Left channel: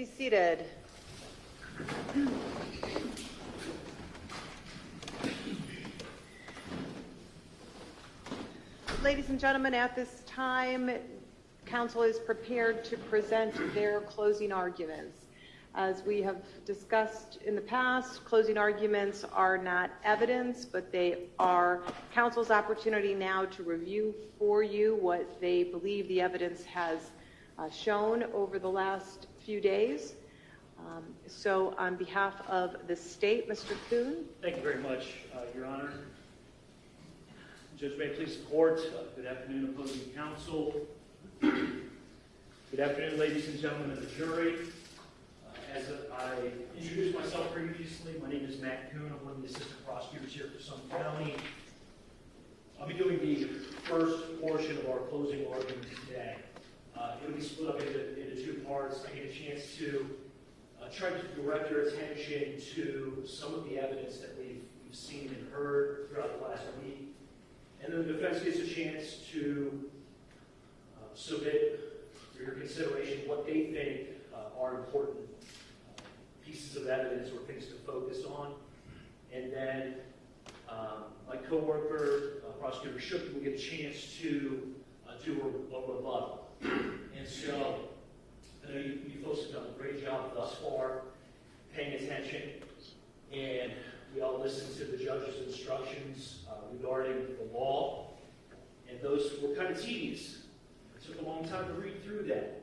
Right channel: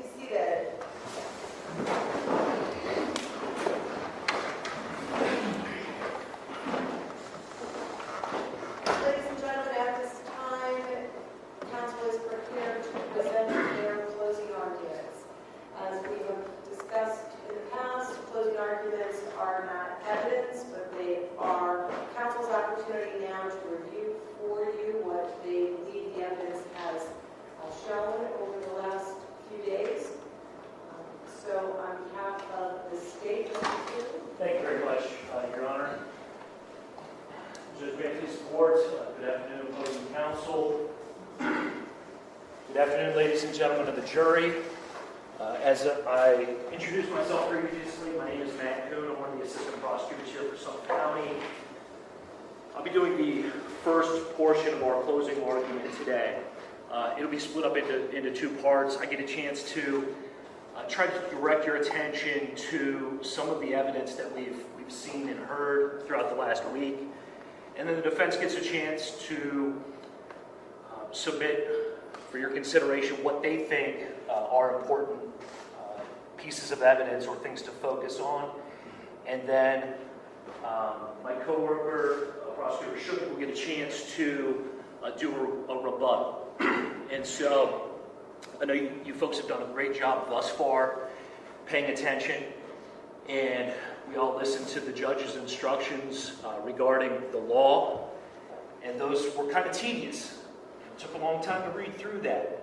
be seated. Ladies and gentlemen, at this time, counsel is prepared to present their closing arguments. As we have discussed in the past, closing arguments are not evidence, but they are counsel's opportunity now to review for you what they believe the evidence has shown over the last few days. So on behalf of the state, Mr. Kuhn. Thank you very much, Your Honor. Judge, may I please report? Good afternoon, opposing counsel. Good afternoon, ladies and gentlemen of the jury. As I introduced myself previously, my name is Matt Kuhn. I'm one of the assistant prosecutors here for Summit County. I'll be doing the first portion of our closing argument today. It'll be split up into two parts. I get a chance to try to direct your attention to some of the evidence that we've seen and heard throughout the last week. And then the defense gets a chance to submit for your consideration what they think are important pieces of evidence or things to focus on. And then my coworker, Prosecutor Shook, will get a chance to do a rebuttal. And so I know you folks have done a great job thus far paying attention, and we all listened to the judge's instructions regarding the law, and those were kind of tedious. It took a long time to read through that.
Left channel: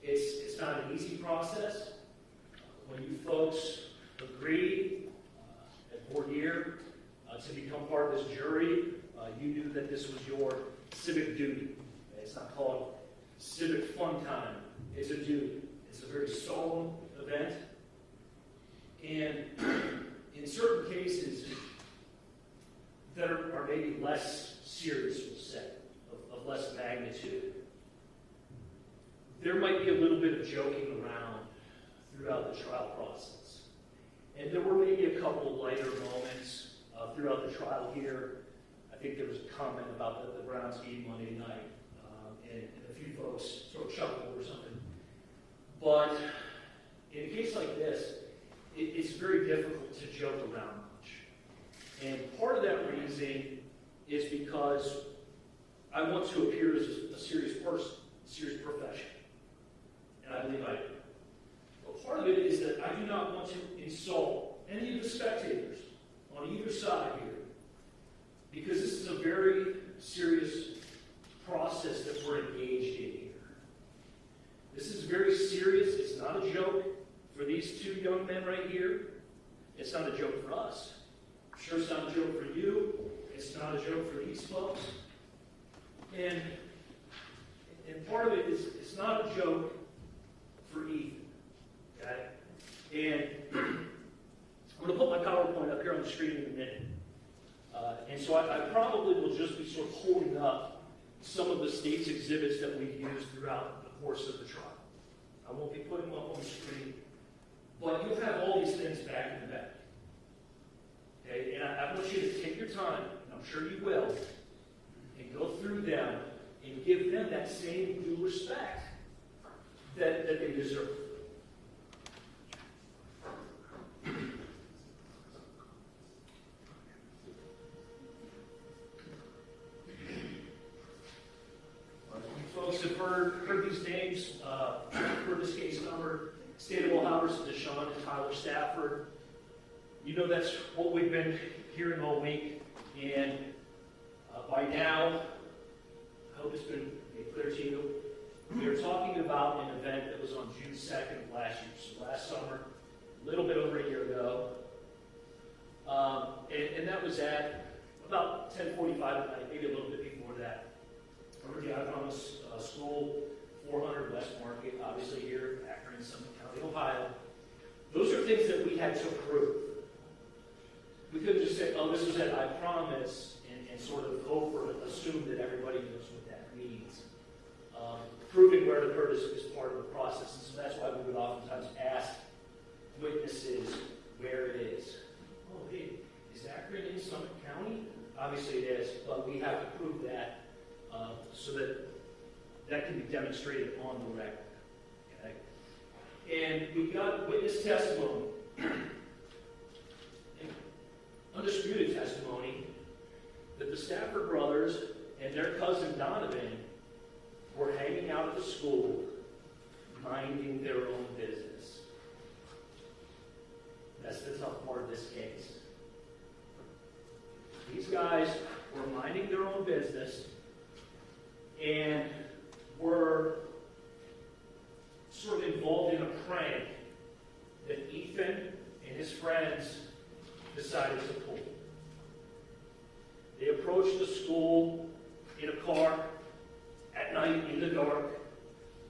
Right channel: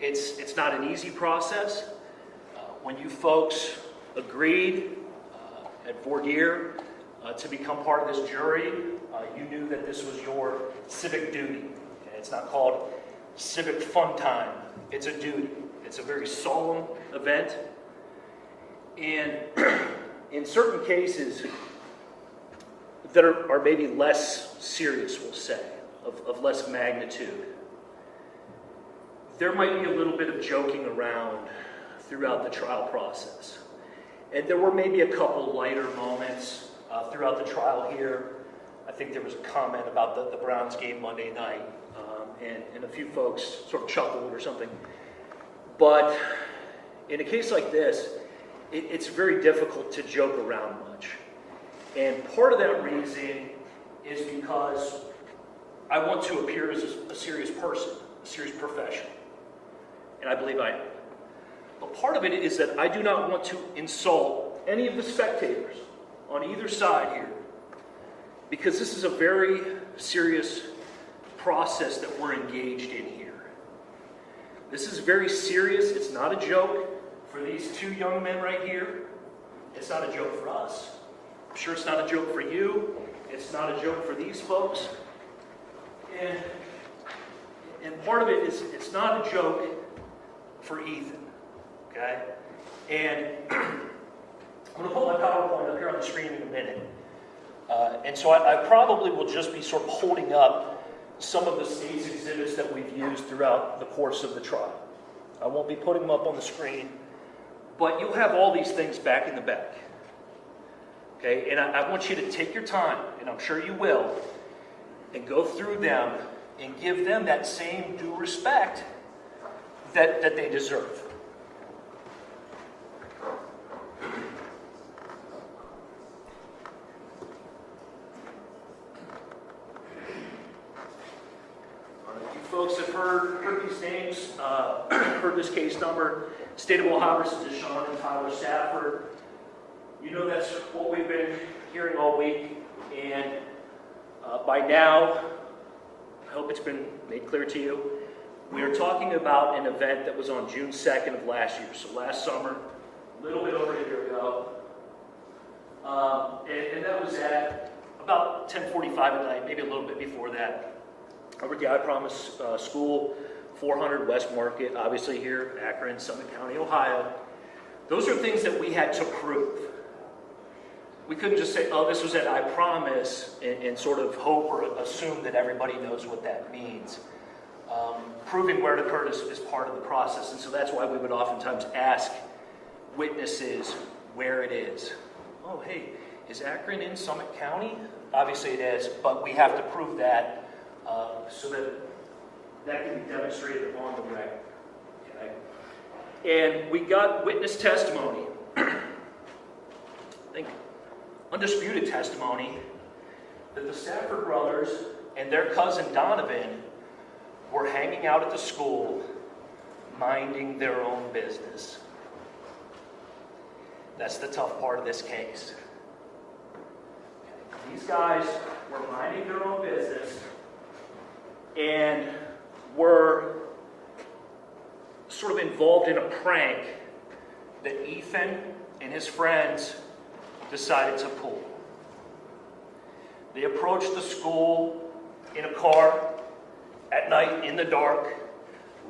It's not an easy process. When you folks agreed at voir dire to become part of this jury, you knew that this was your civic duty. Okay? It's not called civic fun time. It's a duty. It's a very solemn event. And in certain cases that are maybe less serious, we'll say, of less magnitude, there might be a little bit of joking around throughout the trial process. And there were maybe a couple lighter moments throughout the trial here. I think there was a comment about the Browns game Monday night, and a few folks sort of chuckled or something. But in a case like this, it's very difficult to joke around much. And part of that reason is because I want to appear as a serious person, a serious professional. And I believe I am. But part of it is that I do not want to insult any of the spectators on either side here, because this is a very serious process that we're engaged in here. This is very serious. It's not a joke for these two young men right here. It's not a joke for us. I'm sure it's not a joke for you. It's not a joke for these folks. And part of it is it's not a joke for Ethan. Okay? And I'm going to put my PowerPoint up here on the screen in a minute. And so I probably will just be sort of holding up some of the state's exhibits that we've used throughout the course of the trial. I won't be putting them up on the screen, but you'll have all these things back in the back. Okay? And I want you to take your time, and I'm sure you will, and go through them and give them that same due respect that they deserve. Folks have heard these names, heard this case number. State of Ohio versus DeShawn and Tyler Stafford. You know that's what we've been hearing all week. And by now, I hope it's been made clear to you, we are talking about an event that was on June 2nd of last year. So last summer, a little bit over a year ago. And that was at about 10:45 at night, maybe a little bit before that. Over at the I Promise School, 400 West Market, obviously here, Akron, Summit County, Ohio. Those are things that we had to prove. We couldn't just say, oh, this was at I Promise, and sort of hope or assume that everybody knows what that means. Proving where it occurred is part of the process, and so that's why we would oftentimes ask witnesses where it is. Oh, hey, is Akron in Summit County? Obviously it is, but we have to prove that so that can be demonstrated on the record. Okay? And we got witness testimony, I think undisputed testimony, that the Stafford brothers and their cousin Donovan were hanging out at the school, minding their own business. That's the tough part of this case. These guys were minding their own business and were sort of involved in a prank that Ethan and his friends decided to pull. They approached the school in a car at night in the dark,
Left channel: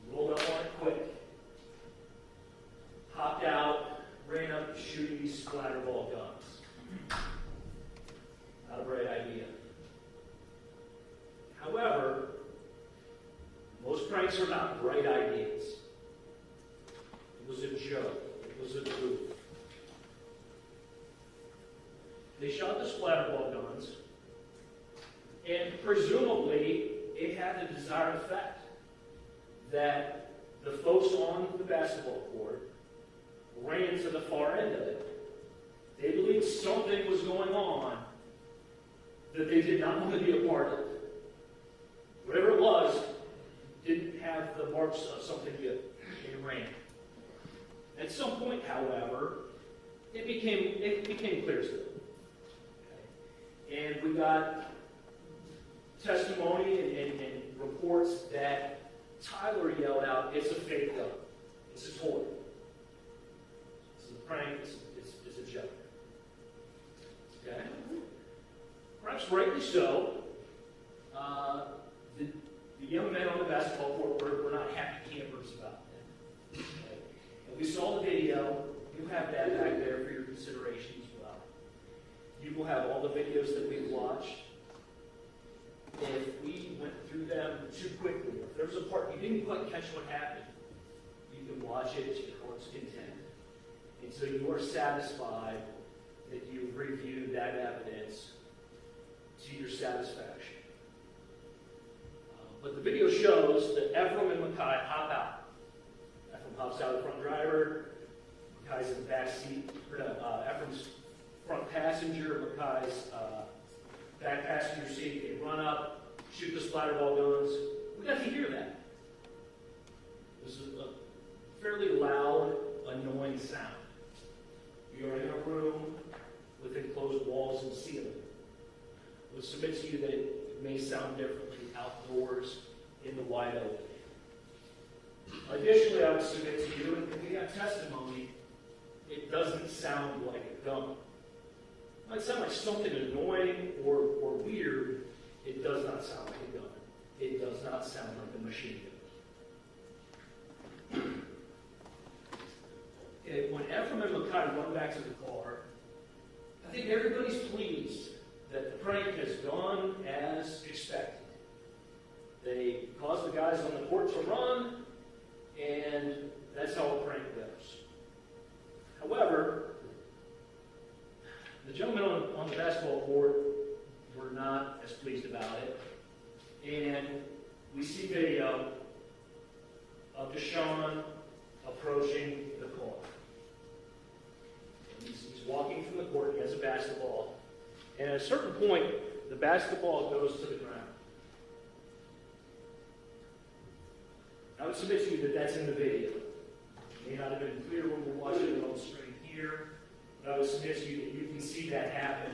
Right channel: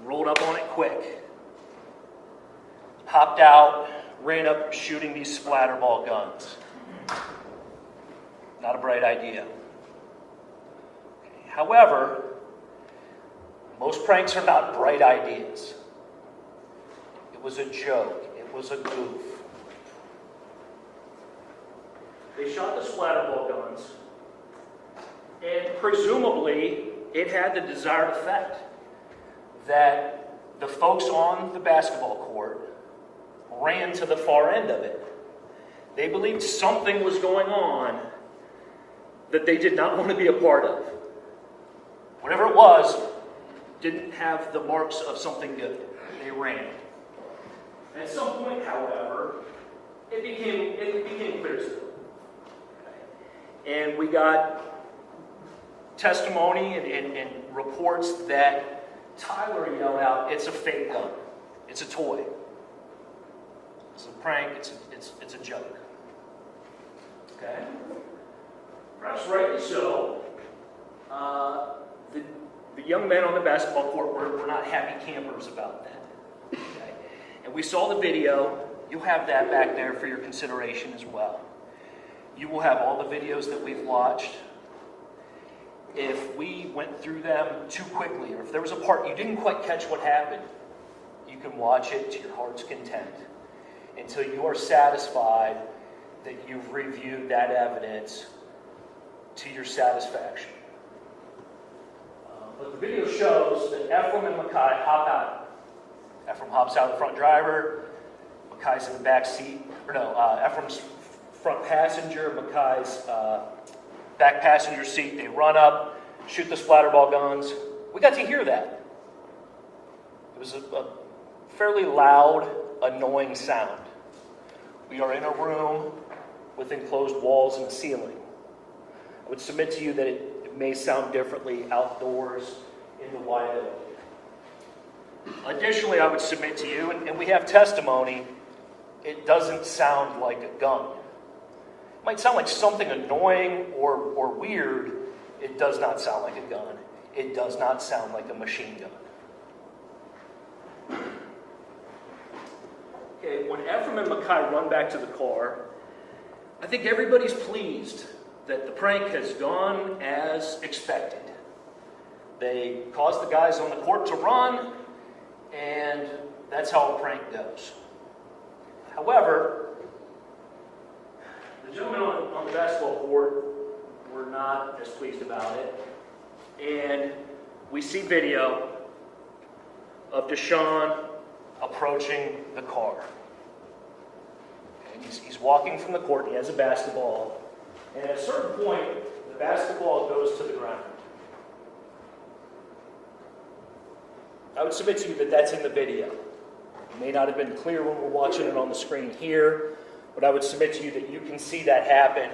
rolled up on it quick, hopped out, ran up shooting these splatterball guns. Not a bright idea. However, most pranks are not bright ideas. It was a joke. It was a goof. They shot the splatterball guns, and presumably it had the desired effect that the folks on the basketball court ran to the far end of it. They believed something was going on that they did not want to be a part of. Whatever it was, didn't have the marks of something good. They ran. At some point, however, it became clear to them. And we got testimony and reports that Tyler yelled out, "It's a fake gun. It's a toy. It's a prank. It's a joke." Okay? Perhaps rightly so. The young men on the basketball court were not happy campers about that. Okay? And we saw the video. You'll have that back there for your consideration as well. You will have all the videos that we've watched. If we went through them too quickly, or if there was a part you didn't quite catch what happened, you can watch it to your heart's content until you are satisfied that you've reviewed that evidence to your satisfaction. But the video shows that Ephraim and Mackay hop out. Ephraim hops out the front driver, Mackay's in the back seat, Ephraim's front passenger, Mackay's back passenger seat. They run up, shoot the splatterball guns. We got to hear that. It was a fairly loud, annoying sound. We are in a room with enclosed walls and a ceiling. I would submit to you that it may sound differently outdoors in the wide open. Additionally, I would submit to you, and we have testimony, it doesn't sound like a gun. It might sound like something annoying or weird. It does not sound like a gun. It does not sound like a machine gun. Okay, when Ephraim and Mackay run back to the car, I think everybody's pleased that the prank has gone as expected. They caused the guys on the court to run, and that's how a prank goes. However, the gentlemen on the basketball court were not as pleased about it. And we see video of DeShawn approaching the car. And he's walking from the court. He has a basketball. And at a certain point, the basketball goes to the ground. I would submit to you that that's in the video. It may not have been clear when we're watching it on the screen here, but I would submit to you that you can see that happen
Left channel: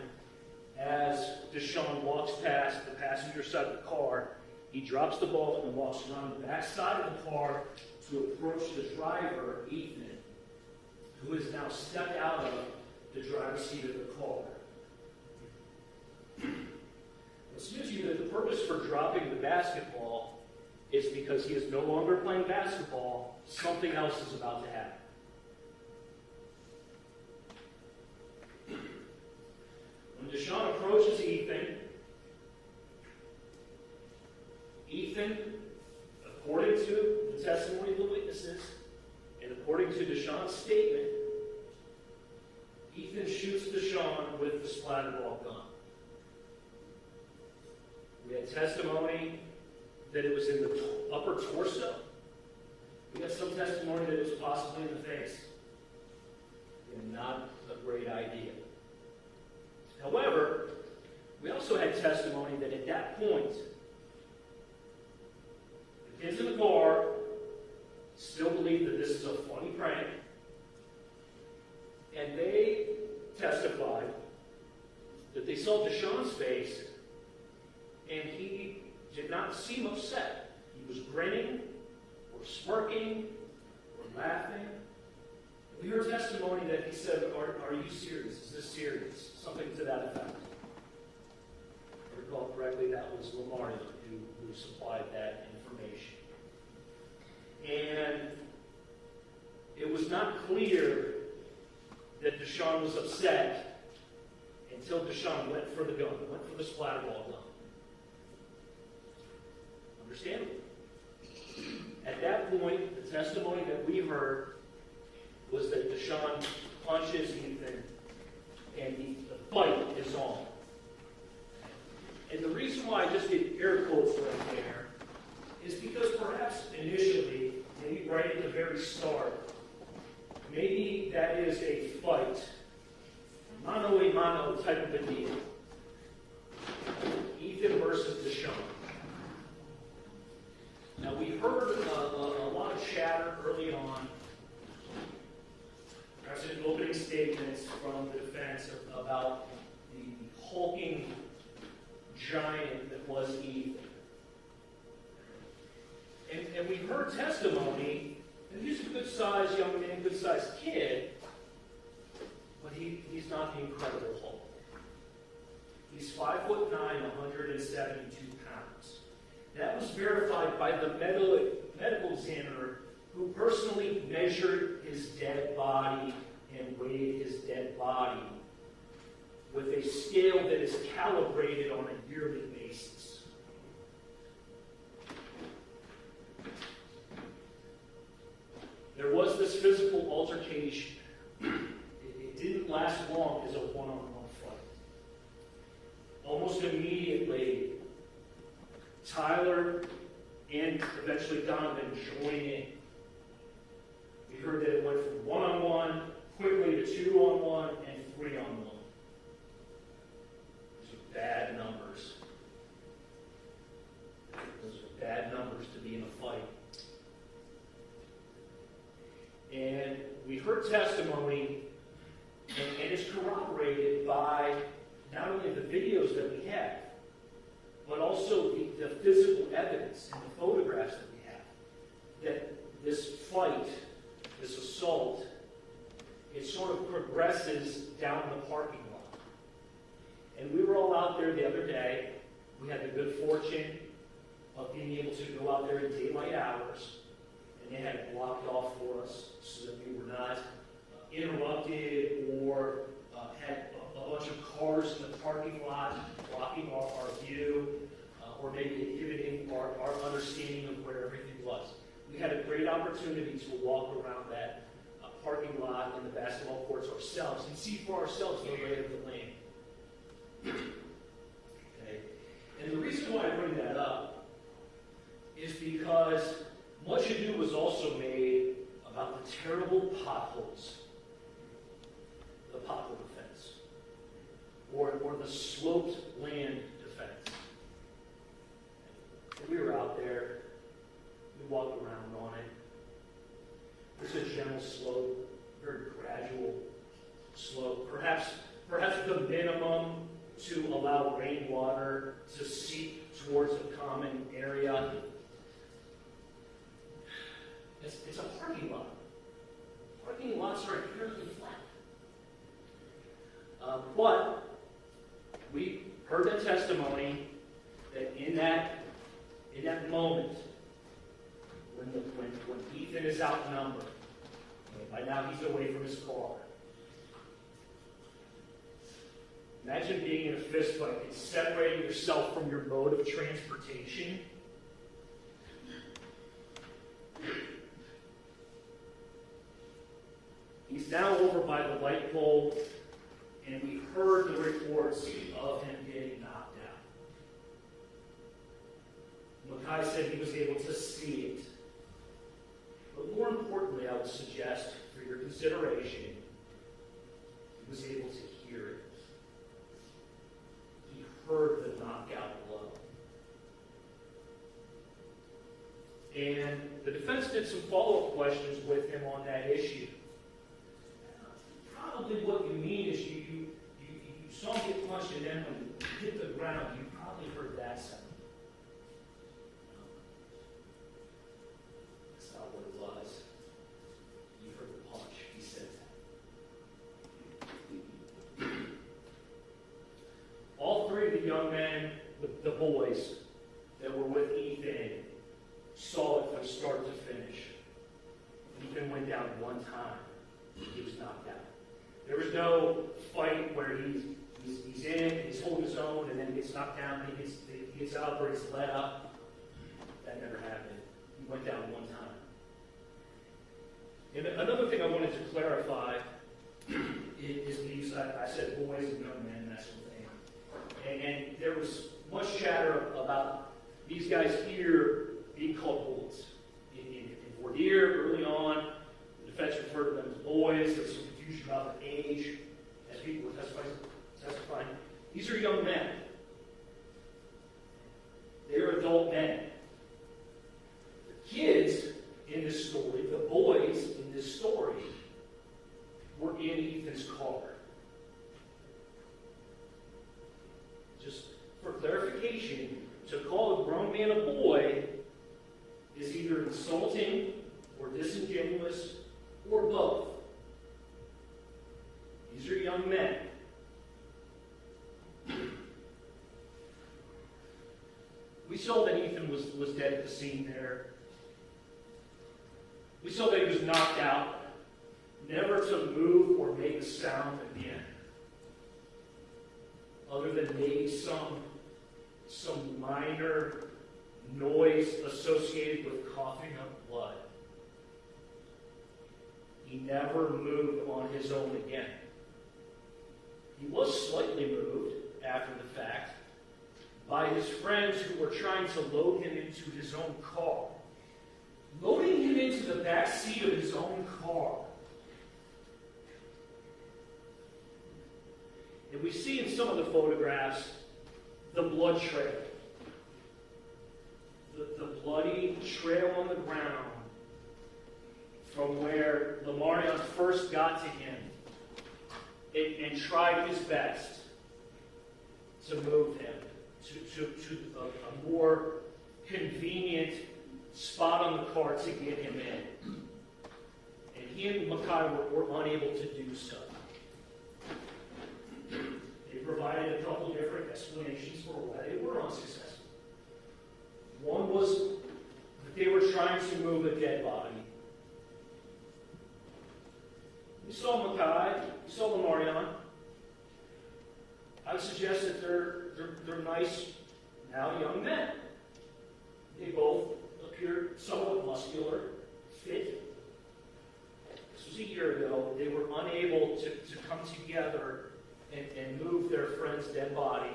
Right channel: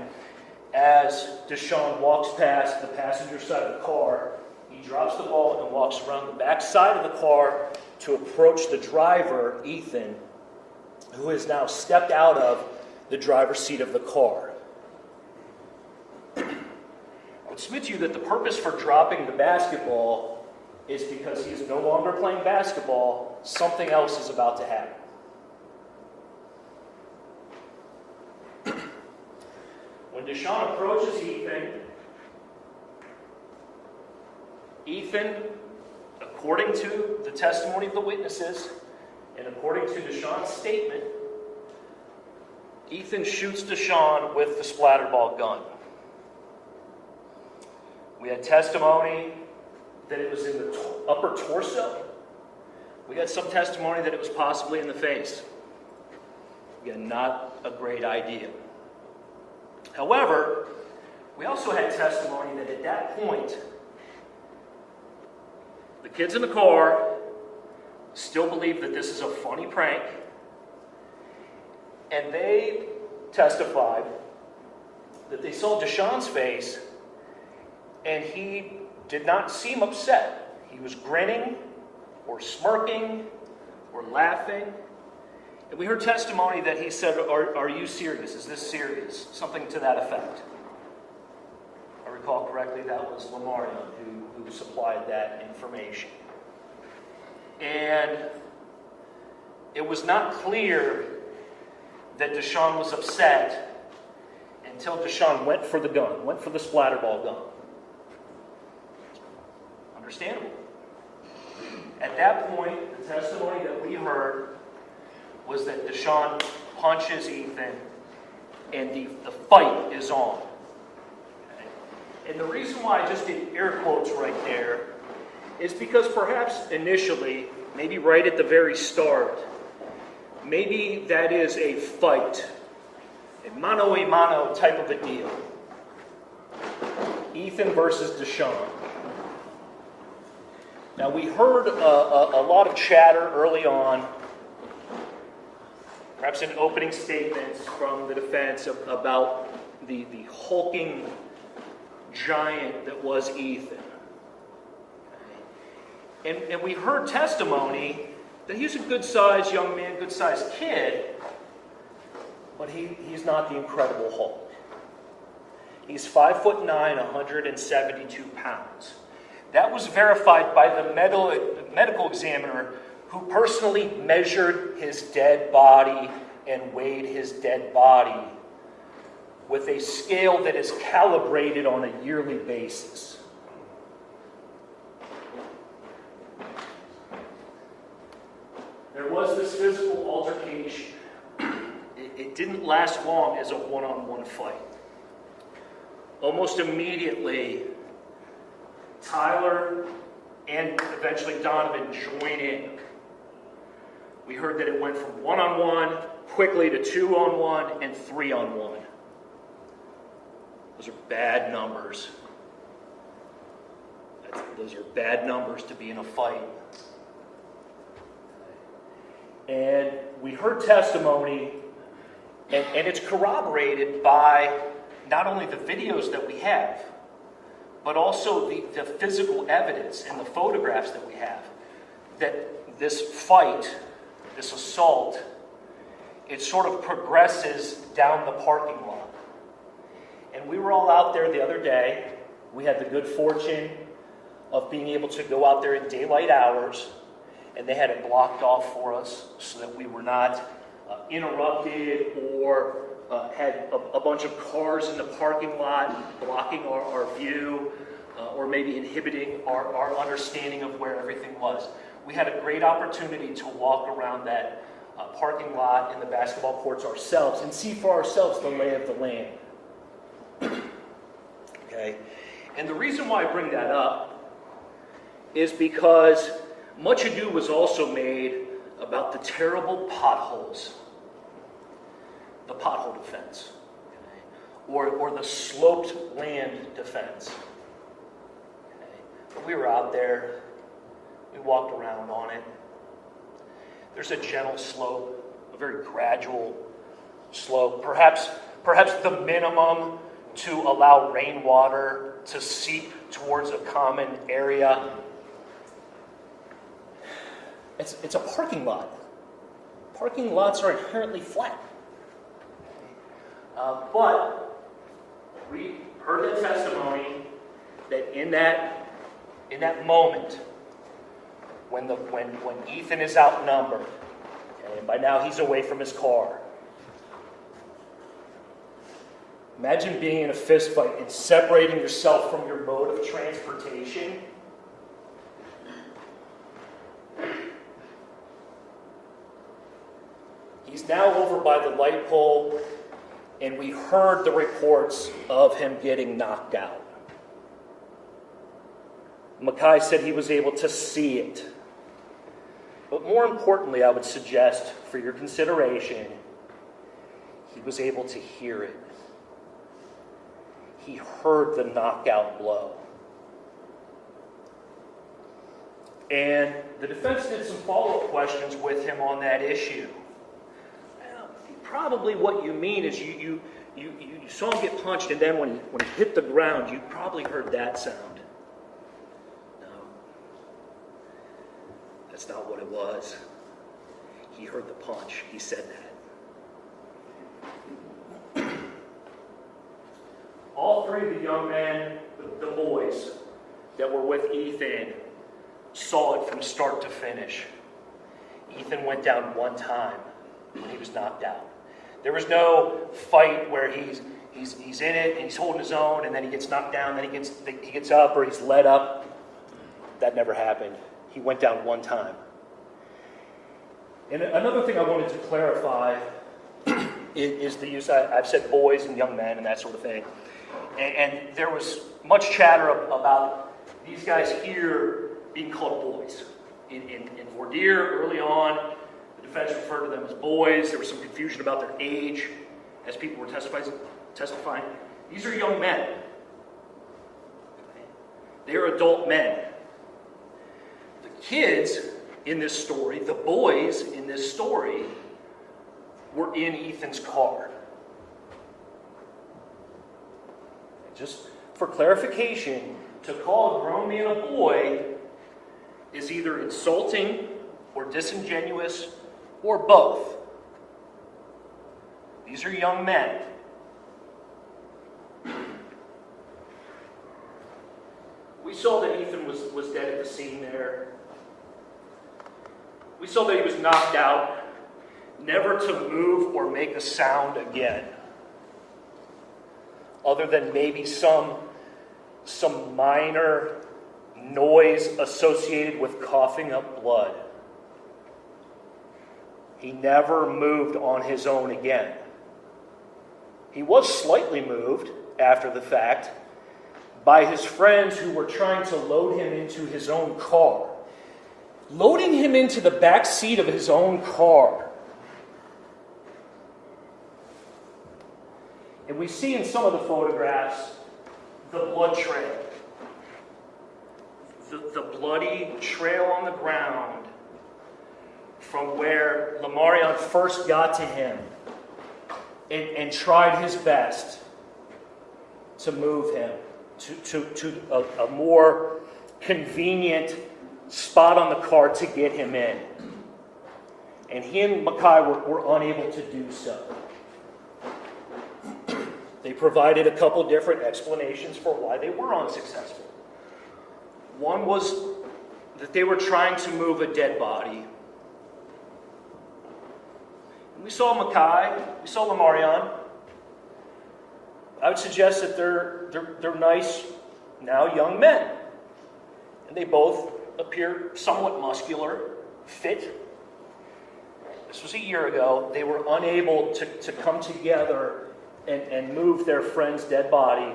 as DeShawn walks past the passenger side of the car. He drops the ball and walks around the back side of the car to approach the driver, Ethan, who has now stepped out of the driver's seat of the car. I would submit to you that the purpose for dropping the basketball is because he is no longer playing basketball. Something else is about to happen. When DeShawn approaches Ethan, according to the testimony of the witnesses, and according to DeShawn's statement, Ethan shoots DeShawn with the splatterball gun. We had testimony that it was in the upper torso, We got some testimony that it was possibly in the face. Again, not a great idea. However, we also had testimony that at that point, the kids in the car still believe that this is a funny prank, and they testified that they saw DeShawn's face, and he did not seem upset. He was grinning, or smirking, or laughing. And we heard testimony that he said, are you serious? Is this serious? Something to that effect. If I recall correctly, that was Lamarion who supplied that information. And it was not clear that DeShawn was upset until DeShawn went for the gun, went for the splatterball gun. Understandable. At that point, the testimony that we heard was that DeShawn punches Ethan and the fight is on. And the reason why I just did air quotes right there is because perhaps initially, maybe right at the very start, maybe that is a fight, a mano type of a deal. Ethan versus DeShawn. Now, we heard a lot of chatter early on, perhaps in opening statements from the defense about the hulking giant that was Ethan. And we heard testimony that he's a good-sized young man, good-sized kid, but he's not the Incredible Hulk. He's 5'9", 172 pounds. That was verified by the medical examiner who personally measured his dead body and weighed his dead body with a scale that is calibrated on a yearly basis. There was this physical altercation. It didn't last long as a one-on-one fight. Almost immediately, Tyler and eventually Donovan join in. We heard that it went from one-on-one quickly to two-on-one and three-on-one. Those are bad numbers. Those are bad numbers to be in a fight. And we heard testimony, and it's corroborated by not only the videos that we have, but also the physical evidence and the photographs that we have, that this fight, this assault, it sort of progresses down the parking lot. And we were all out there the other day. We had the good fortune of being able to go out there in daylight hours, and they had it blocked off for us so that we were not interrupted or had a bunch of cars in the parking lot blocking our view or maybe inhibiting our understanding of where everything was. We had a great opportunity to walk around that parking lot and the basketball courts ourselves and see for ourselves the lay of the land. Okay? And the reason why I bring that up is because much ado was also made about the terrible potholes. The pothole defense, okay? or the sloped land defense. Okay? We were out there, we walked around on it. There's a gentle slope, a very gradual slope, perhaps the minimum to allow rainwater to seep towards a common area. It's a parking lot. Parking lots are inherently flat. But we heard the testimony that in that moment, when Ethan is outnumbered, okay, and by now he's away from his car. Imagine being in a fist fight and separating yourself from your mode of transportation. He's now over by the light pole, and we heard the reports of him getting knocked out. Mackay said he was able to see it. But more importantly, I would suggest for your consideration, he was able to hear it. He heard the knockout blow. And the defense did some follow-up questions with him on that issue. Well, probably what you mean is you saw him get punched, and then when he hit the ground, you probably heard that sound. No. That's not what it was. He heard the punch. He said that. All three of the young men, the boys that were with Ethan, saw it from start to finish. Ethan went down one time when he was knocked out. There was no fight where he's in it and he's holding his own and then he gets knocked down, then he gets up or he's led up. That never happened. He went down one time. And another thing I wanted to clarify is the use, I've said boys and young men and that sort of thing. And there was much chatter about these guys here being called boys. In voir dire, early on, the defense referred to them as boys. There was some confusion about their age as people were testifying. These are young men. They're adult men. The kids in this story, the boys in this story, were in Ethan's car. Just for clarification, to call a grown man a boy is either insulting or disingenuous or both. These are young men. We saw that Ethan was dead at the scene there. We saw that he was knocked out, never to move or make a sound again, other than maybe some minor noise associated with coughing up blood. He never moved on his own again. He was slightly moved after the fact by his friends who were trying to load him into his own car. Loading him into the back seat of his own car. And we see in some of the photographs the blood trail. The bloody trail on the ground from where Lamarion first got to him and tried his best to move him to a more convenient spot on the car to get him in. And he and Makai were unable to do so. They provided a couple different explanations for why they were unsuccessful. One was that they were trying to move a dead body. We saw Makai, we saw Lamarion. I would suggest that they're nice, now young men. And they both appear somewhat muscular, fit. This was a year ago. They were unable to come together and move their friend's dead body.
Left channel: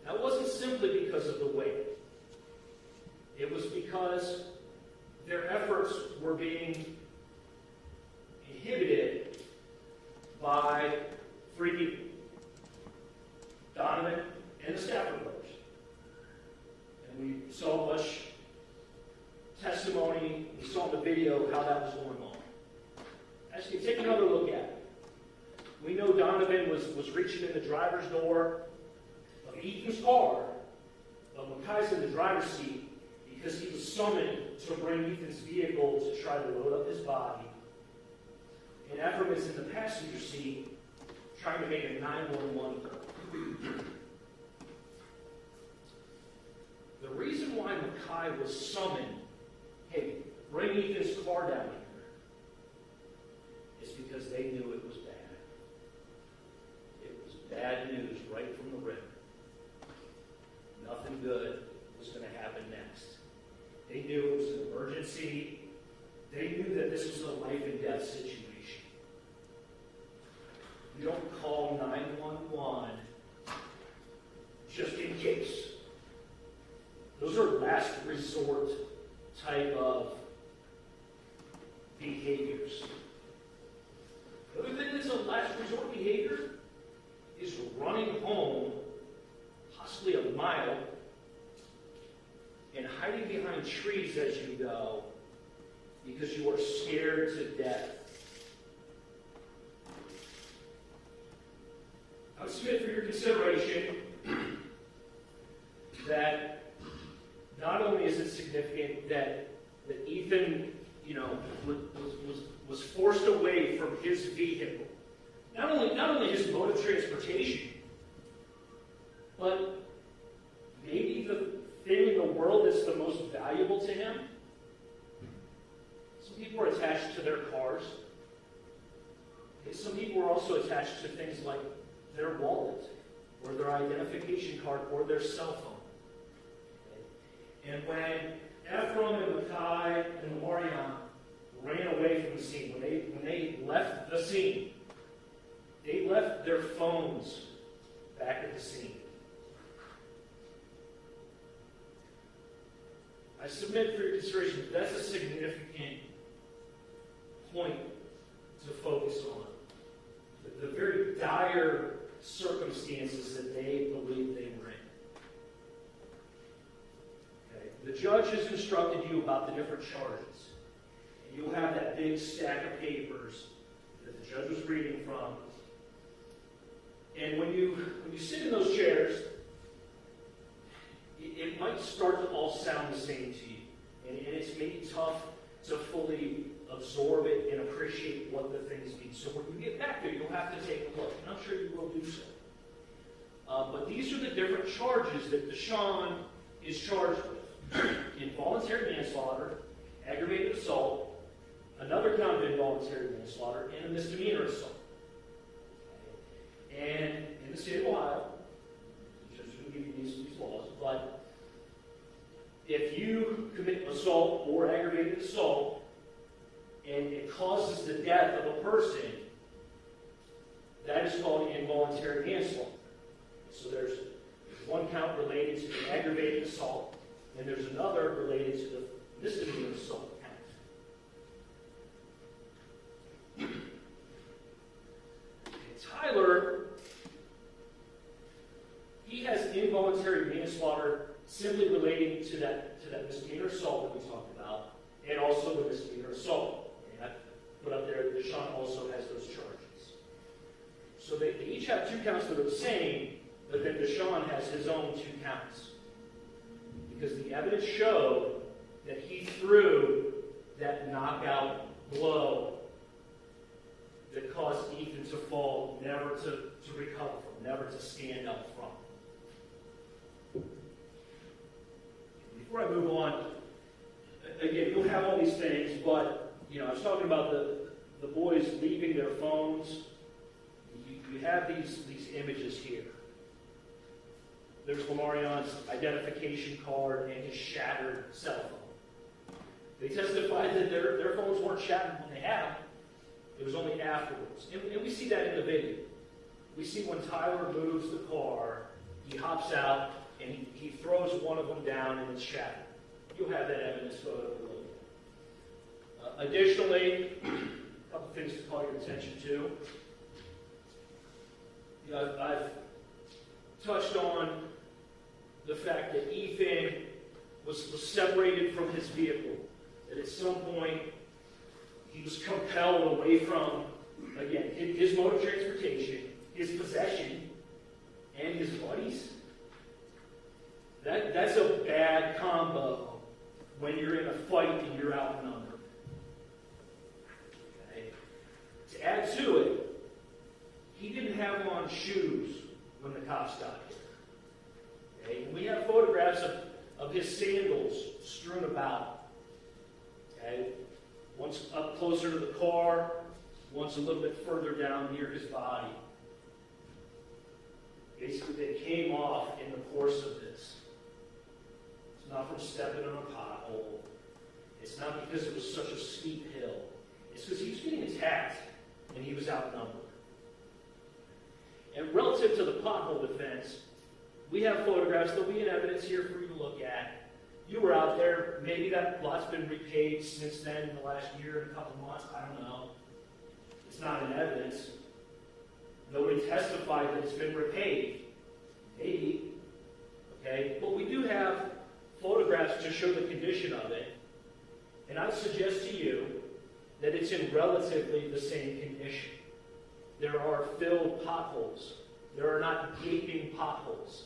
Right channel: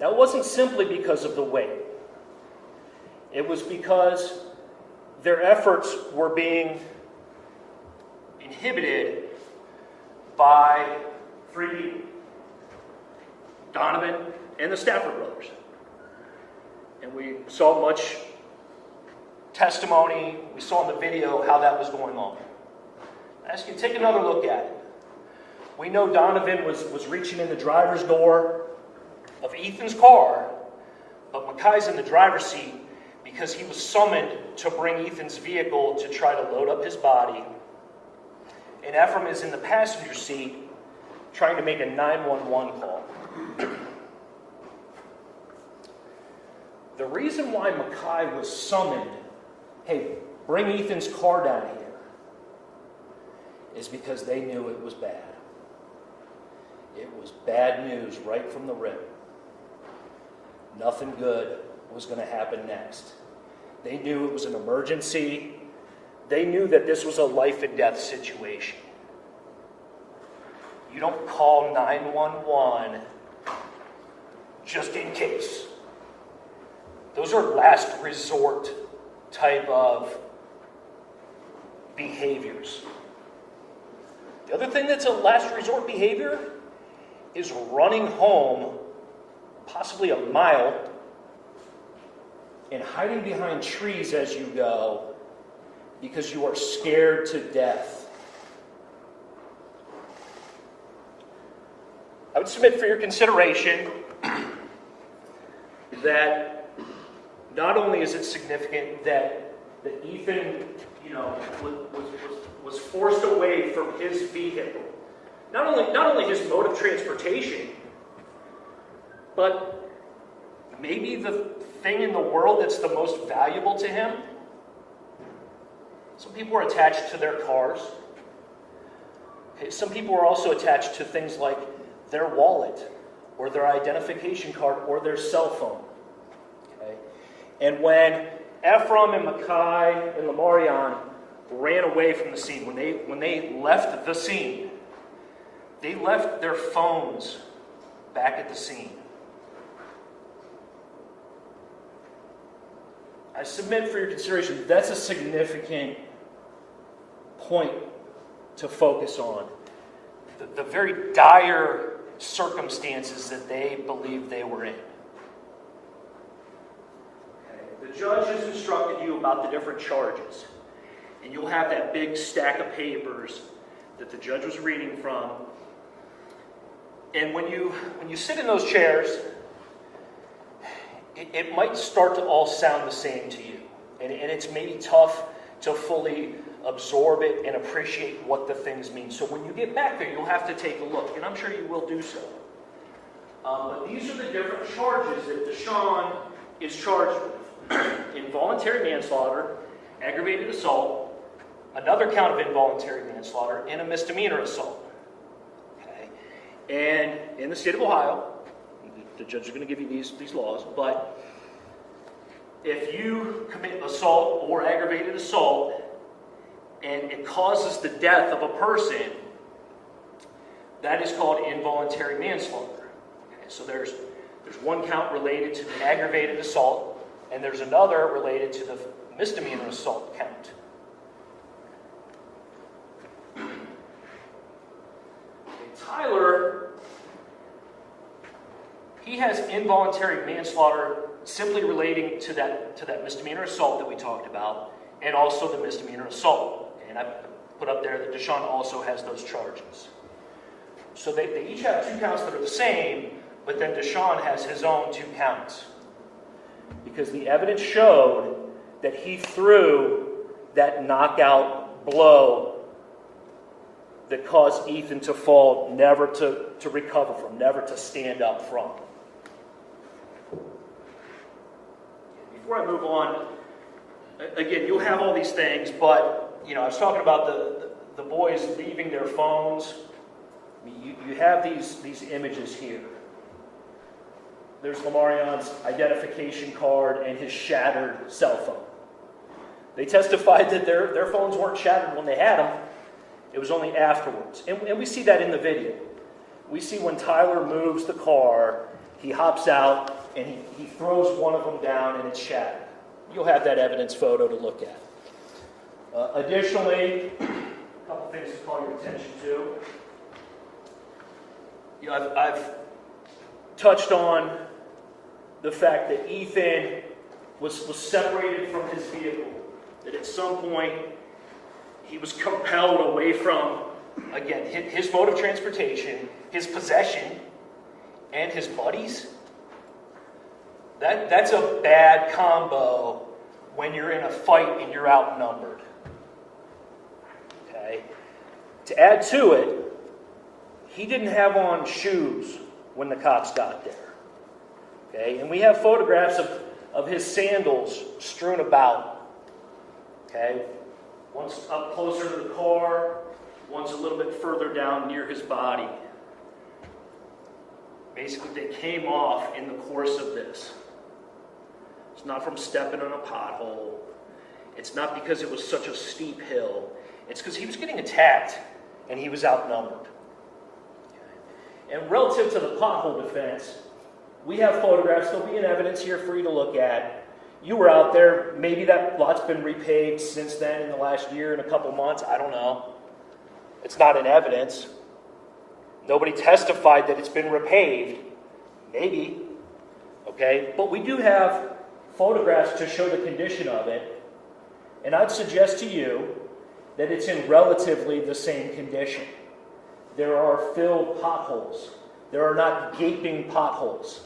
Now, it wasn't simply because of the weight. It was because their efforts were being inhibited by three people. Donovan and the Stafford brothers. And we saw much testimony. We saw in the video how that was going on. I ask you to take another look at it. We know Donovan was reaching in the driver's door of Ethan's car, but Makai's in the driver's seat because he was summoned to bring Ethan's vehicle to try to load up his body. And Ephraim is in the passenger seat trying to make a 911 call. The reason why Makai was summoned, hey, bring Ethan's car down here, is because they knew it was bad. It was bad news right from the rip. Nothing good was going to happen next. They knew it was an emergency. They knew that this was a life and death situation. You don't call 911 just in case. Those are last resort type of behaviors. The other thing that's a last resort behavior is running home, possibly a mile, and hiding behind trees as you go because you are scared to death. I would submit for your consideration that not only is it significant that Ethan, was forced away from his vehicle, not only his mode of transportation, but maybe the thing in the world that's the most valuable to him. Some people are attached to their cars. Okay, some people are also attached to things like their wallet or their identification card or their cell phone. Okay? And when Ephraim and Mackay and Lamarion ran away from the scene, when they left the scene, they left their phones back at the scene. I submit for your consideration, that's a significant point to focus on. The very dire circumstances that they believed they were in. Okay. The judge has instructed you about the different charges. And you'll have that big stack of papers that the judge was reading from. And when you sit in those chairs, it might start to all sound the same to you. And it's maybe tough to fully absorb it and appreciate what the things mean. So when you get back there, you'll have to take a look. And I'm sure you will do so. But these are the different charges that DeShawn is charged with. Involuntary manslaughter, aggravated assault, another count of involuntary manslaughter, and a misdemeanor assault. Okay? And in the state of Ohio, the judge is going to give you these laws, but if you commit assault or aggravated assault and it causes the death of a person, that is called involuntary manslaughter. Okay, so there's one count related to the aggravated assault, and there's another related to the misdemeanor assault count. Tyler, he has involuntary manslaughter simply relating to that misdemeanor assault that we talked about, and also the misdemeanor assault. And I put up there that DeShawn also has those charges. So they each have two counts that are the same, but then DeShawn has his own two counts. Because the evidence showed that he threw that knockout blow that caused Ethan to fall, never to recover from, never to stand up from. Before I move on, again, you'll have all these things, but I was talking about the boys leaving their phones. You have these images here. There's Lamarion's identification card and his shattered cell phone. They testified that their phones weren't shattered when they had them. It was only afterwards. And we see that in the video. We see when Tyler moves the car, he hops out and he throws one of them down and it's shattered. You'll have that evidence photo to look at. Additionally, a couple things to call your attention to. I've touched on the fact that Ethan was separated from his vehicle. That at some point he was compelled away from, again, his mode of transportation, his possession, and his buddies. That's a bad combo when you're in a fight and you're outnumbered. Okay? To add to it, he didn't have on shoes when the cops got there. Okay? And we have photographs of his sandals strewn about. Okay? One's up closer to the car, one's a little bit further down near his body. Basically, they came off in the course of this. It's not from stepping on a pothole. It's not because it was such a steep hill. It's because he was getting attacked and he was outnumbered. And relative to the pothole defense, we have photographs. There'll be an evidence here for you to look at. You were out there. Maybe that lot's been repaid since then in the last year and a couple months. I don't know. It's not in evidence. Nobody testified that it's been repaid. Maybe. Okay? But we do have photographs to show the condition of it. And I'd suggest to you that it's in relatively the same condition. There are filled potholes. There are not gaping potholes.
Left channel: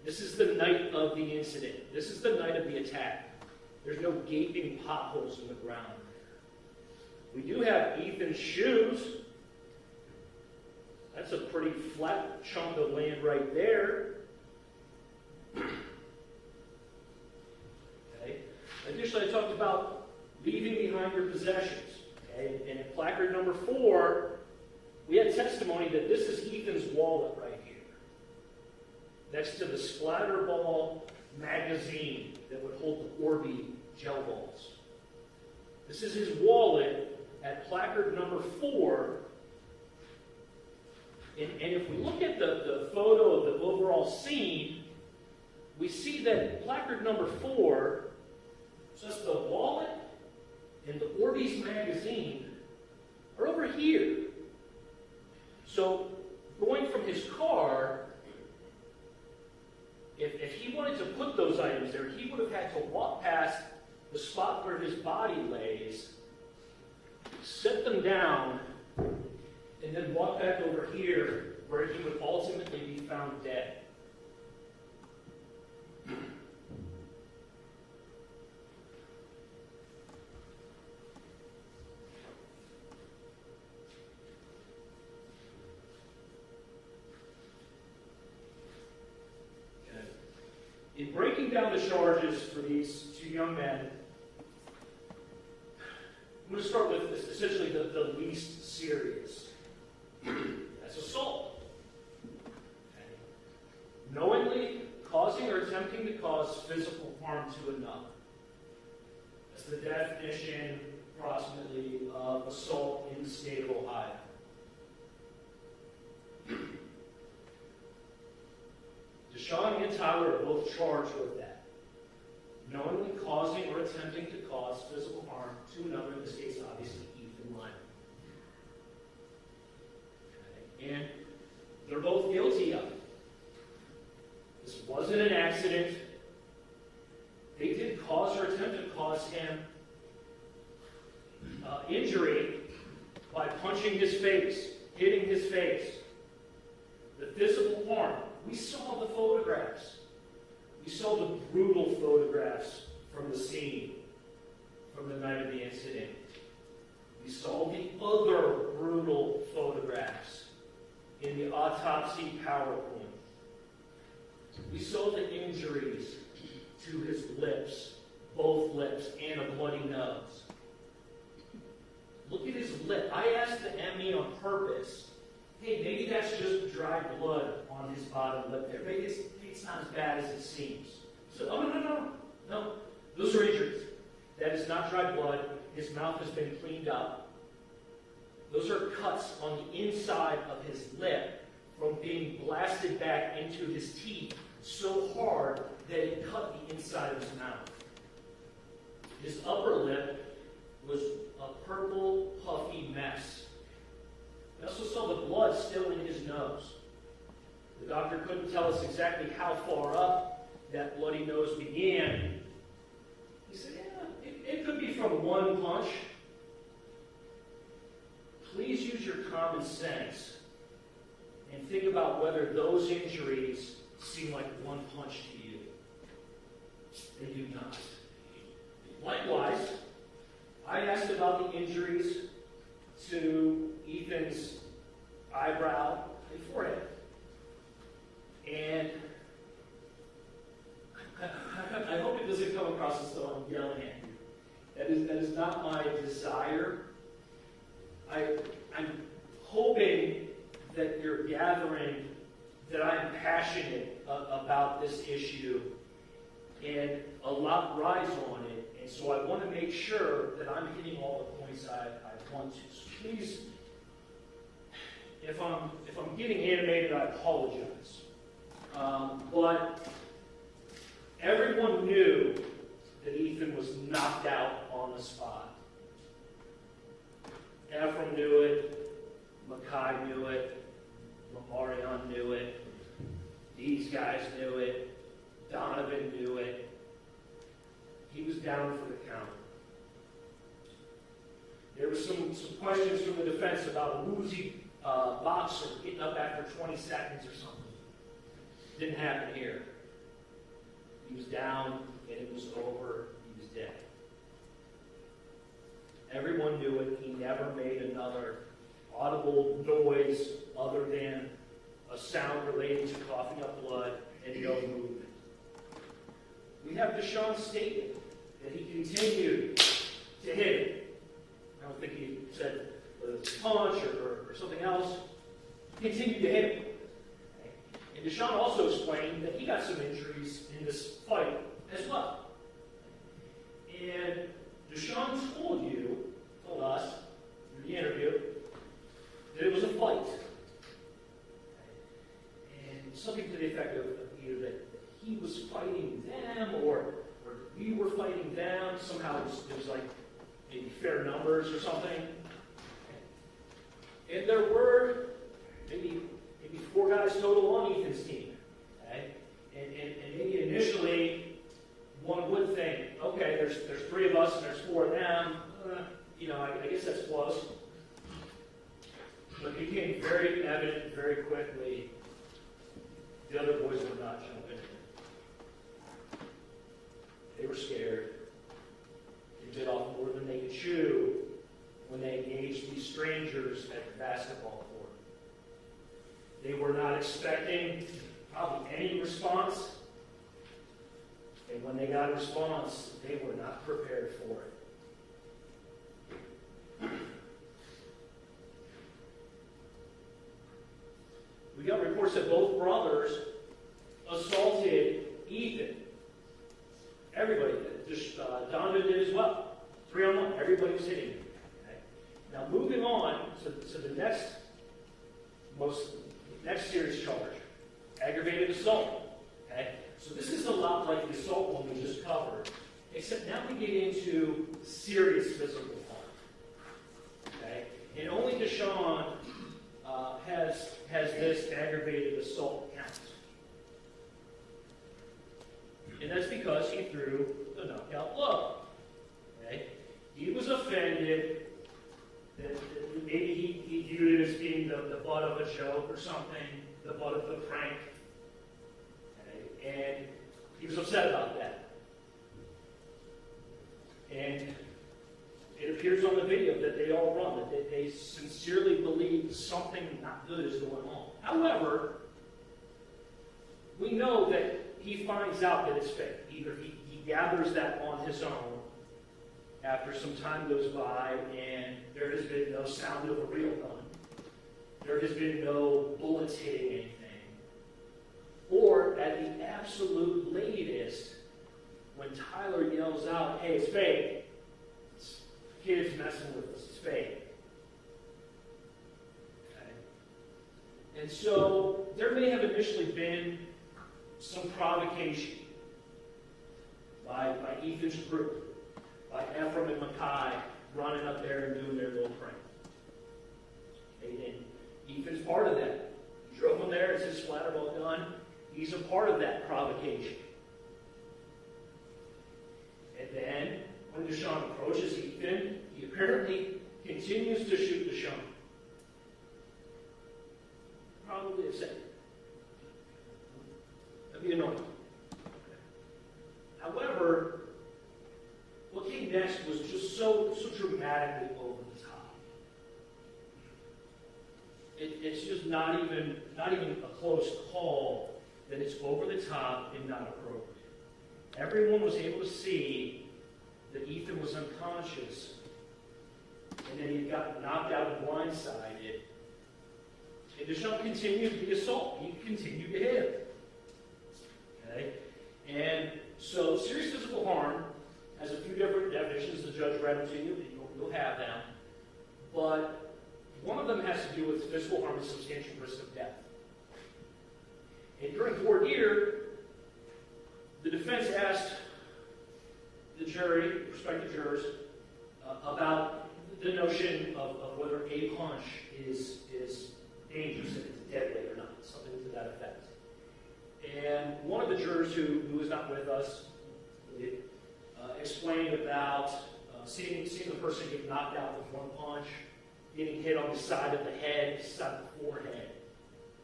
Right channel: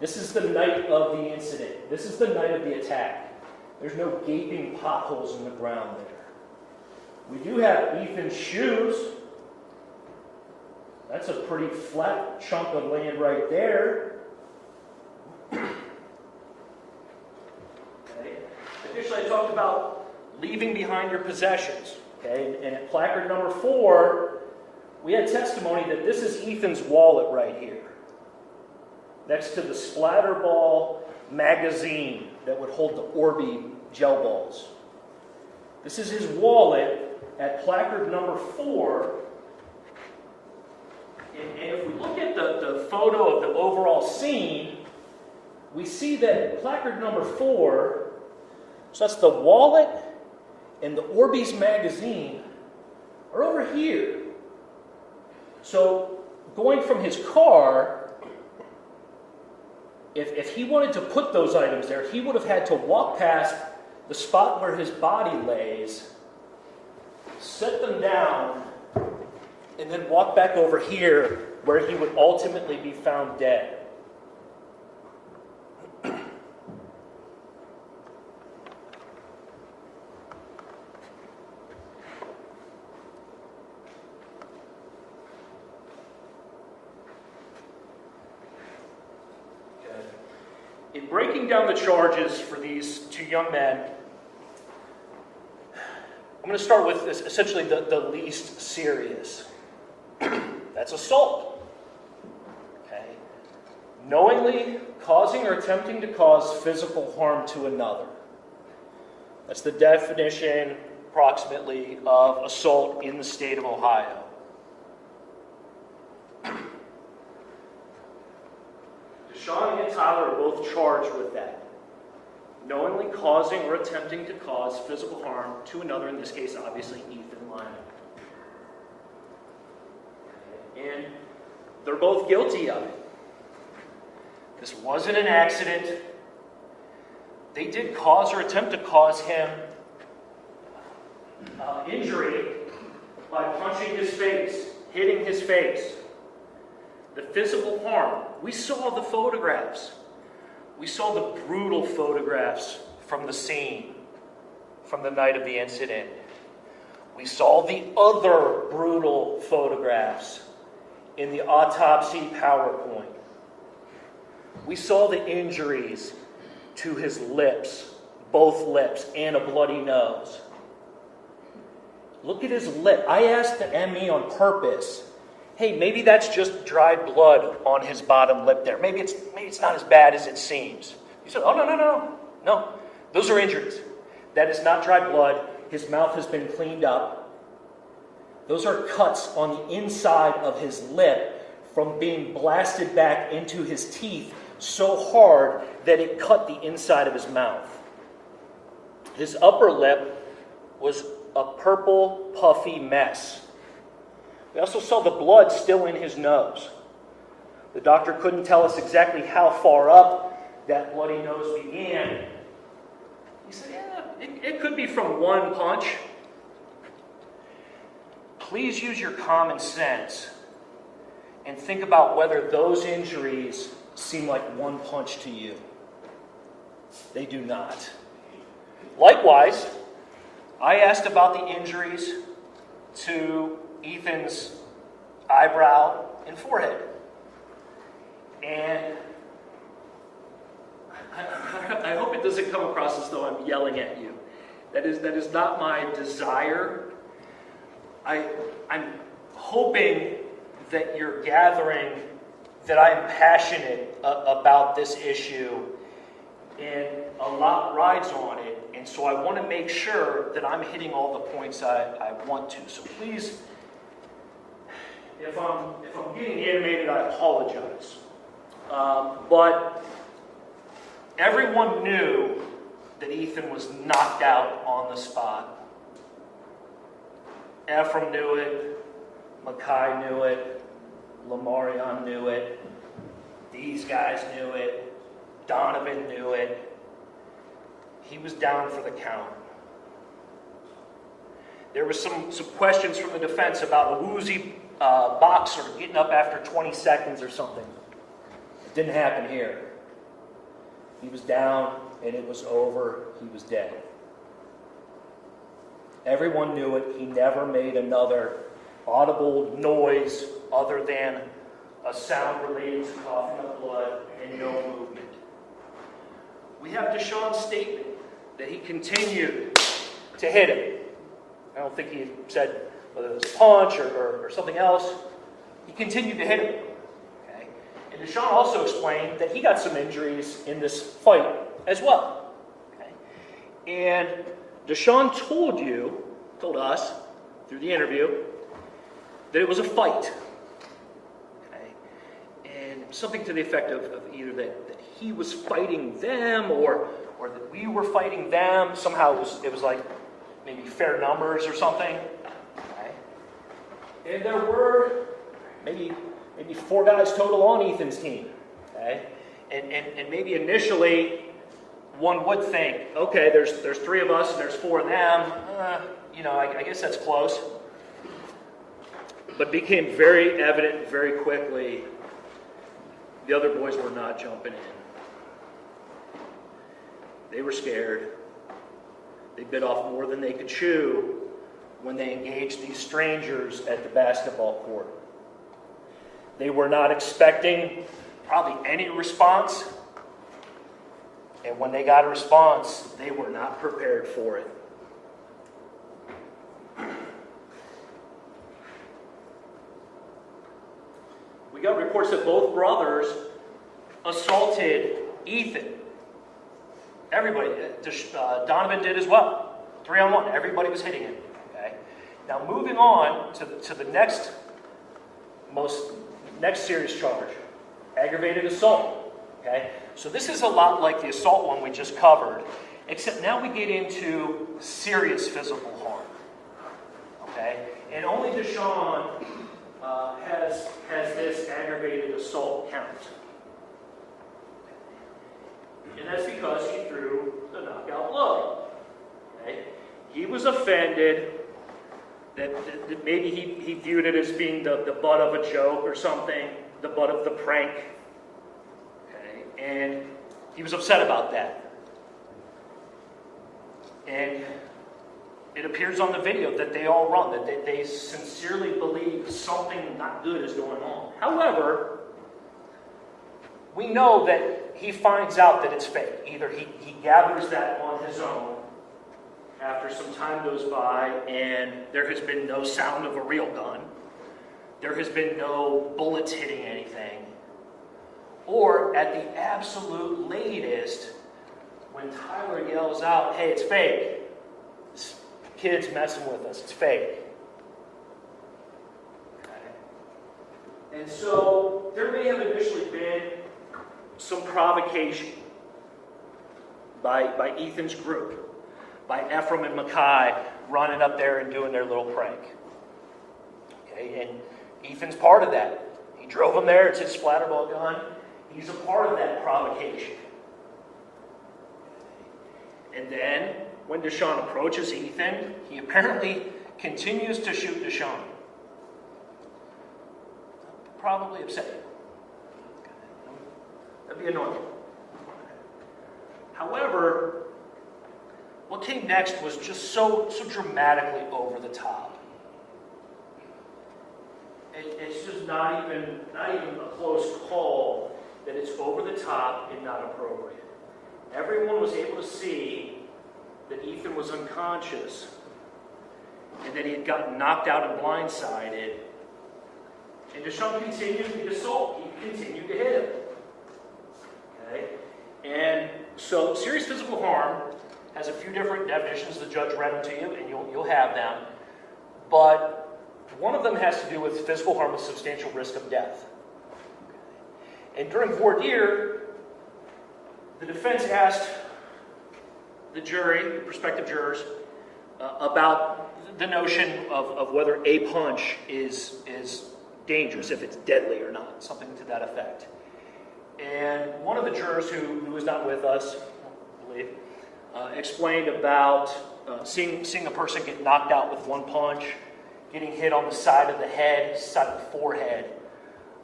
This is the night of the incident. This is the night of the attack. There's no gaping potholes in the ground there. We do have Ethan's shoes. That's a pretty flat chunk of land right there. Okay. Additionally, I talked about leaving behind your possessions. Okay. And placard number 4, we had testimony that this is Ethan's wallet right here, next to the splatter ball magazine that would hold the Orby gel balls. This is his wallet at placard number 4. And if we look at the photo of the overall scene, we see that placard number 4, so that's the wallet and the Orbeez magazine, are over here. So going from his car, if he wanted to put those items there, he would have had to walk past the spot where his body lays, set them down, and then walk back over here where he would ultimately be found dead. In breaking down the charges for these 2 young men, I'm going to start with this, essentially the least serious. That's assault. Okay. Knowingly causing or attempting to cause physical harm to another. That's the definition, approximately, of assault in the state of Ohio. DeShawn and Tyler are both charged with that. Knowingly causing or attempting to cause physical harm to another, in this case, obviously, Ethan Lyon. And they're both guilty of it. This wasn't an accident. They did cause or attempt to cause him injury by punching his face, hitting his face. The physical harm. We saw the photographs. We saw the brutal photographs from the scene, from the night of the incident. We saw the other brutal photographs in the autopsy PowerPoint. We saw the injuries to his lips, both lips, and a bloody nose. Look at his lip. I asked the ME on purpose, hey, maybe that's just dried blood on his bottom lip there. Maybe it's not as bad as it seems. He said, oh, no. Those are injuries. That is not dried blood. His mouth has been cleaned up. Those are cuts on the inside of his lip from being blasted back into his teeth so hard that it cut the inside of his mouth. His upper lip was a purple, puffy mess. We also saw the blood still in his nose. The doctor couldn't tell us exactly how far up that bloody nose began. He said, yeah, it could be from one punch. Please use your common sense and think about whether those injuries seem like one punch to you. They do not. Likewise, I asked about the injuries to Ethan's eyebrow and forehead. And I hope it doesn't come across as though I'm yelling at you. That is not my desire. I'm hoping that you're gathering that I'm passionate about this issue, and a lot rides on it, and so I want to make sure that I'm hitting all the points I want to. So please, if I'm getting animated, I apologize. But everyone knew that Ethan was knocked out on the spot. Ephraim knew it, Mackay knew it, Lamarion knew it, these guys knew it, Donovan knew it. He was down for the count. There was some questions from the defense about a woozy boxer getting up after 20 seconds or something. It didn't happen here. He was down and it was over. He was dead. Everyone knew it. He never made another audible noise other than a sound related to coughing up blood and no movement. We have DeShawn's statement that he continued to hit him. I don't think he said whether it was a punch or something else. He continued to hit him. Okay? And DeShawn also explained that he got some injuries in this fight as well. Okay? And DeShawn told us through the interview that it was a fight. Okay? And something to the effect of either that he was fighting them or that we were fighting them. Somehow it was like maybe fair numbers or something. Okay? And there were maybe 4 guys total on Ethan's team. Okay? And maybe initially one would think, okay, there's 3 of us and there's 4 of them. I guess that's close. But became very evident very quickly the other boys were not jumping in. They were scared. They bit off more than they could chew when they engaged these strangers at the basketball court. They were not expecting probably any response. And when they got a response, they were not prepared for it. We got reports that both brothers assaulted Ethan. Everybody did. Donovan did as well. 3-on-1. Everybody was hitting him. Okay? Now moving on to the next serious charge. Aggravated assault. Okay? So this is a lot like the assault one we just covered, except now we get into serious physical harm. Okay? And only DeShawn has this aggravated assault count. And that's because he threw the knockout blow. Okay? He was offended that maybe he viewed it as being the butt of a joke or something, the butt of the prank. Okay? And he was upset about that. And it appears on the video that they all run, that they sincerely believe something not good is going on. However, we know that he finds out that it's fake. Either he gathers that on his own after some time goes by and there has been no sound of a real gun. There has been no bullets hitting anything. Or at the absolute latest, when Tyler yells out, "Hey, it's fake. This kid's messing with us. It's fake." Okay. And so there may have initially been some provocation by Ethan's group, by Ephraim and Mackay running up there and doing their little prank. Okay, and Ethan's part of that. He drove him there. It's his splatterball gun. He's a part of that provocation. And then, when DeShawn approaches Ethan, he apparently continues to shoot DeShawn. Probably upset. That'd be annoying. However, what came next was just so dramatically over the top. It's just not even a close call that it's over the top and not appropriate. Everyone was able to see that Ethan was unconscious and that he had gotten knocked out and blindsided. And DeShawn continued the assault. He continued to hit him. Okay? And so serious physical harm has a few different definitions. The judge read them to you, and you'll have them. But one of them has to do with physical harm with substantial risk of death. And during voir dire, the defense asked the jury, prospective jurors, about the notion of whether a punch is dangerous, if it's deadly or not, something to that effect. And one of the jurors who is not with us, I believe, explained about seeing a person get knocked out with one punch, getting hit on the side of the head, side of the forehead,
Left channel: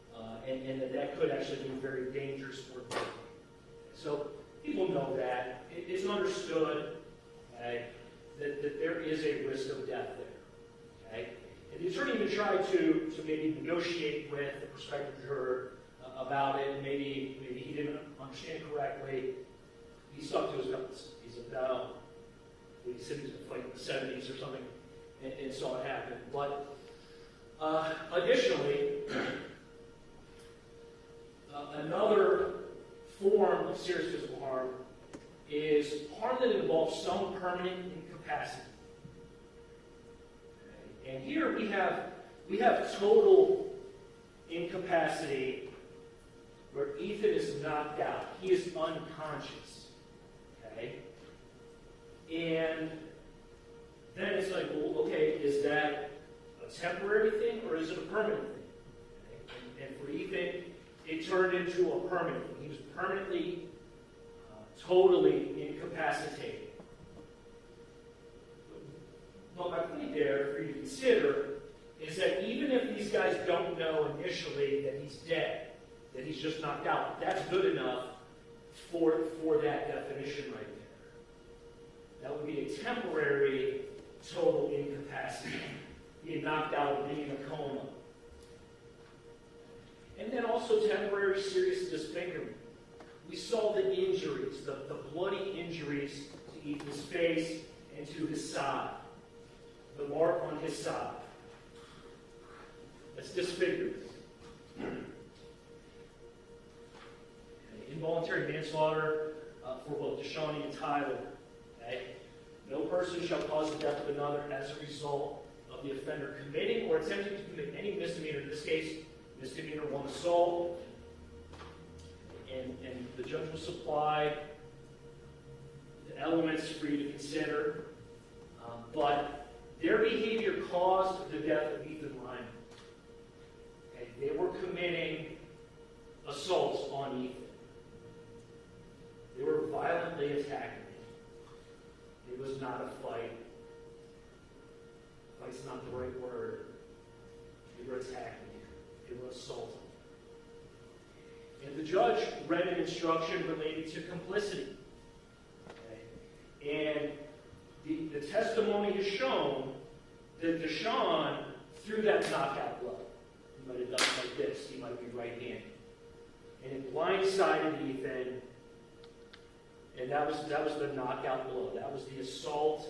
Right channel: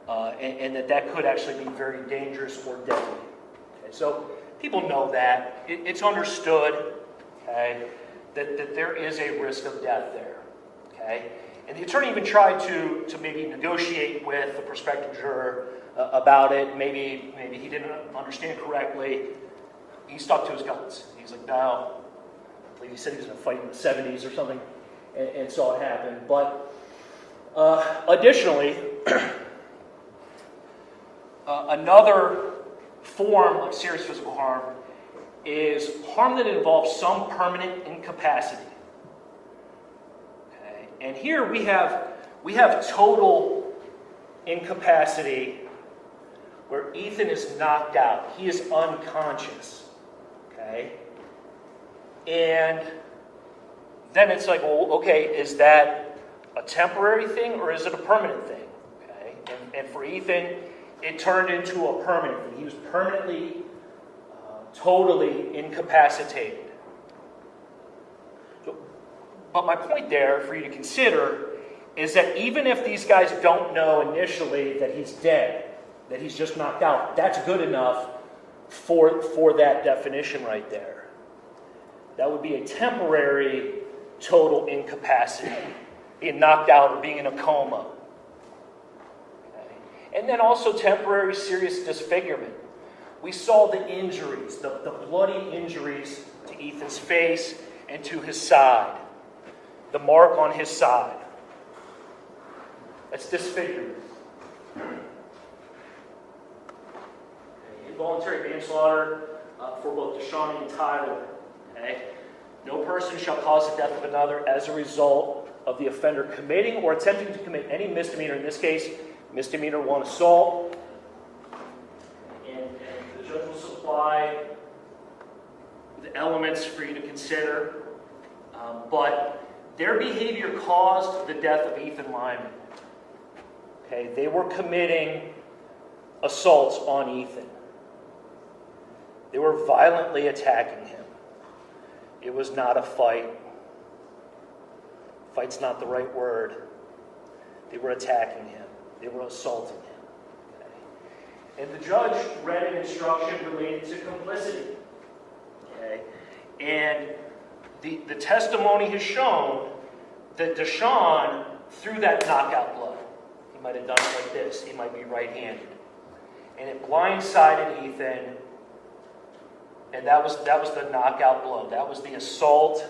and that could actually be very dangerous or deadly. Okay, so people know that. It's understood, okay, that there is a risk of death there. Okay? And the attorney even tried to maybe negotiate with the prospective juror about it. Maybe he didn't understand correctly. He stuck to his guns. He's like, no. I believe he said he was going to fight in the 70s or something, and saw it happen. But additionally, another form of serious physical harm is harm that involves some permanent incapacity. Okay? And here we have total incapacity where Ethan is knocked out. He is unconscious. Okay? And then it's like, well, okay, is that a temporary thing or is it a permanent thing? Okay? And for Ethan, it turned into a permanent thing. He was permanently, totally incapacitated. But my point there for you to consider is that even if these guys don't know initially that he's dead, that he's just knocked out, that's good enough for that definition right there. That would be a temporary total incapacity, being knocked out or being in a coma. Okay. And then also temporary serious disfigurement. We saw the injuries, the bloody injuries to Ethan's face and to his side. The mark on his side. That's disfigurement. Involuntary manslaughter for both DeShawn and Tyler. Okay? No person shall cause the death of another as a result of the offender committing or attempting to commit any misdemeanor. In this case, misdemeanor 1 assault. And the judge will supply the elements for you to consider. But their behavior caused the death of Ethan Lyman. Okay, they were committing assaults on Ethan. They were violently attacking him. It was not a fight. Fight's not the right word. They were attacking him. They were assaulting him. Okay. And the judge read an instruction related to complicity. Okay. And the testimony has shown that DeShawn threw that knockout blow. He might have done it like this. He might be right-handed. And it blindsided Ethan. And that was the knockout blow. That was the assault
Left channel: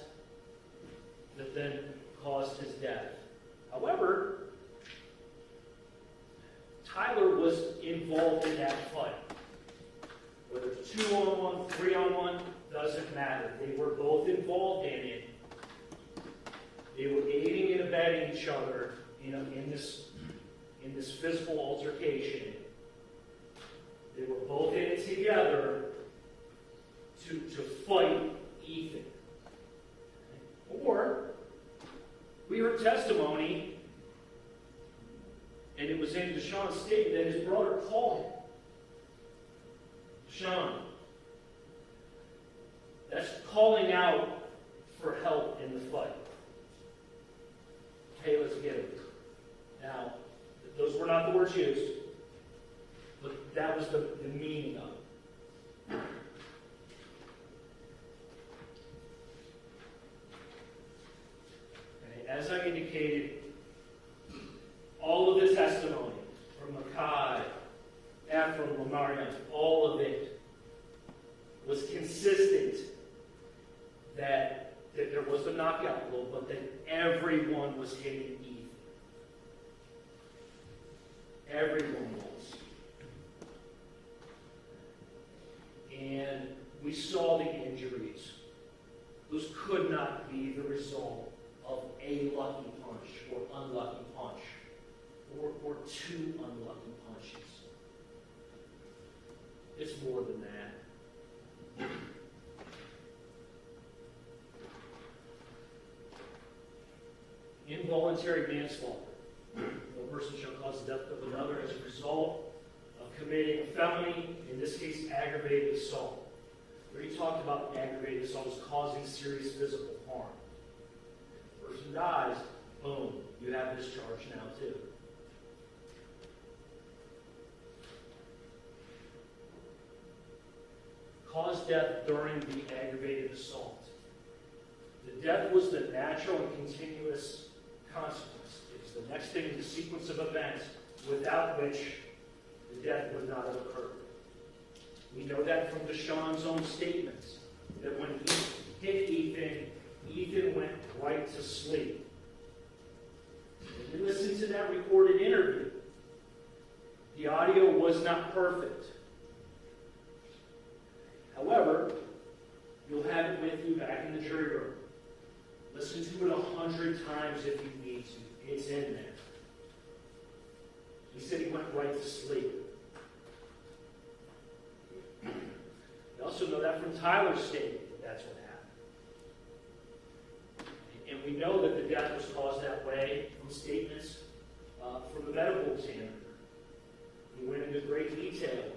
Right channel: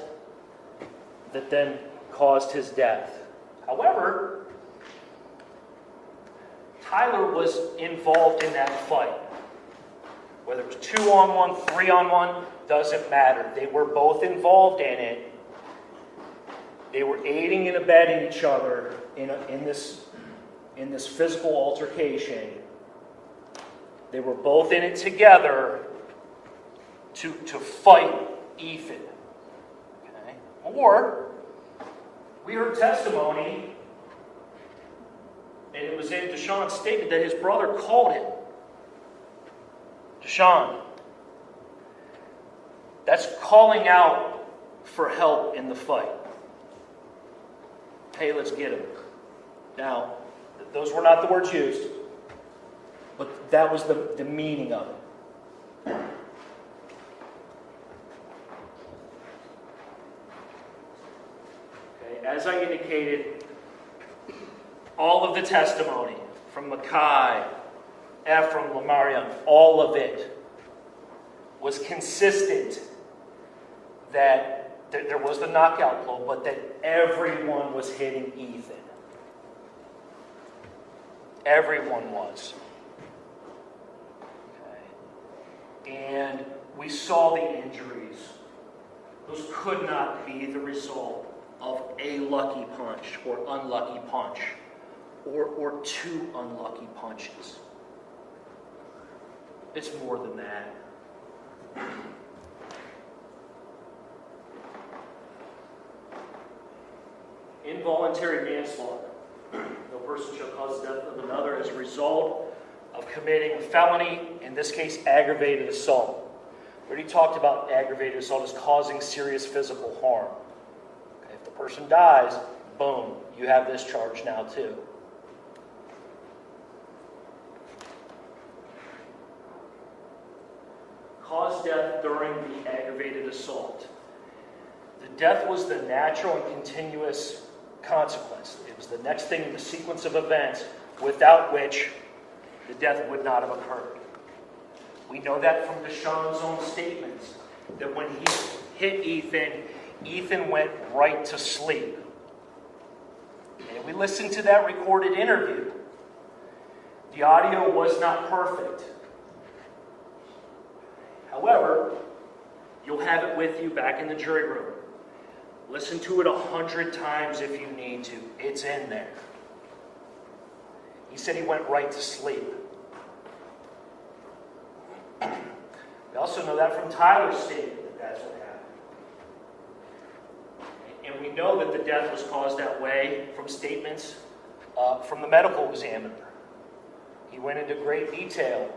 that then caused his death. However, Tyler was involved in that fight. Whether it was 2-on-1, 3-on-1, doesn't matter. They were both involved in it. They were aiding and abetting each other in this physical altercation. They were both in it together to fight Ethan. Okay? Or, we heard testimony, and it was in DeShawn's statement that his brother called him. DeShawn, that's calling out for help in the fight. Hey, let's get him. Now, those were not the words used, but that was the meaning of it. As I indicated, all of the testimony from Mackay, Ephraim, Lamarion, all of it was consistent that there was the knockout blow, but that everyone was hitting Ethan. Everyone was. Okay. And we saw the injuries. Those could not be the result of a lucky punch or unlucky punch or two unlucky punches. It's more than that. involuntary manslaughter. No person shall cause the death of another as a result of committing a felony, in this case, aggravated assault. We already talked about aggravated assault as causing serious physical harm. Okay, if the person dies, boom, you have this charge now too. Cause death during the aggravated assault. The death was the natural and continuous consequence. It was the next thing in the sequence of events without which the death would not have occurred. We know that from DeShawn's own statements, that when he hit Ethan, Ethan went right to sleep. And if we listen to that recorded interview, the audio was not perfect. However, you'll have it with you back in the jury room. Listen to it 100 times if you need to. It's in there. He said he went right to sleep. We also know that from Tyler's statement that that's what happened. And we know that the death was caused that way from statements from the medical examiner. He went into great detail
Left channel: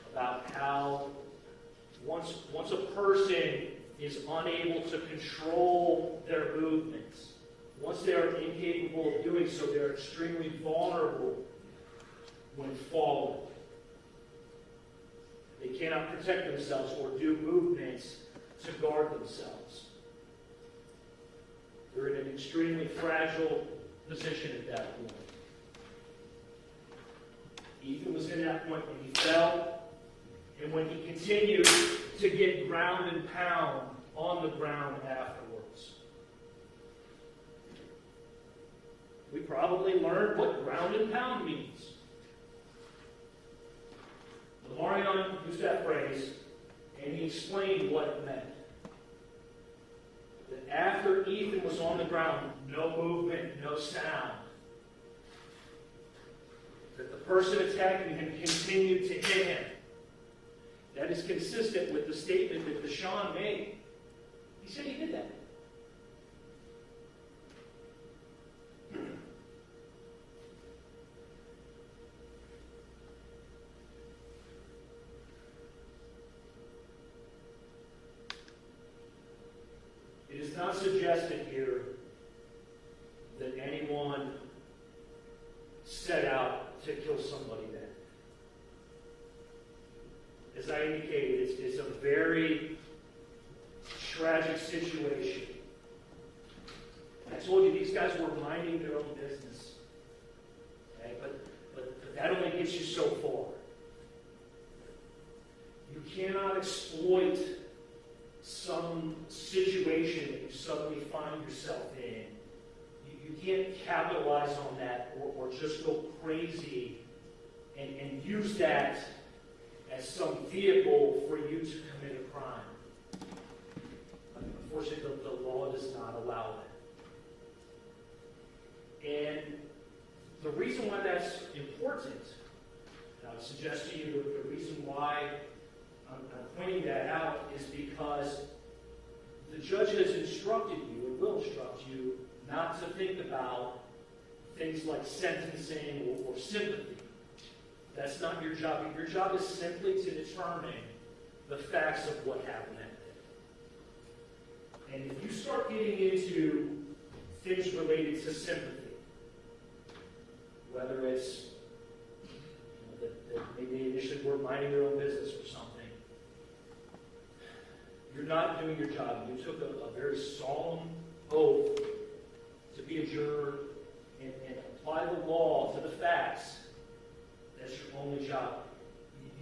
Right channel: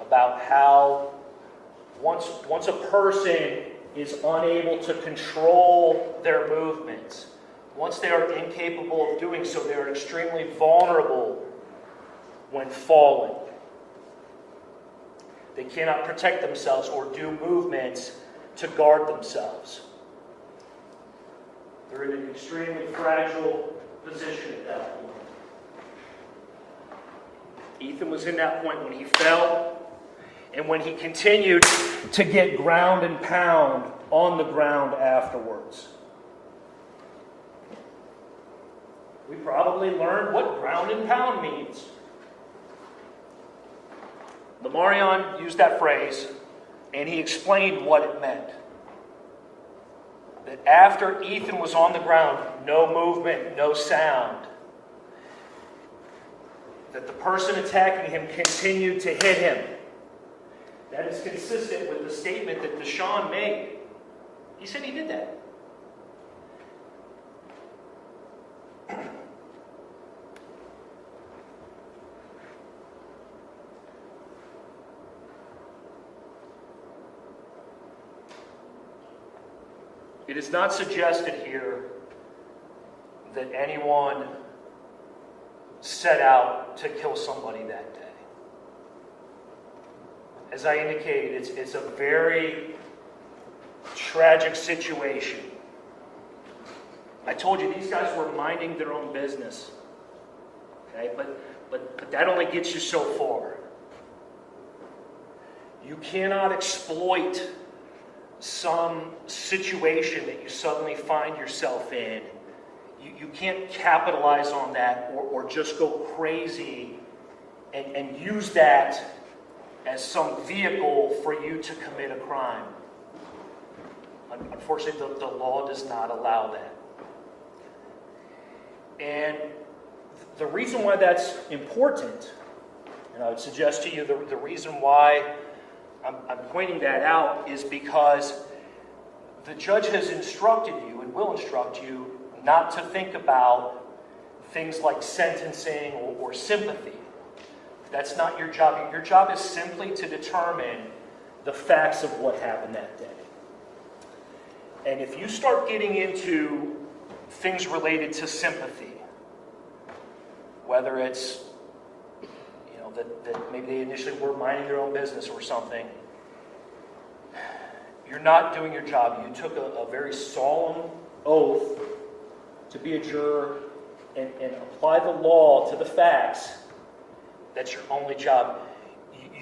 about how once a person is unable to control their movements, once they are incapable of doing so, they are extremely vulnerable when falling. They cannot protect themselves or do movements to guard themselves. They're in an extremely fragile position at that point. Ethan was in that point when he fell, and when he continued to get ground and pound on the ground afterwards. We probably learned what ground and pound means. Lamarion used that phrase, and he explained what it meant. That after Ethan was on the ground, no movement, no sound, that the person attacking him continued to hit him. That is consistent with the statement that DeShawn made. He said he did that. It is not suggested here that anyone set out to kill somebody that day. As I indicated, it's a very tragic situation. I told you these guys were minding their own business. Okay, but that only gets you so far. You cannot exploit some situation that you suddenly find yourself in. You can't capitalize on that or just go crazy and use that as some vehicle for you to commit a crime. Unfortunately, the law does not allow that. And the reason why that's important, and I would suggest to you the reason why I'm pointing that out is because the judge has instructed you and will instruct you not to think about things like sentencing or sympathy. That's not your job. Your job is simply to determine the facts of what happened that day. And if you start getting into things related to sympathy, whether it's that maybe they initially were minding their own business or something, you're not doing your job. You took a very solemn oath to be a juror and apply the law to the facts. That's your only job.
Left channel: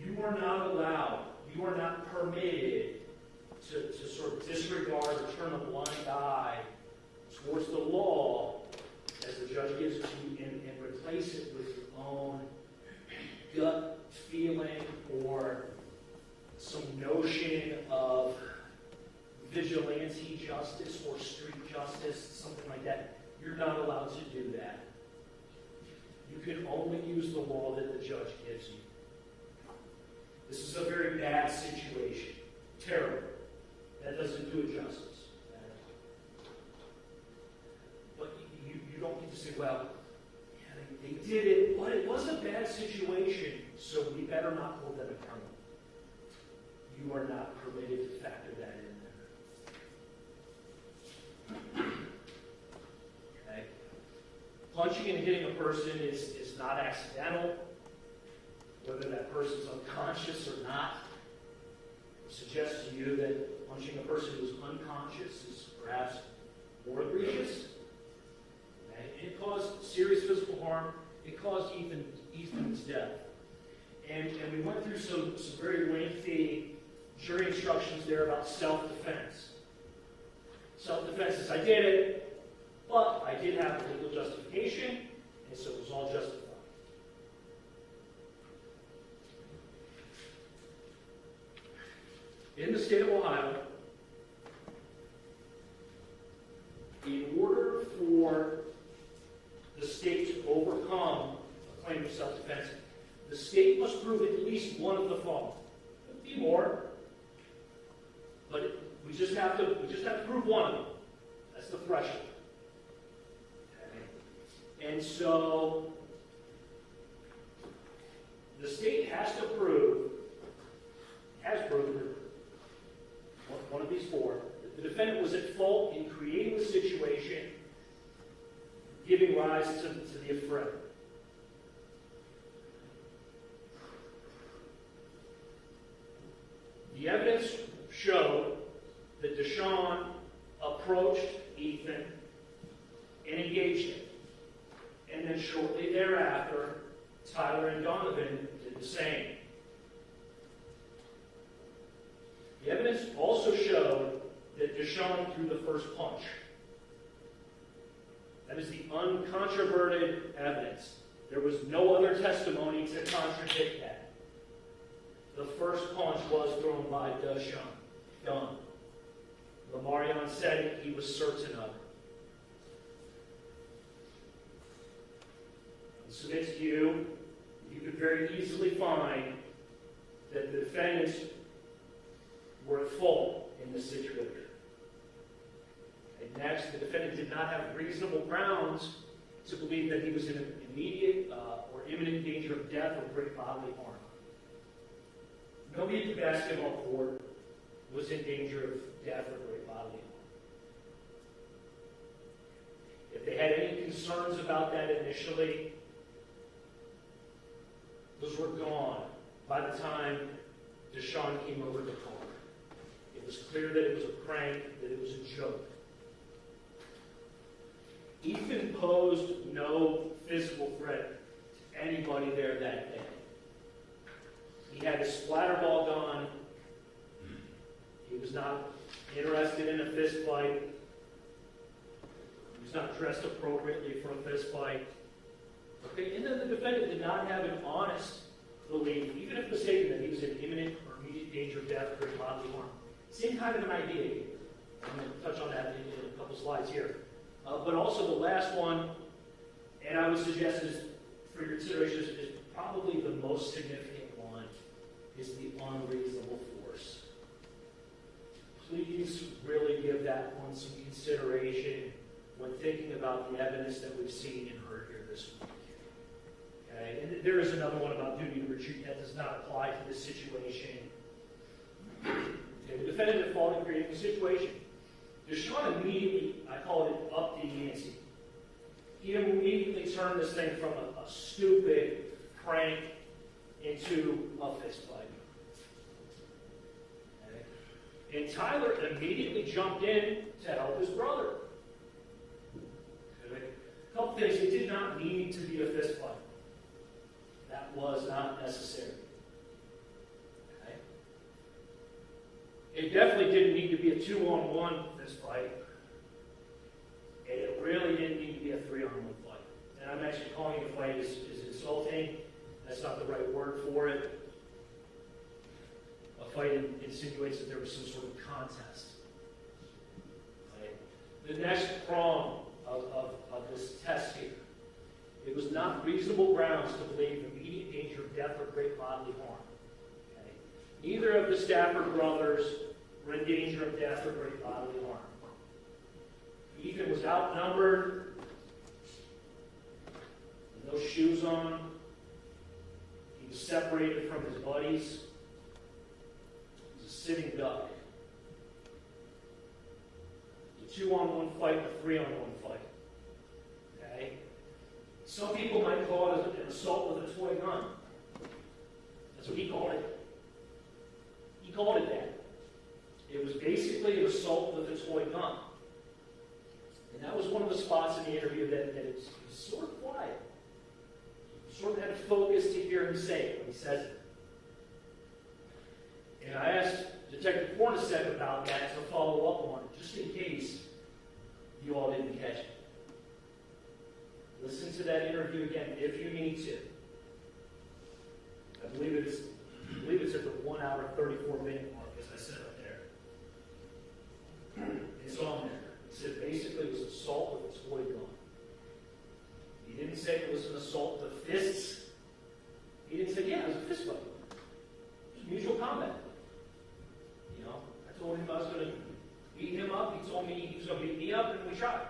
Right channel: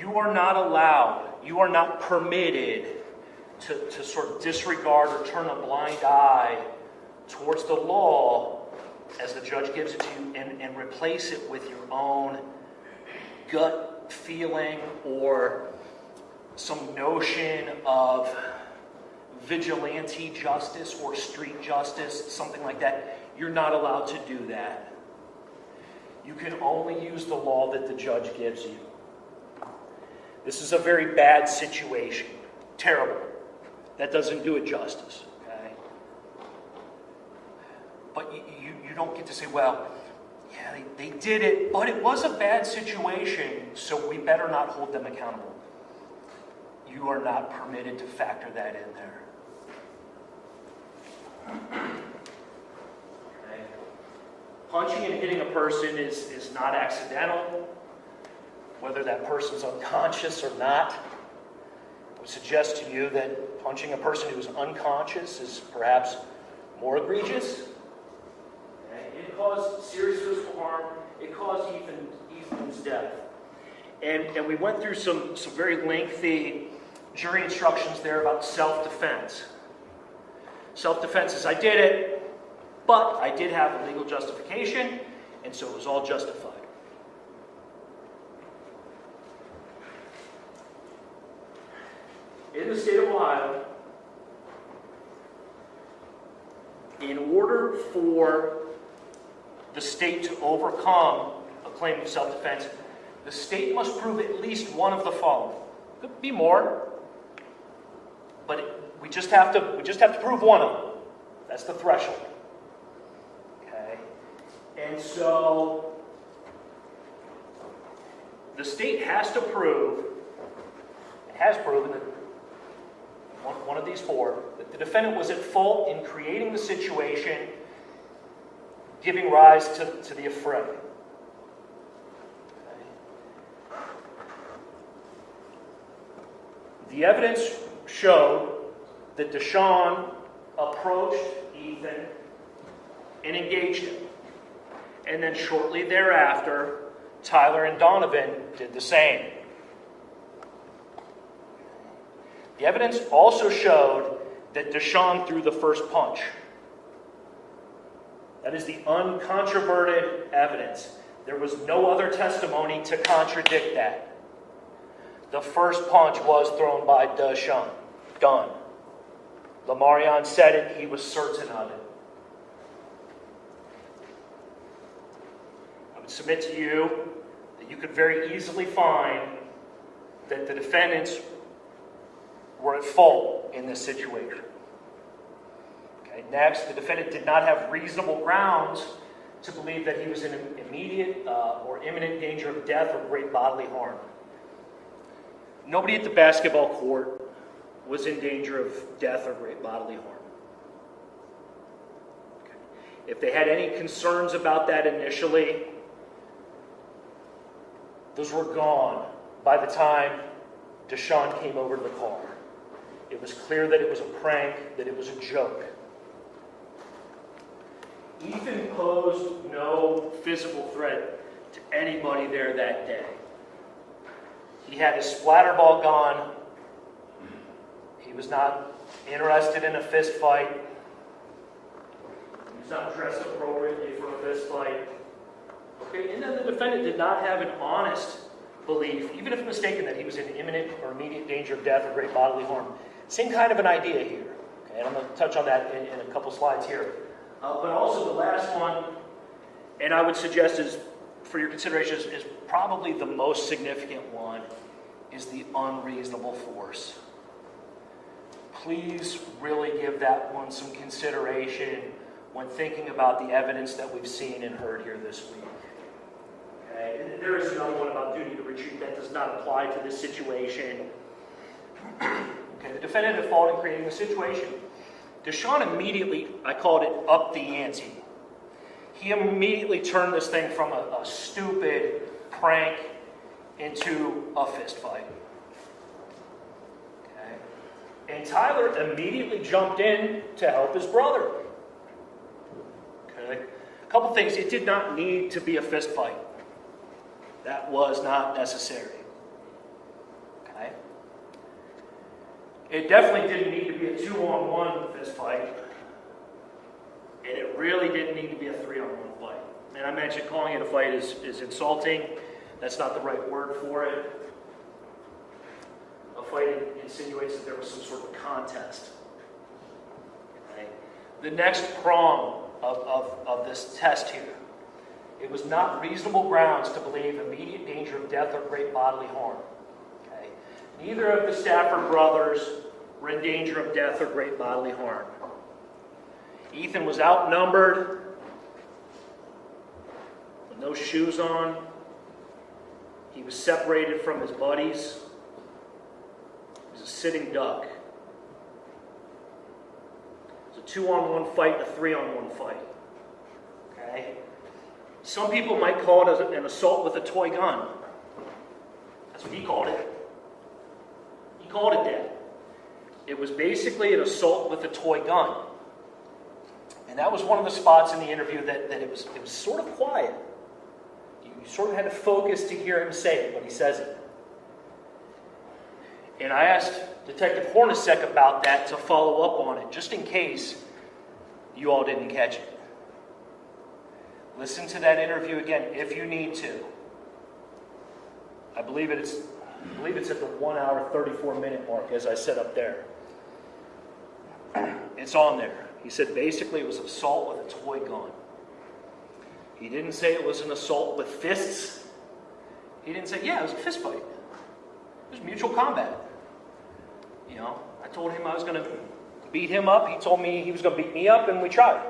You are not allowed, you are not permitted to sort of disregard or turn a blind eye towards the law as the judge gives it to you and replace it with your own gut feeling or some notion of vigilante justice or street justice, something like that. You're not allowed to do that. You can only use the law that the judge gives you. This is a very bad situation. Terrible. That doesn't do it justice. Okay? but you don't get to say, well, yeah, they did it, but it was a bad situation, so we better not hold them accountable. You are not permitted to factor that in there. Okay. Punching and hitting a person is not accidental, whether that person's unconscious or not. I would suggest to you that punching a person who is unconscious is perhaps more egregious. Okay. It caused serious physical harm. It caused Ethan's death. And we went through some very lengthy jury instructions there about self-defense. Self-defense is I did it, but I did have a legal justification, and so it was all justified. In the state of Ohio, in order for the state to overcome a claim of self-defense, the state must prove at least one of the following. Could be more, but we just have to prove one of them. That's the threshold. Okay, and so the state has to prove, it has proven that one of these four, that the defendant was at fault in creating the situation, giving rise to the affray. The evidence showed that DeShawn approached Ethan and engaged him. And then shortly thereafter, Tyler and Donovan did the same. The evidence also showed that DeShawn threw the first punch. That is the uncontroverted evidence. There was no other testimony to contradict that. The first punch was thrown by DeShawn. Done. Lamarion said it. He was certain of it. I would submit to you that you could very easily find that the defendants were at fault in this situation. Okay. Next, the defendant did not have reasonable grounds to believe that he was in immediate or imminent danger of death or great bodily harm. Nobody at the basketball court was in danger of death or great bodily harm. Okay. If they had any concerns about that initially, those were gone by the time DeShawn came over to the car. It was clear that it was a prank, that it was a joke. Ethan posed no physical threat to anybody there that day. He had his splatterball gun. He was not interested in a fist fight. He was not dressed appropriately for a fist fight. Okay, and then the defendant did not have an honest belief, even if mistaken, that he was in imminent or immediate danger of death or great bodily harm. Same kind of an idea here. Okay, and I'm going to touch on that in a couple slides here. But also the last one, and I would suggest is for your consideration, is probably the most significant one, is the unreasonable force. Please really give that one some consideration when thinking about the evidence that we've seen and heard here this week. Okay, and there is another one about duty to retreat that does not apply to this situation. Okay, the defendant at fault in creating the situation. DeShawn immediately, I called it up the ante. He immediately turned this thing from a stupid prank into a fist fight. Okay. And Tyler immediately jumped in to help his brother. Okay. A couple things. It did not need to be a fist fight. That was not necessary. Okay. It definitely didn't need to be a 2-on-1 fist fight. And it really didn't need to be a 3-on-1 fight. And I mentioned calling it a fight is insulting. That's not the right word for it. A fight insinuates that there was some sort of contest. Okay. The next prong of this test here. It was not reasonable grounds to believe immediate danger of death or great bodily harm. Okay. Neither of the Stafford brothers were in danger of death or great bodily harm. Ethan was outnumbered no shoes on. He was separated from his buddies. He was a sitting duck. It was a 2-on-1 fight and a 3-on-1 fight. Okay? Some people might call it an assault with a toy gun. That's what he called it. He called it that. It was basically an assault with a toy gun. And that was one of the spots in the interview that it was sort of quiet. You sort of had to focus to hear him say it when he says it. And I asked Detective Hornacek about that to follow up on it, just in case you all didn't catch it. Listen to that interview again if you need to. I believe it's at the 1 hour, 34-minute mark, as I said up there. It's on there. He said basically it was an assault with a toy gun. He didn't say it was an assault with fists. He didn't say, yeah, it was a fist fight. It was mutual combat. You know, I told him I was going to beat him up. He told me he was going to beat me up, and we tried.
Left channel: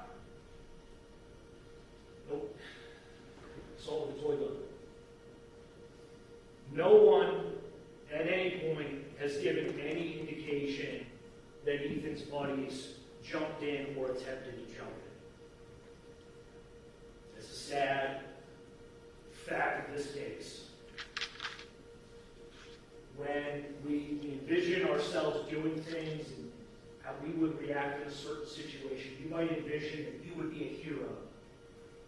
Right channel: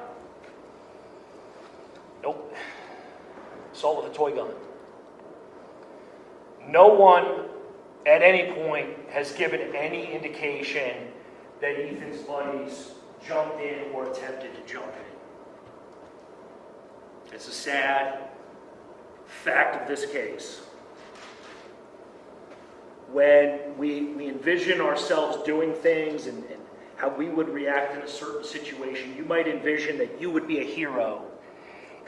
Nope. Assault with a toy gun. No one at any point has given any indication that Ethan's buddies jumped in or attempted to jump in. It's a sad fact of this case. When we envision ourselves doing things and how we would react in a certain situation, you might envision that you would be a hero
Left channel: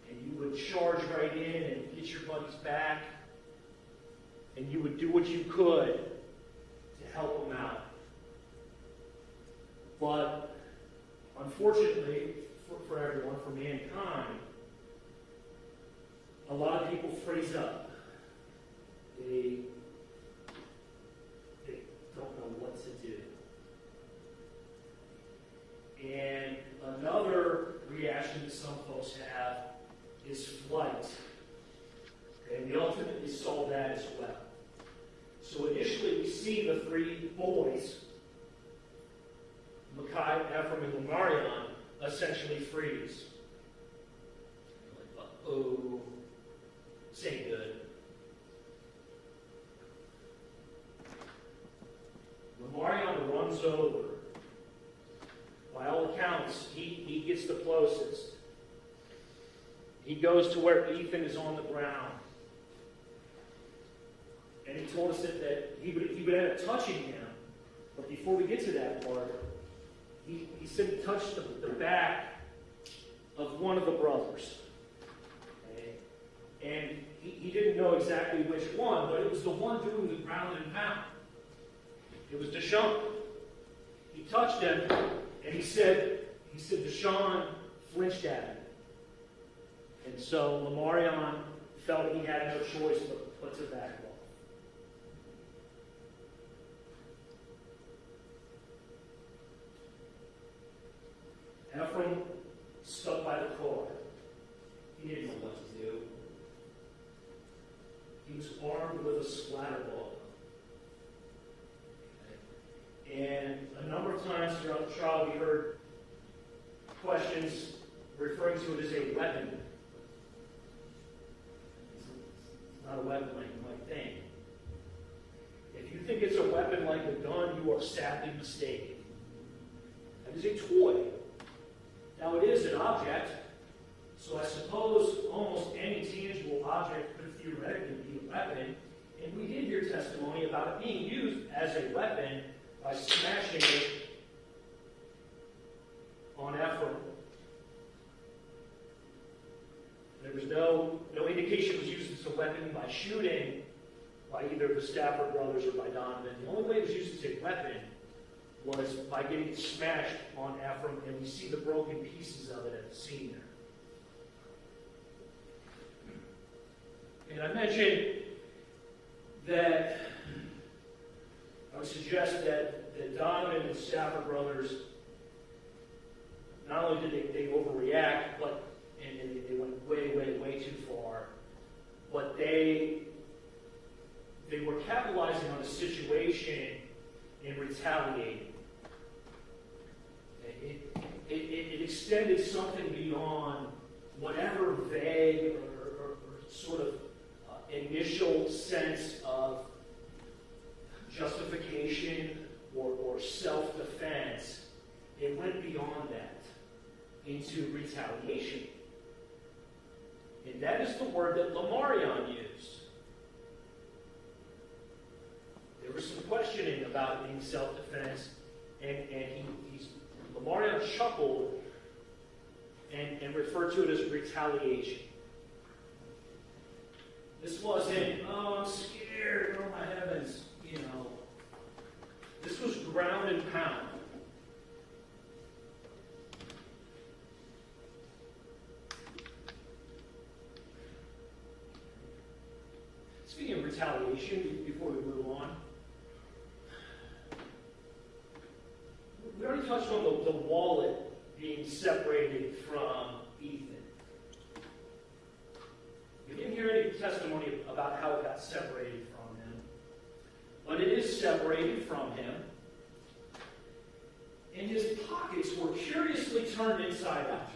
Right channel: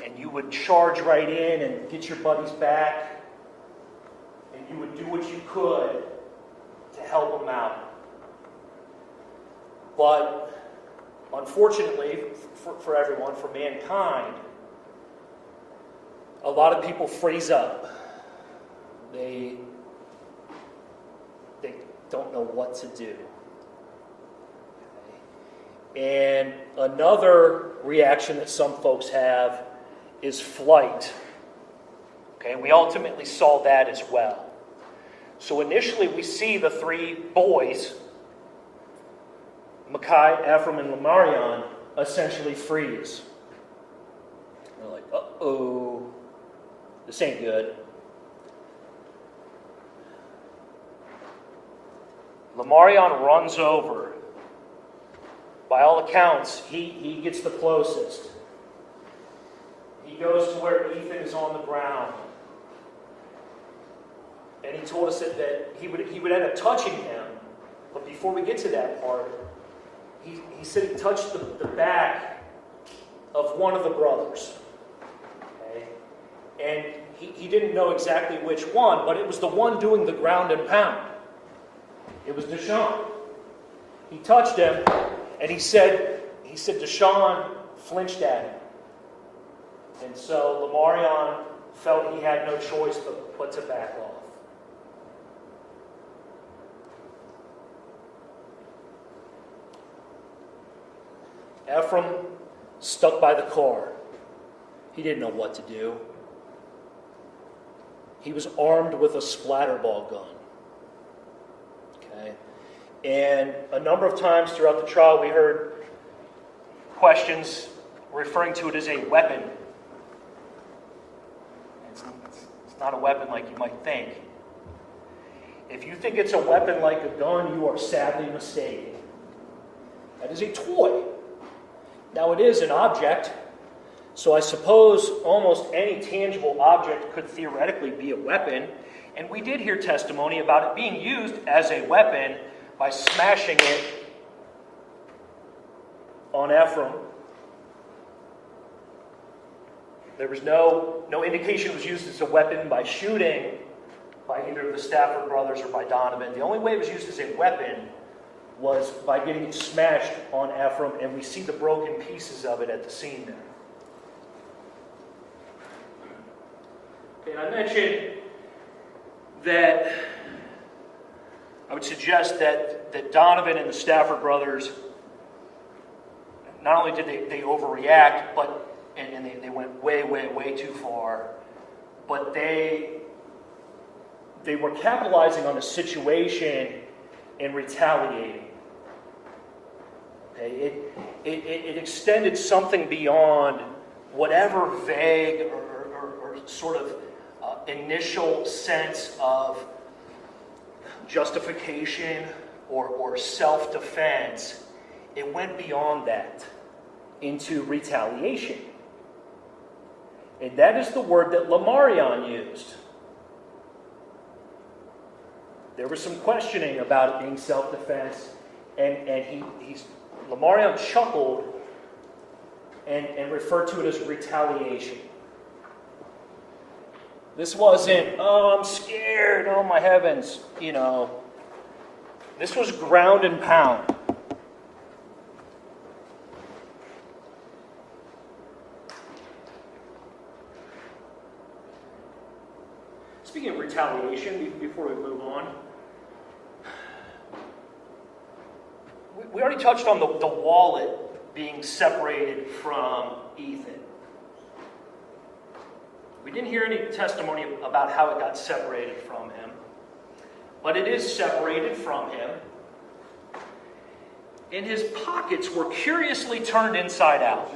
and you would charge right in and get your buddies back, and you would do what you could to help them out. But unfortunately, for everyone, for mankind, a lot of people freeze up. They don't know what to do. And another reaction that some folks have is flight. Okay, we ultimately saw that as well. So initially we see the three boys, Mekhi, Ephraim, and Lamarion, essentially freeze. They're like, uh-oh, this ain't good. Lamarion runs over. By all accounts, he gets the closest. He goes to where Ethan is on the ground. And he told us that he would end up touching him. But before we get to that part, he said he touched the back of one of the brothers. Okay? And he didn't know exactly which one, but it was the one doing the ground and pound. It was DeShawn. He touched him, and he said DeShawn flinched at him. And so Lamarion felt he had no choice but to back off. Ephraim stuck by the car. He didn't know what to do. He was armed with a splatterball gun. Okay? And a number of times throughout the trial, we heard questions referring to it as a weapon. It's not a weapon like you might think. If you think it's a weapon like a gun, you are sadly mistaken. That is a toy. Now, it is an object, so I suppose almost any tangible object could theoretically be a weapon, and we did hear testimony about it being used as a weapon by smashing it on Ephraim. There was no indication it was used as a weapon by shooting by either of the Stafford brothers or by Donovan. The only way it was used as a weapon was by getting it smashed on Ephraim, and we see the broken pieces of it at the scene there. And I mentioned that I would suggest that Donovan and the Stafford brothers, not only did they overreact, but and they went way, way, way too far, but they were capitalizing on the situation and retaliating. Okay? It extended something beyond whatever vague or sort of initial sense of justification or self-defense, it went beyond that into retaliation. And that is the word that Lamarion used. There was some questioning about it being self-defense, and Lamarion chuckled and referred to it as retaliation. This wasn't, oh, I'm scared, oh my heavens, This was ground and pound. Speaking of retaliation, before we move on, we already touched on the wallet being separated from Ethan. We didn't hear any testimony about how it got separated from him, but it is separated from him. And his pockets were curiously turned inside out.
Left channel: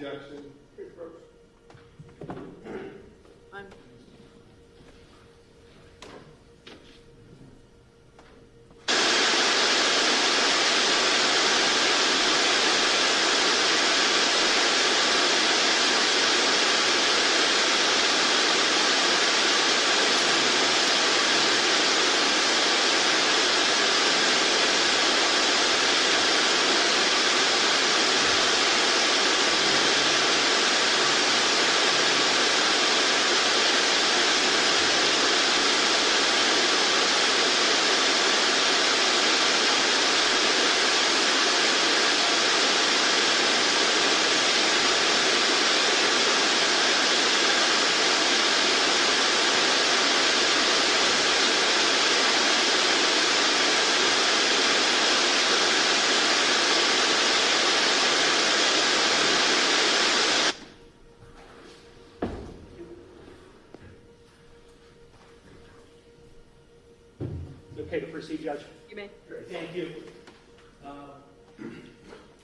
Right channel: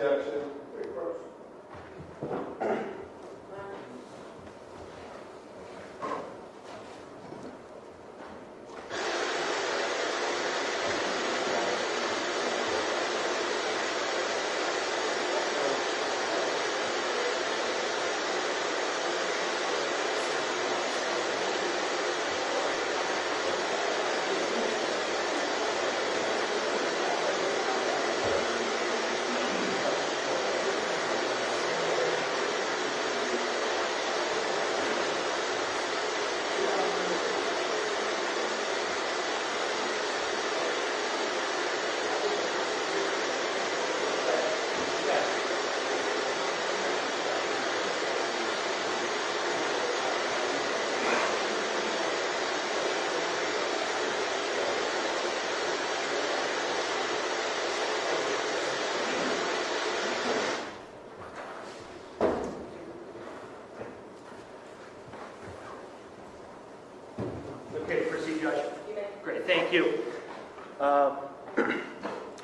Thank you.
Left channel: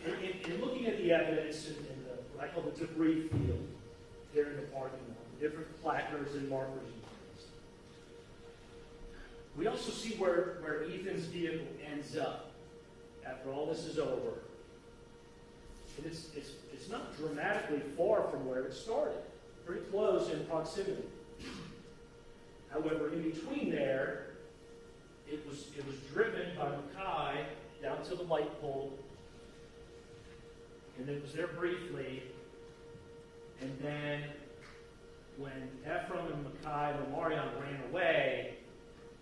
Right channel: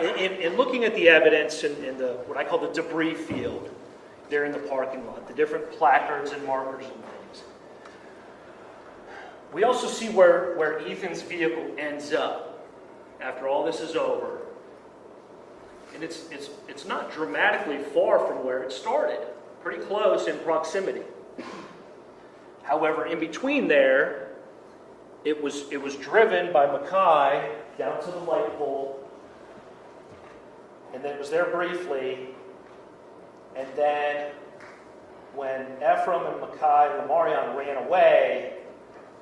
In looking at the evidence in what I call the debris field there in the parking lot, the different placards and markers and things, we also see where Ethan's vehicle ends up after all this is over. And it's not dramatically far from where it started, pretty close in proximity. However, in between there, it was driven by Mackay down to the light pole, and then it was there briefly, and then when Ephraim and Mackay and Lamarion ran away,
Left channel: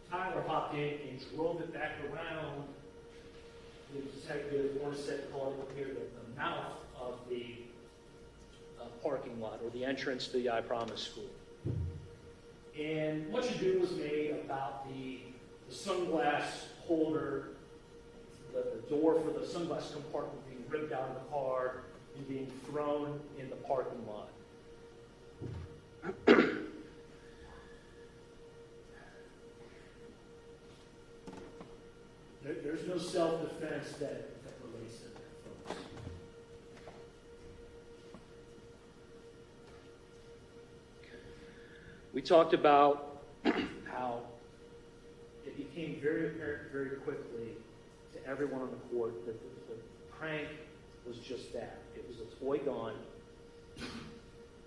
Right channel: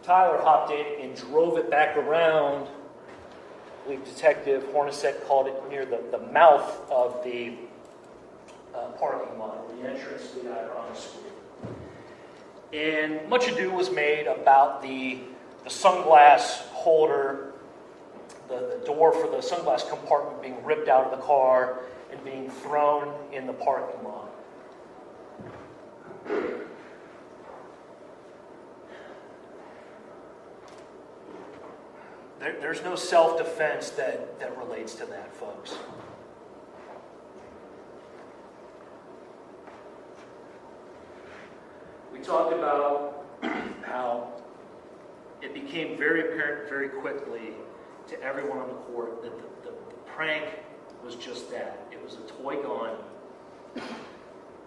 Tyler hopped in and drove it back around. I believe Detective Hornacek called it near the mouth of the parking lot, or the entrance to the I Promise School. And much ado was made about the sunglass holder, the door for the sunglass compartment being ripped out of the car and being thrown in the parking lot. There's no self-defense that relates to that, folks. We talked about how it became very apparent very quickly to everyone on the court that the prank was just that. It was a toy gun.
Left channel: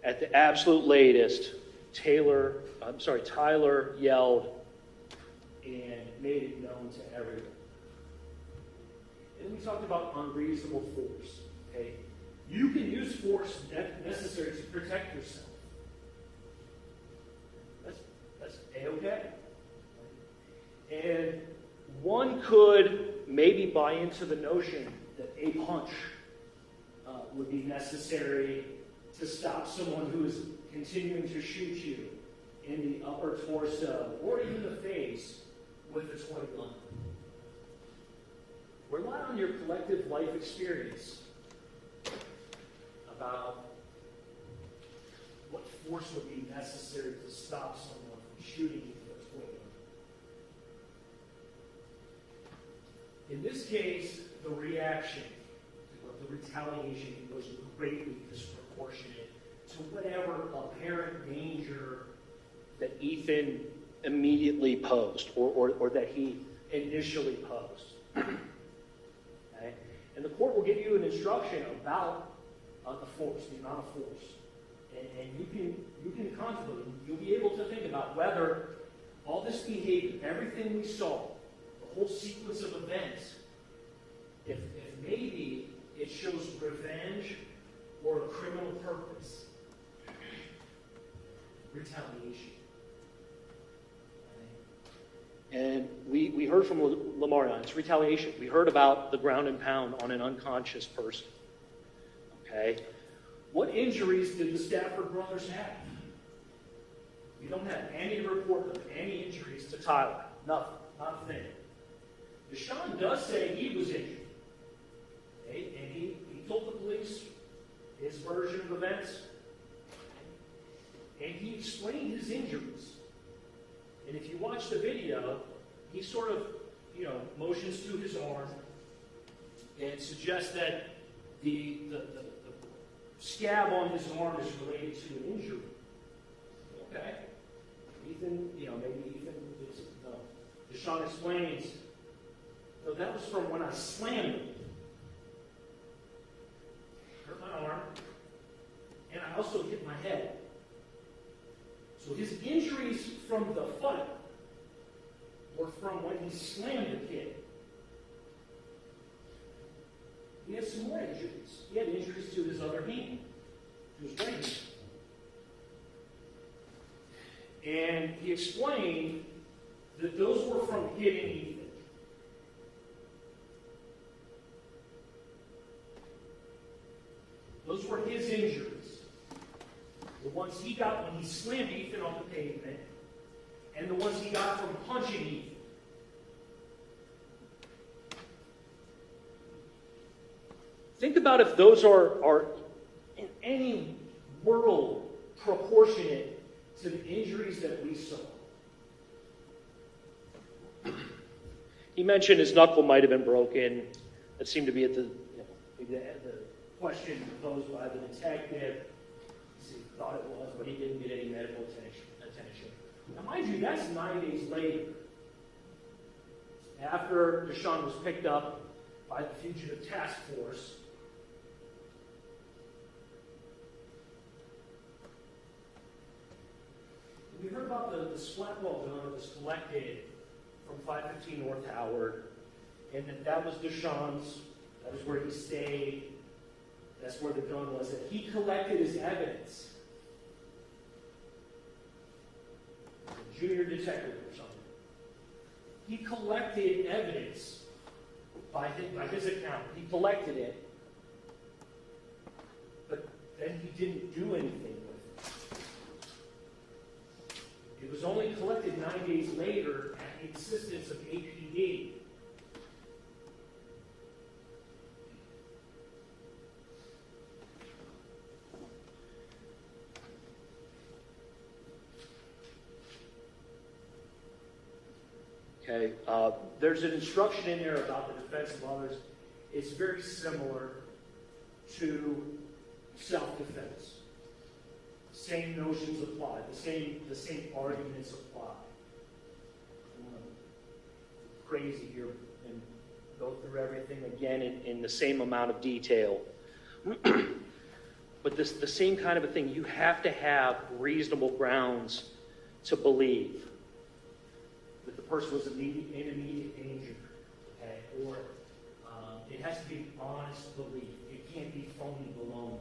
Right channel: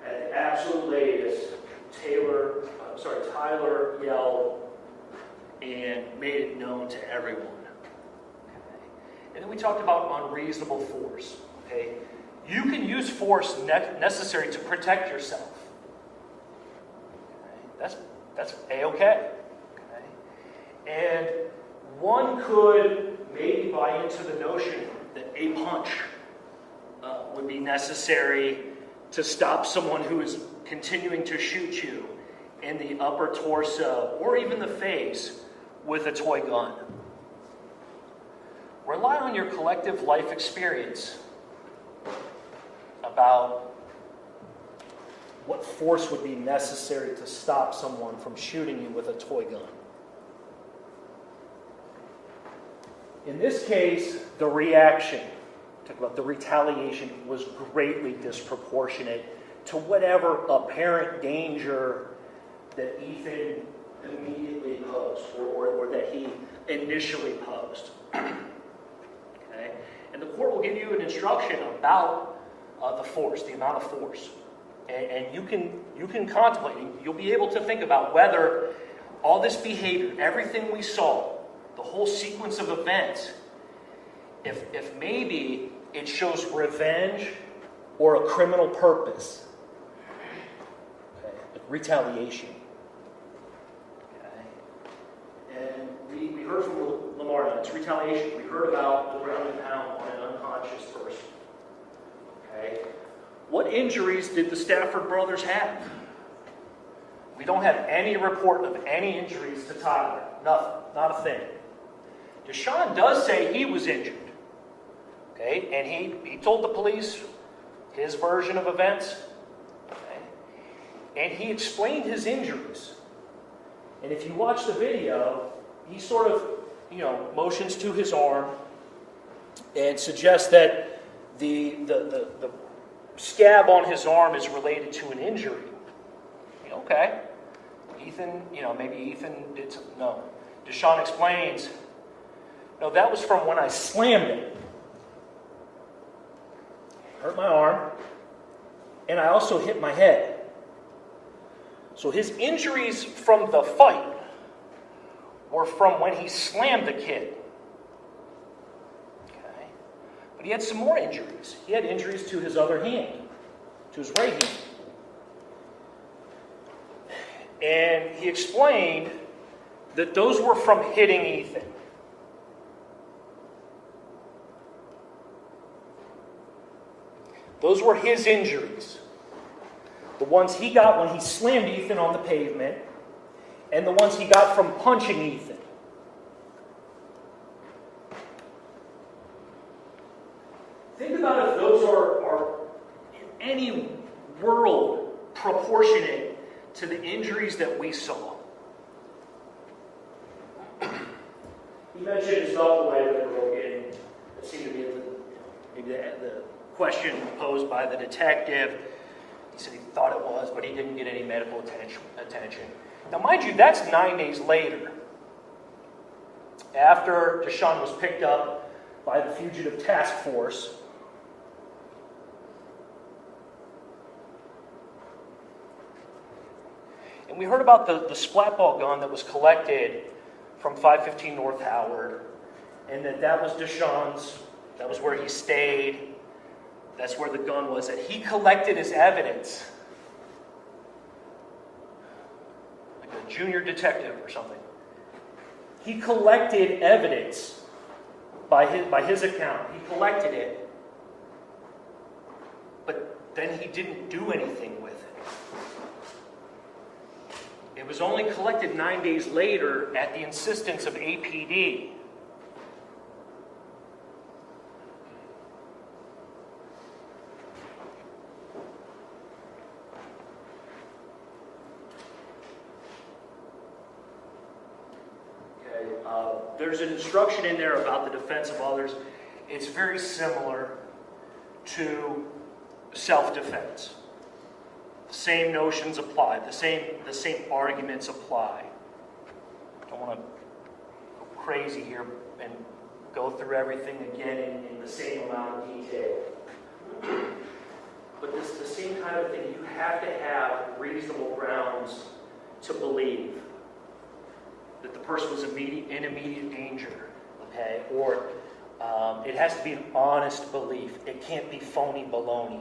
At the absolute latest, Tyler yelled and made it known to everyone. Okay. And then we talked about unreasonable force. Okay, you can use force necessary to protect yourself. Okay. That's A-okay. And one could maybe buy into the notion that a punch would be necessary to stop someone who is continuing to shoot you in the upper torso or even the face with a toy gun. Rely on your collective life experience about what force would be necessary to stop someone from shooting you with a toy gun. In this case, the reaction, talk about the retaliation, was greatly disproportionate to whatever apparent danger that Ethan immediately posed or that he initially posed. Okay? And the court will give you an instruction about the force, the amount of force. And you can contemplate, you'll be able to think about whether all this behavior, everything we saw, the whole sequence of events, if maybe it shows revenge or a criminal purpose, okay, retaliation. Okay. And we heard from Lamar, it's retaliation. We heard about the ground and pound on an unconscious person. Okay. What injuries did the Stafford brothers have? We don't have any report of any injuries to Tyler. Nothing. Not a thing. DeShawn does say he was injured. Okay? And he told the police his version of events. Okay? And he explained his injuries. And if you watch the video, he sort of, motions to his arm and suggests that the scab on his arm is related to an injury. Okay. Ethan, maybe Ethan did something. No. DeShawn explains, no, that was from when I slammed it. Hurt my arm, and I also hit my head. So his injuries from the fight were from when he slammed the kid. Okay. But he had some more injuries. He had injuries to his other hand, to his right hand. And he explained that those were from hitting Ethan. Those were his injuries. The ones he got when he slammed Ethan on the pavement, and the ones he got from punching Ethan. Think about if those are in any world proportionate to the injuries that we saw. He mentioned his knuckle might have been broken. That seemed to be maybe the question posed by the detective. He said he thought it was, but he didn't get any medical attention. Now, mind you, that's 9 days later, after DeShawn was picked up by the fugitive task force. And we heard about the splat ball gun that was collected from 515 North Howard, and that was DeShawn's, that was where he stayed, that's where the gun was, that he collected as evidence, like a junior detective or something. He collected evidence by his account. He collected it, but then he didn't do anything with it. It was only collected 9 days later at the insistence of APD. Okay, there's an instruction in there about the defense of others. It's very similar to self-defense. Same notions apply. The same arguments apply. I don't want to go crazy here and go through everything again in the same amount of detail. But the same kind of a thing. You have to have reasonable grounds to believe that the person was in immediate danger. Okay, or it has to be an honest belief. It can't be phony baloney.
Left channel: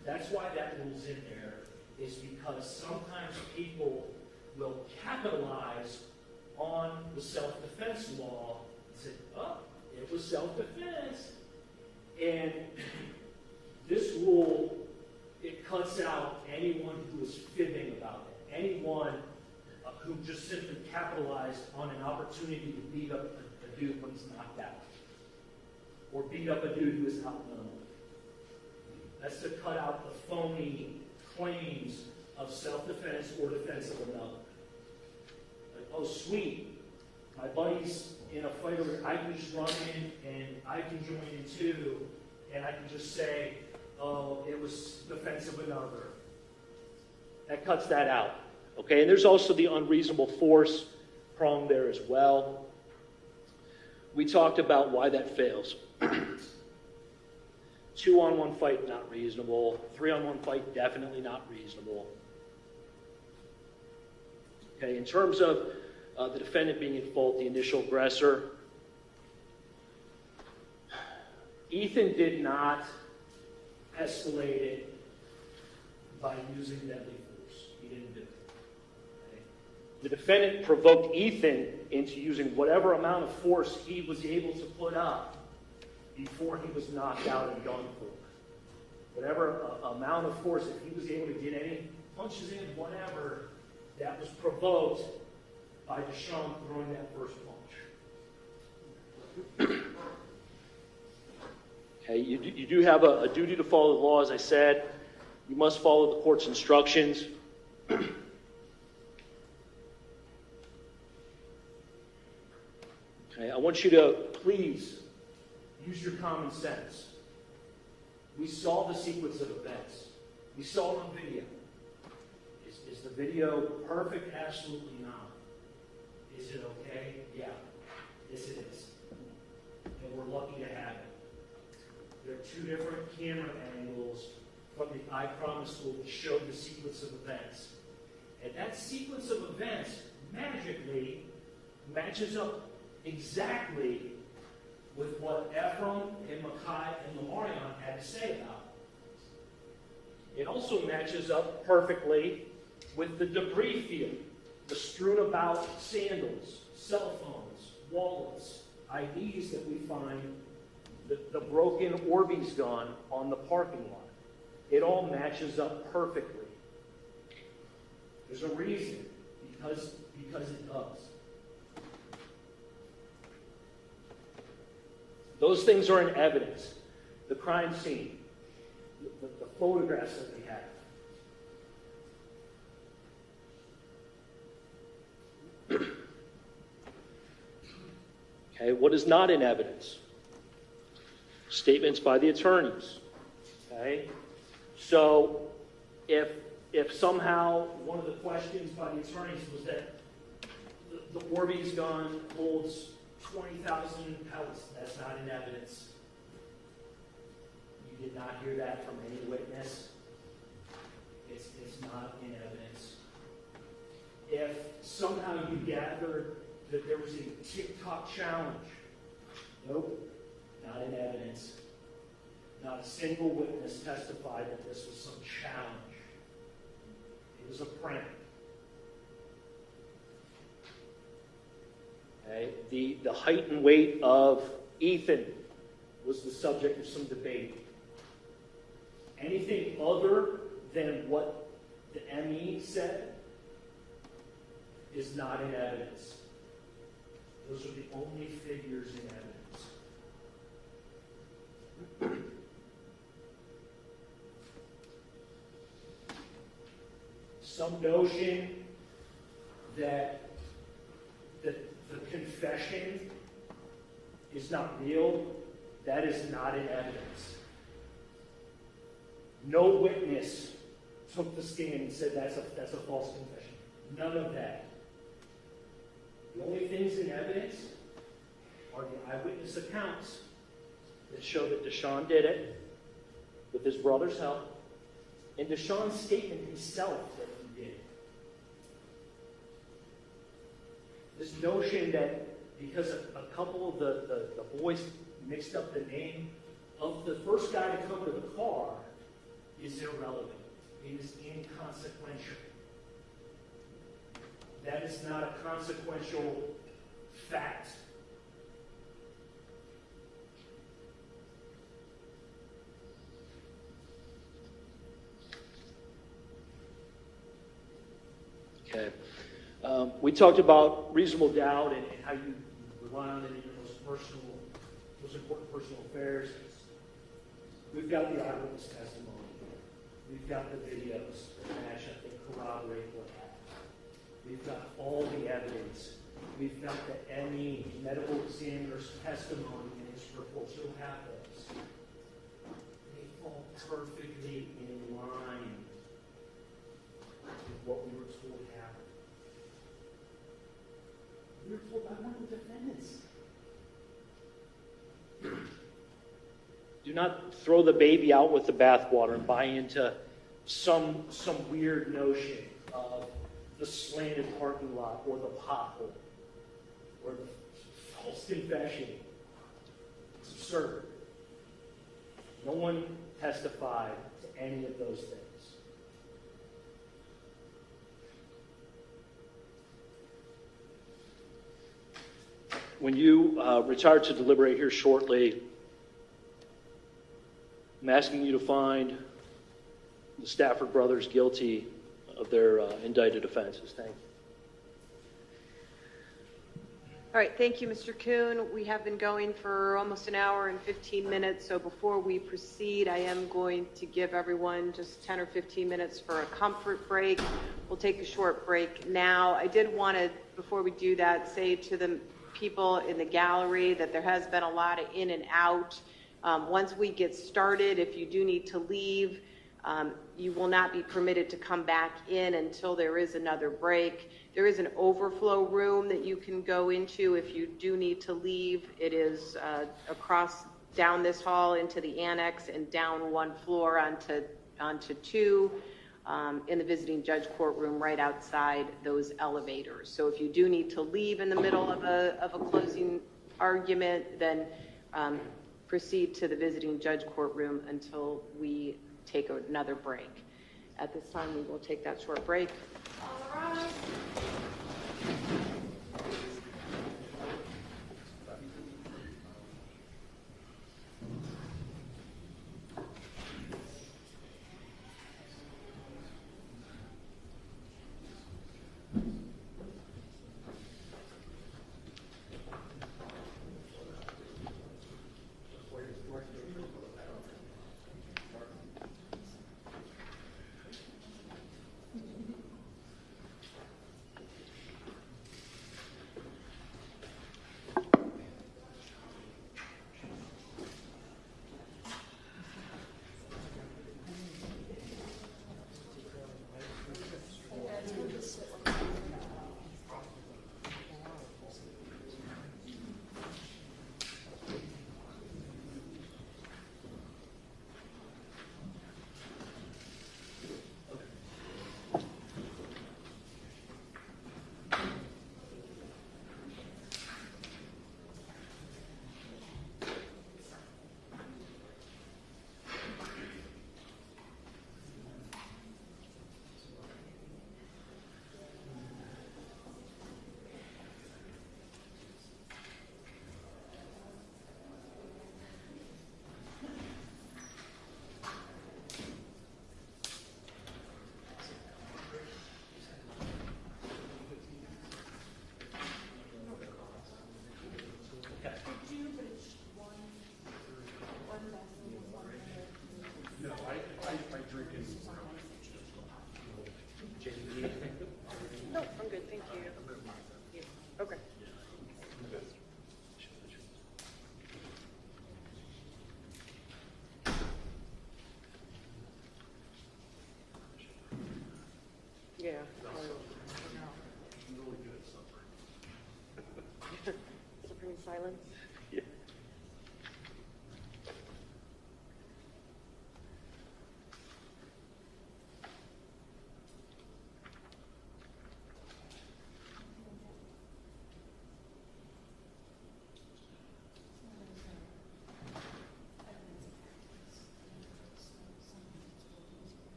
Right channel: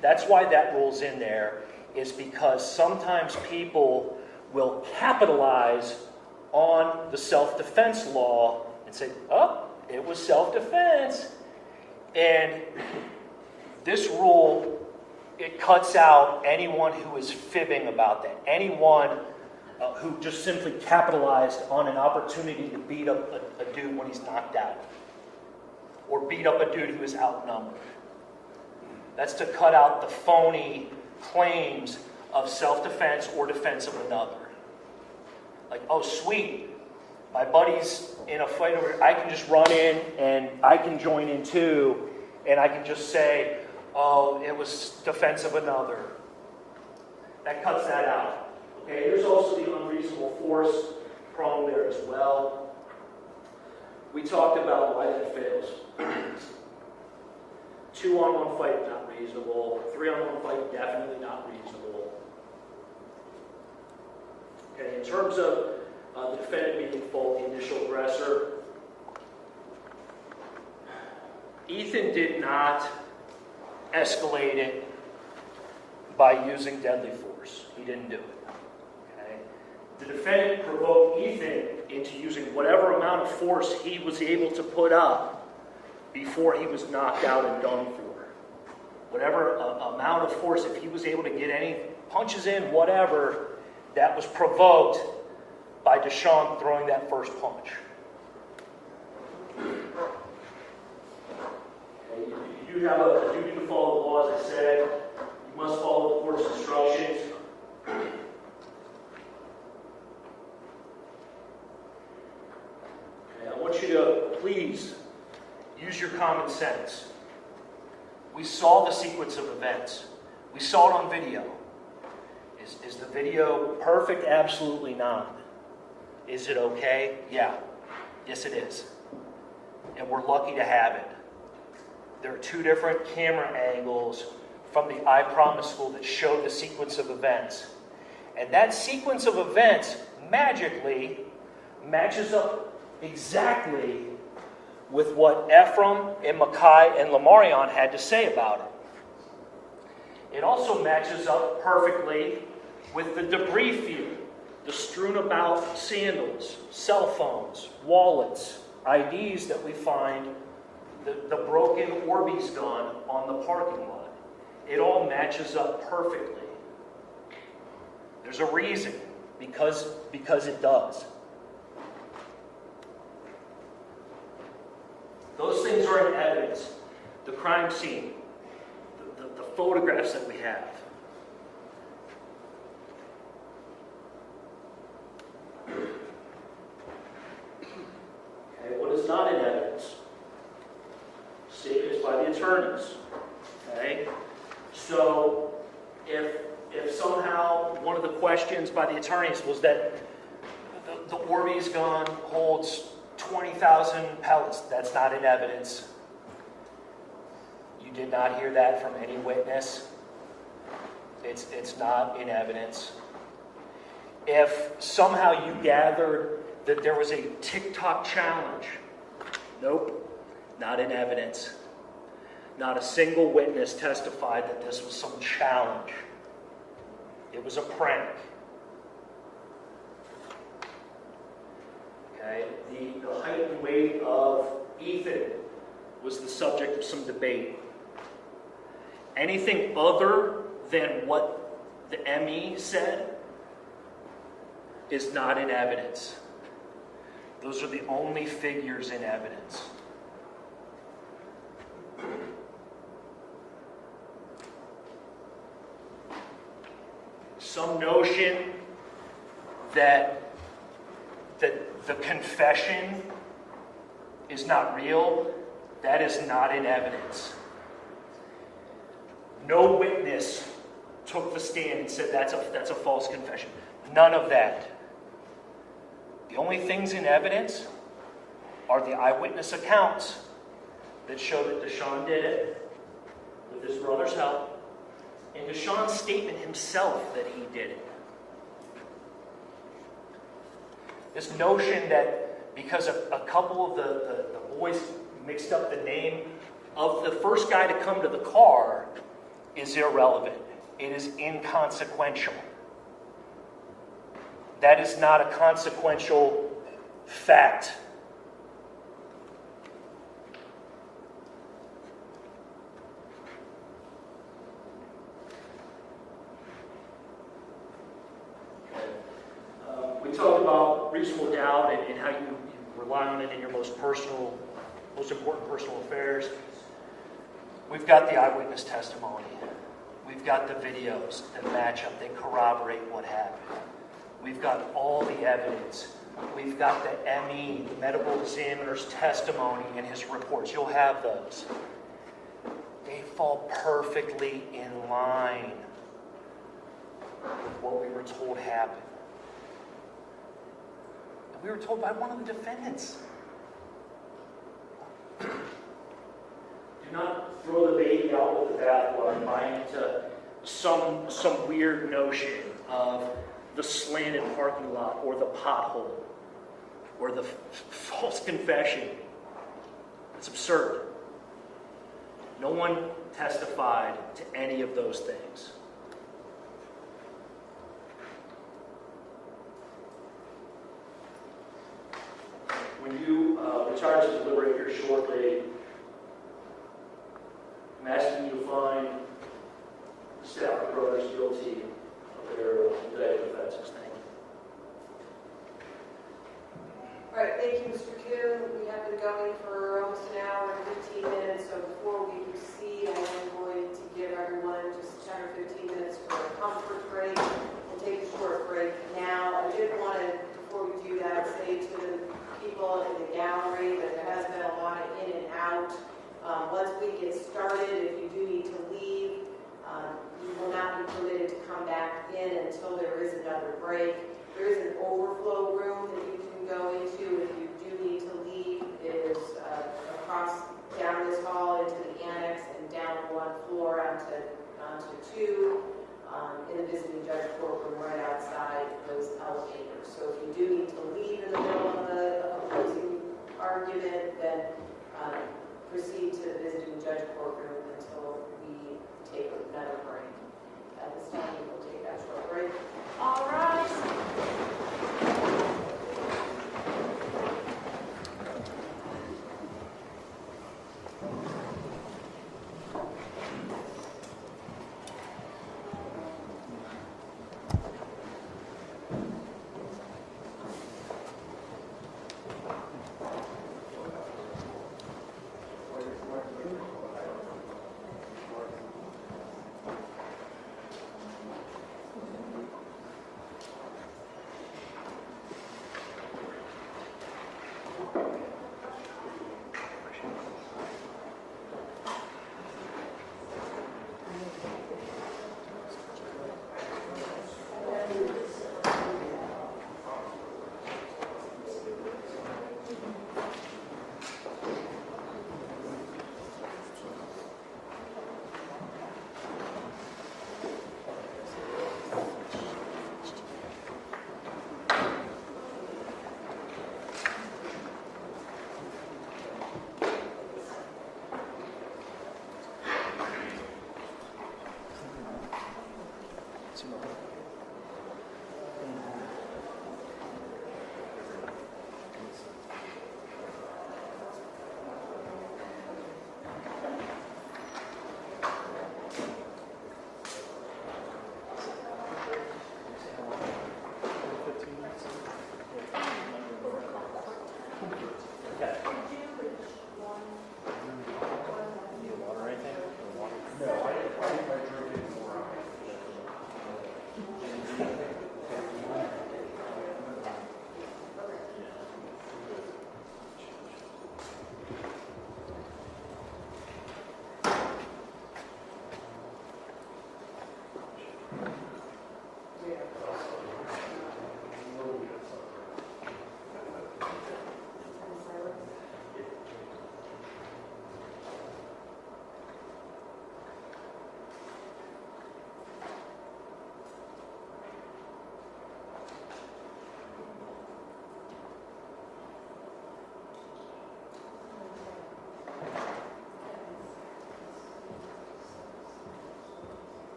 That's why that rule's in there. Is because sometimes people will capitalize on the self-defense law and say, oh, it was self-defense. And this rule, it cuts out anyone who is fibbing about that. Anyone who just simply capitalized on an opportunity to beat up a dude when he's knocked out. Or beat up a dude who is outnumbered. That's to cut out the phony claims of self-defense or defense of another. Like, oh, sweet, my buddy's in a fight over, I can just run in and I can join in too, and I can just say, oh, it was defense of another. That cuts that out. Okay, and there's also the unreasonable force prong there as well. We talked about why that fails. 2-on-1 fight, not reasonable. 3-on-1 fight, definitely not reasonable. Okay, in terms of the defendant being at fault, the initial aggressor, Ethan did not escalate it by using deadly force. He didn't do it. Okay? The defendant provoked Ethan into using whatever amount of force he was able to put up before he was knocked out and done for. Whatever amount of force, if he was able to get any punches in, whatever, that was provoked by DeShawn throwing that first punch. Okay, you do have a duty to follow the law, as I said. You must follow the court's instructions. Okay, I want you to please use your common sense. We saw the sequence of events. We saw it on video. Is the video perfect? Absolutely not. Is it okay? Yeah. Yes, it is. And we're lucky to have it. There are 2 different camera angles from the I Promise School that show the sequence of events. And that sequence of events magically matches up exactly with what Ephraim and Mackay and Lamarion had to say about it. It also matches up perfectly with the debris field, the strewn about sandals, cell phones, wallets, IDs that we find, the broken Orbeez gun on the parking lot. It all matches up perfectly. There's a reason, because it does. Those things are in evidence. The crime scene, the photographs that we have. Okay, what is not in evidence? Statements by the attorneys. Okay, so if somehow one of the questions by the attorneys was that the Orbeez gun holds 20,000 pellets, that's not in evidence. You did not hear that from any witness. It's not in evidence. If somehow you gathered that there was a TikTok challenge, nope, not in evidence. Not a single witness testified that this was some challenge. It was a prank. Okay, the height and weight of Ethan was the subject of some debate. Anything other than what the ME said is not in evidence. Those are the only figures in evidence. Some notion that the confession is not real, that is not in evidence. No witness took the stand and said that's a false confession. None of that. The only things in evidence are the eyewitness accounts that show that DeShawn did it with his brother's help, and DeShawn's statement himself that he did it. This notion that because a couple of the boys mixed up the name of the first guy to come to the car is irrelevant. It is inconsequential. That is not a consequential fact. Okay. We talked about reasonable doubt and how you rely on it in your most important personal affairs. We've got the eyewitness testimony. We've got the videos that match up, that corroborate what happened. We've got all the evidence. We've got the ME, medical examiner's testimony and his reports. You'll have those. They fall perfectly in line with what we were told happened. And we were told by one of the defendants. Do not throw the baby out with the bathwater and buy into some weird notion of the slanted parking lot or the pothole or the false confession. It's absurd. No one testified to any of those things. When you retire to deliberate here shortly, I'm asking you to find the Stafford brothers guilty of their indicted offenses. Thank you. All right, thank you, Mr. Kuhn. We have been going for almost an hour and 15 minutes, so before we proceed, I am going to give everyone just 10 or 15 minutes for a comfort break. We'll take a short break now. I did want to, before we do that, say to the people in the gallery that there has been a lot of in and out. Once we get started, if you do need to leave, you will not be permitted to come back in until there is another break. There is an overflow room that you can go into if you do need to leave. It is down this hall into the annex and down one floor onto two in the visiting judge courtroom right outside those elevators. So if you do need to leave in the middle of a closing argument, then proceed to the visiting judge courtroom until we take another break. At this time, we will take that short break. All right.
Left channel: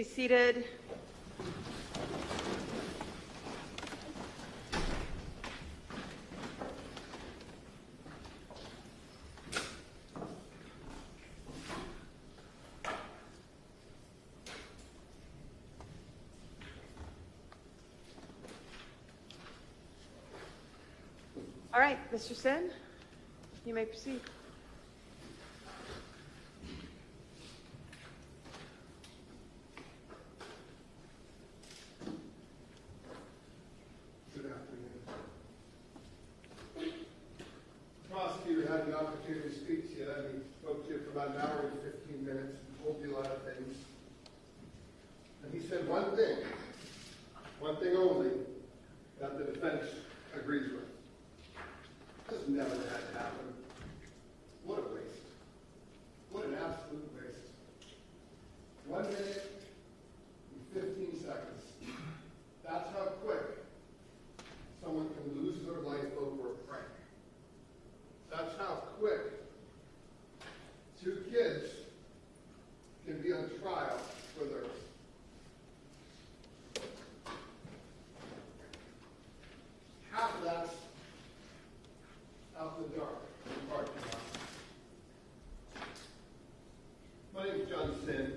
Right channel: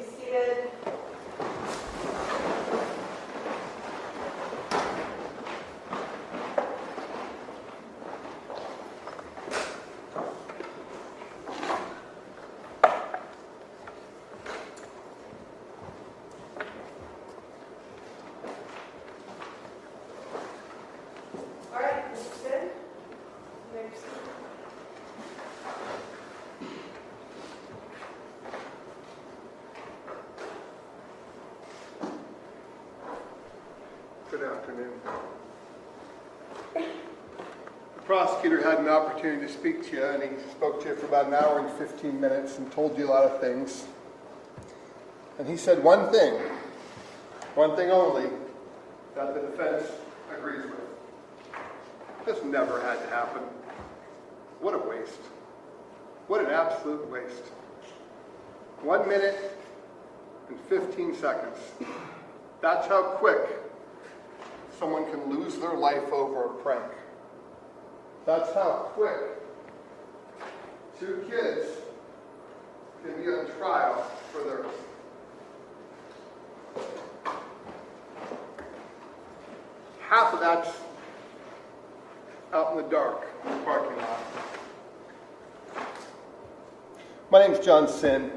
be seated. All right, Mr. Sin, you may proceed. Good afternoon. The prosecutor had an opportunity to speak to you, and he spoke to you for about an hour and 15 minutes and told you a lot of things. And he said one thing only, that the defense agrees with. This never had to happen. What a waste. What an absolute waste. 1 minute and 15 seconds. That's how quick someone can lose their life over a prank. That's how quick 2 kids can be on trial for theirs. Half of that's out in the dark in the parking lot. My name's John Sin,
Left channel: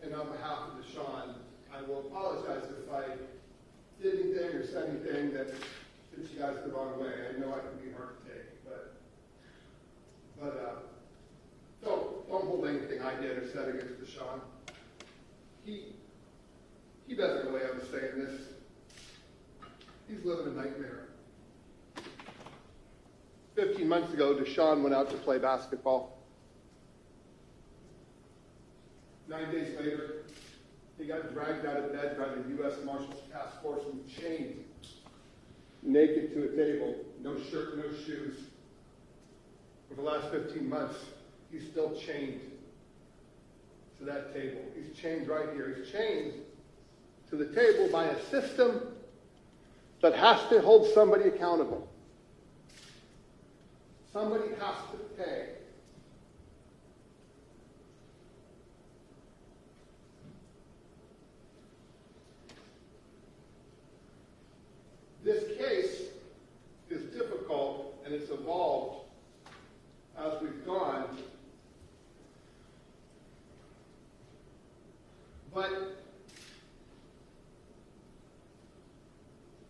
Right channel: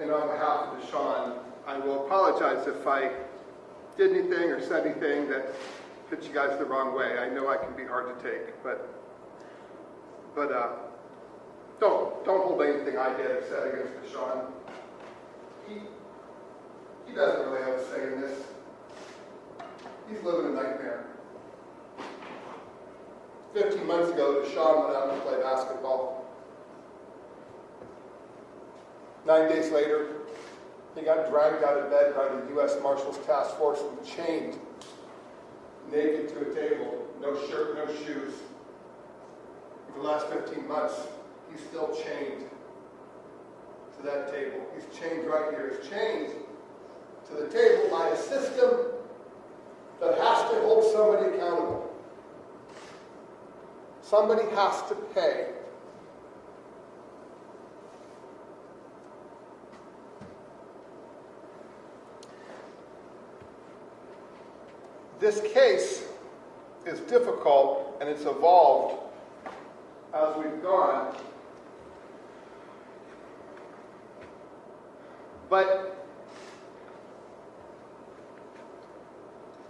and on behalf of DeShawn, I will apologize if I did anything or said anything that hit you guys the wrong way. I know I can be hard to take, but don't hold anything I did or said against DeShawn. He doesn't really have a say in this. He's living a nightmare. 15 months ago, DeShawn went out to play basketball. 9 days later, he got dragged out of bed by the U.S. Marshals Task Force and chained, naked to a table, no shirt, no shoes. For the last 15 months, he's still chained to that table. He's chained right here. He's chained to the table by a system that has to hold somebody accountable. Somebody has to pay. This case is difficult, and it's evolved as we've gone. But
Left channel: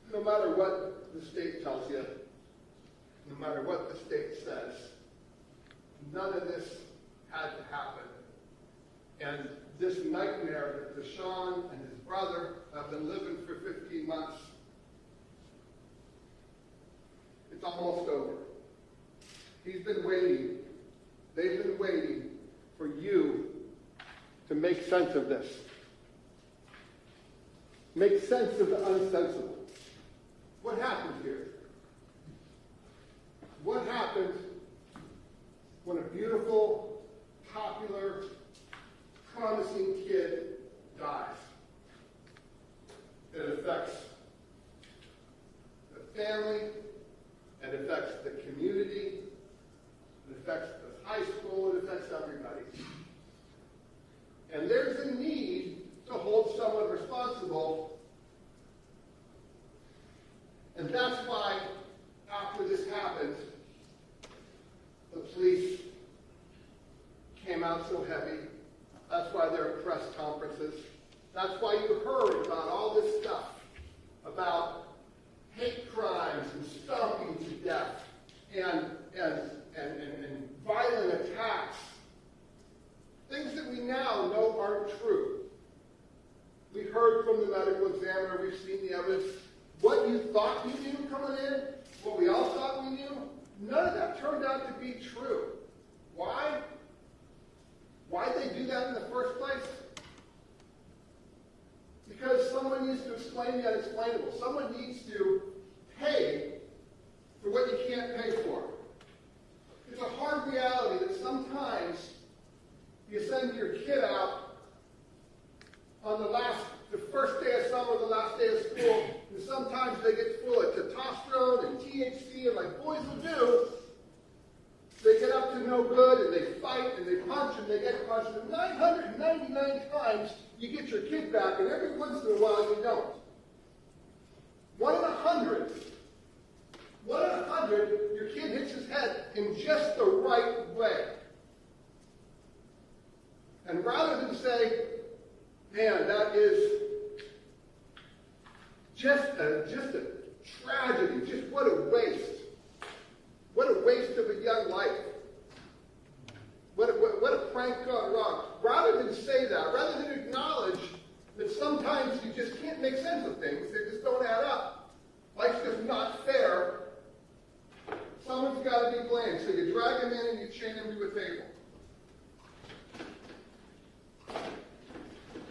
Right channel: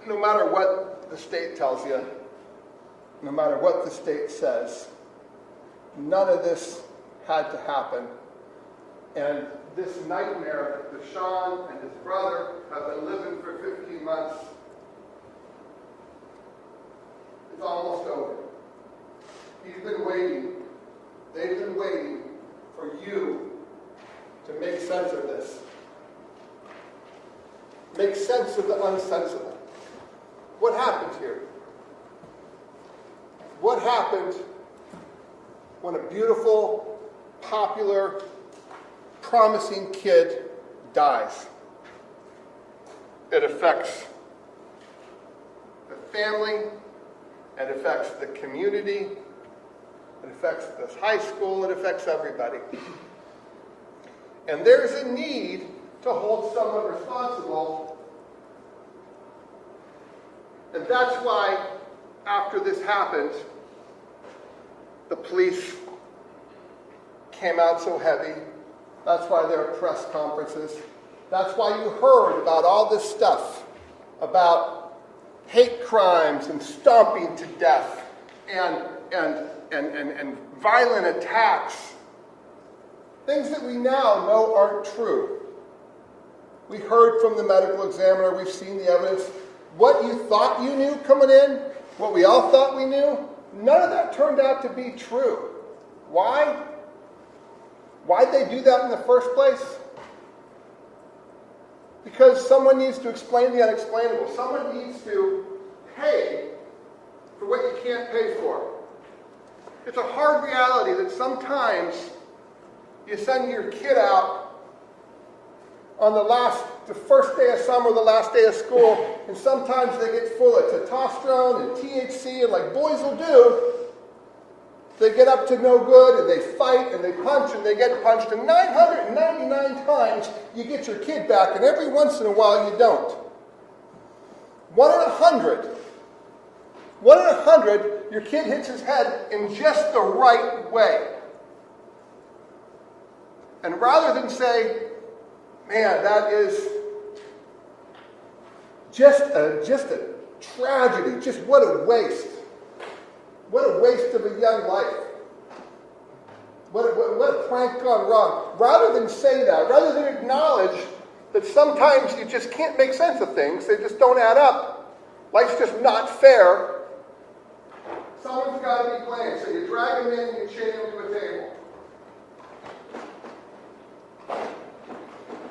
no matter what the state tells you, no matter what the state says, none of this had to happen. And this nightmare that DeShawn and his brother have been living for 15 months, it's almost over. He's been waiting. They've been waiting for you to make sense of this. Make sense of the unsensible. What happened here? What happened when a beautiful, popular, promising kid dies? It affects the family, it affects the community, it affects the high school, it affects everybody. And there's a need to hold someone responsible. And that's why, after this happened, the police came out so heavy. That's why there are press conferences. That's why you heard about all this stuff about hate crimes and stomping to death and violent attacks. Things that we now know aren't true. We heard from the medical examiner, we've seen the evidence. What you thought you knew coming in, what we all thought we knew, none of that turned out to be true. Why? Why'd they do that in the first place? Because someone needs to explain the unexplainable. Someone needs to pay for what you can't pay for. It's a hard reality that sometimes you send your kid out on the first day of summer, the last day of school, and sometimes they get full of testosterone and THC, and like boys will do, They get up to no good, and they fight, and they punch, and they get punched, and 999 times you get your kid back, and every once in a while you don't. 1 in 100. 1 in 100, your kid hits his head in just the right way. And rather than say, man, that is just a tragedy, just what a waste. What a waste of a young life. What a prank gone wrong. Rather than say that, rather than acknowledge that sometimes you just can't make sense of things, they just don't add up, life's just not fair, someone's got to be blamed. So you drag them in and you chain them to a table.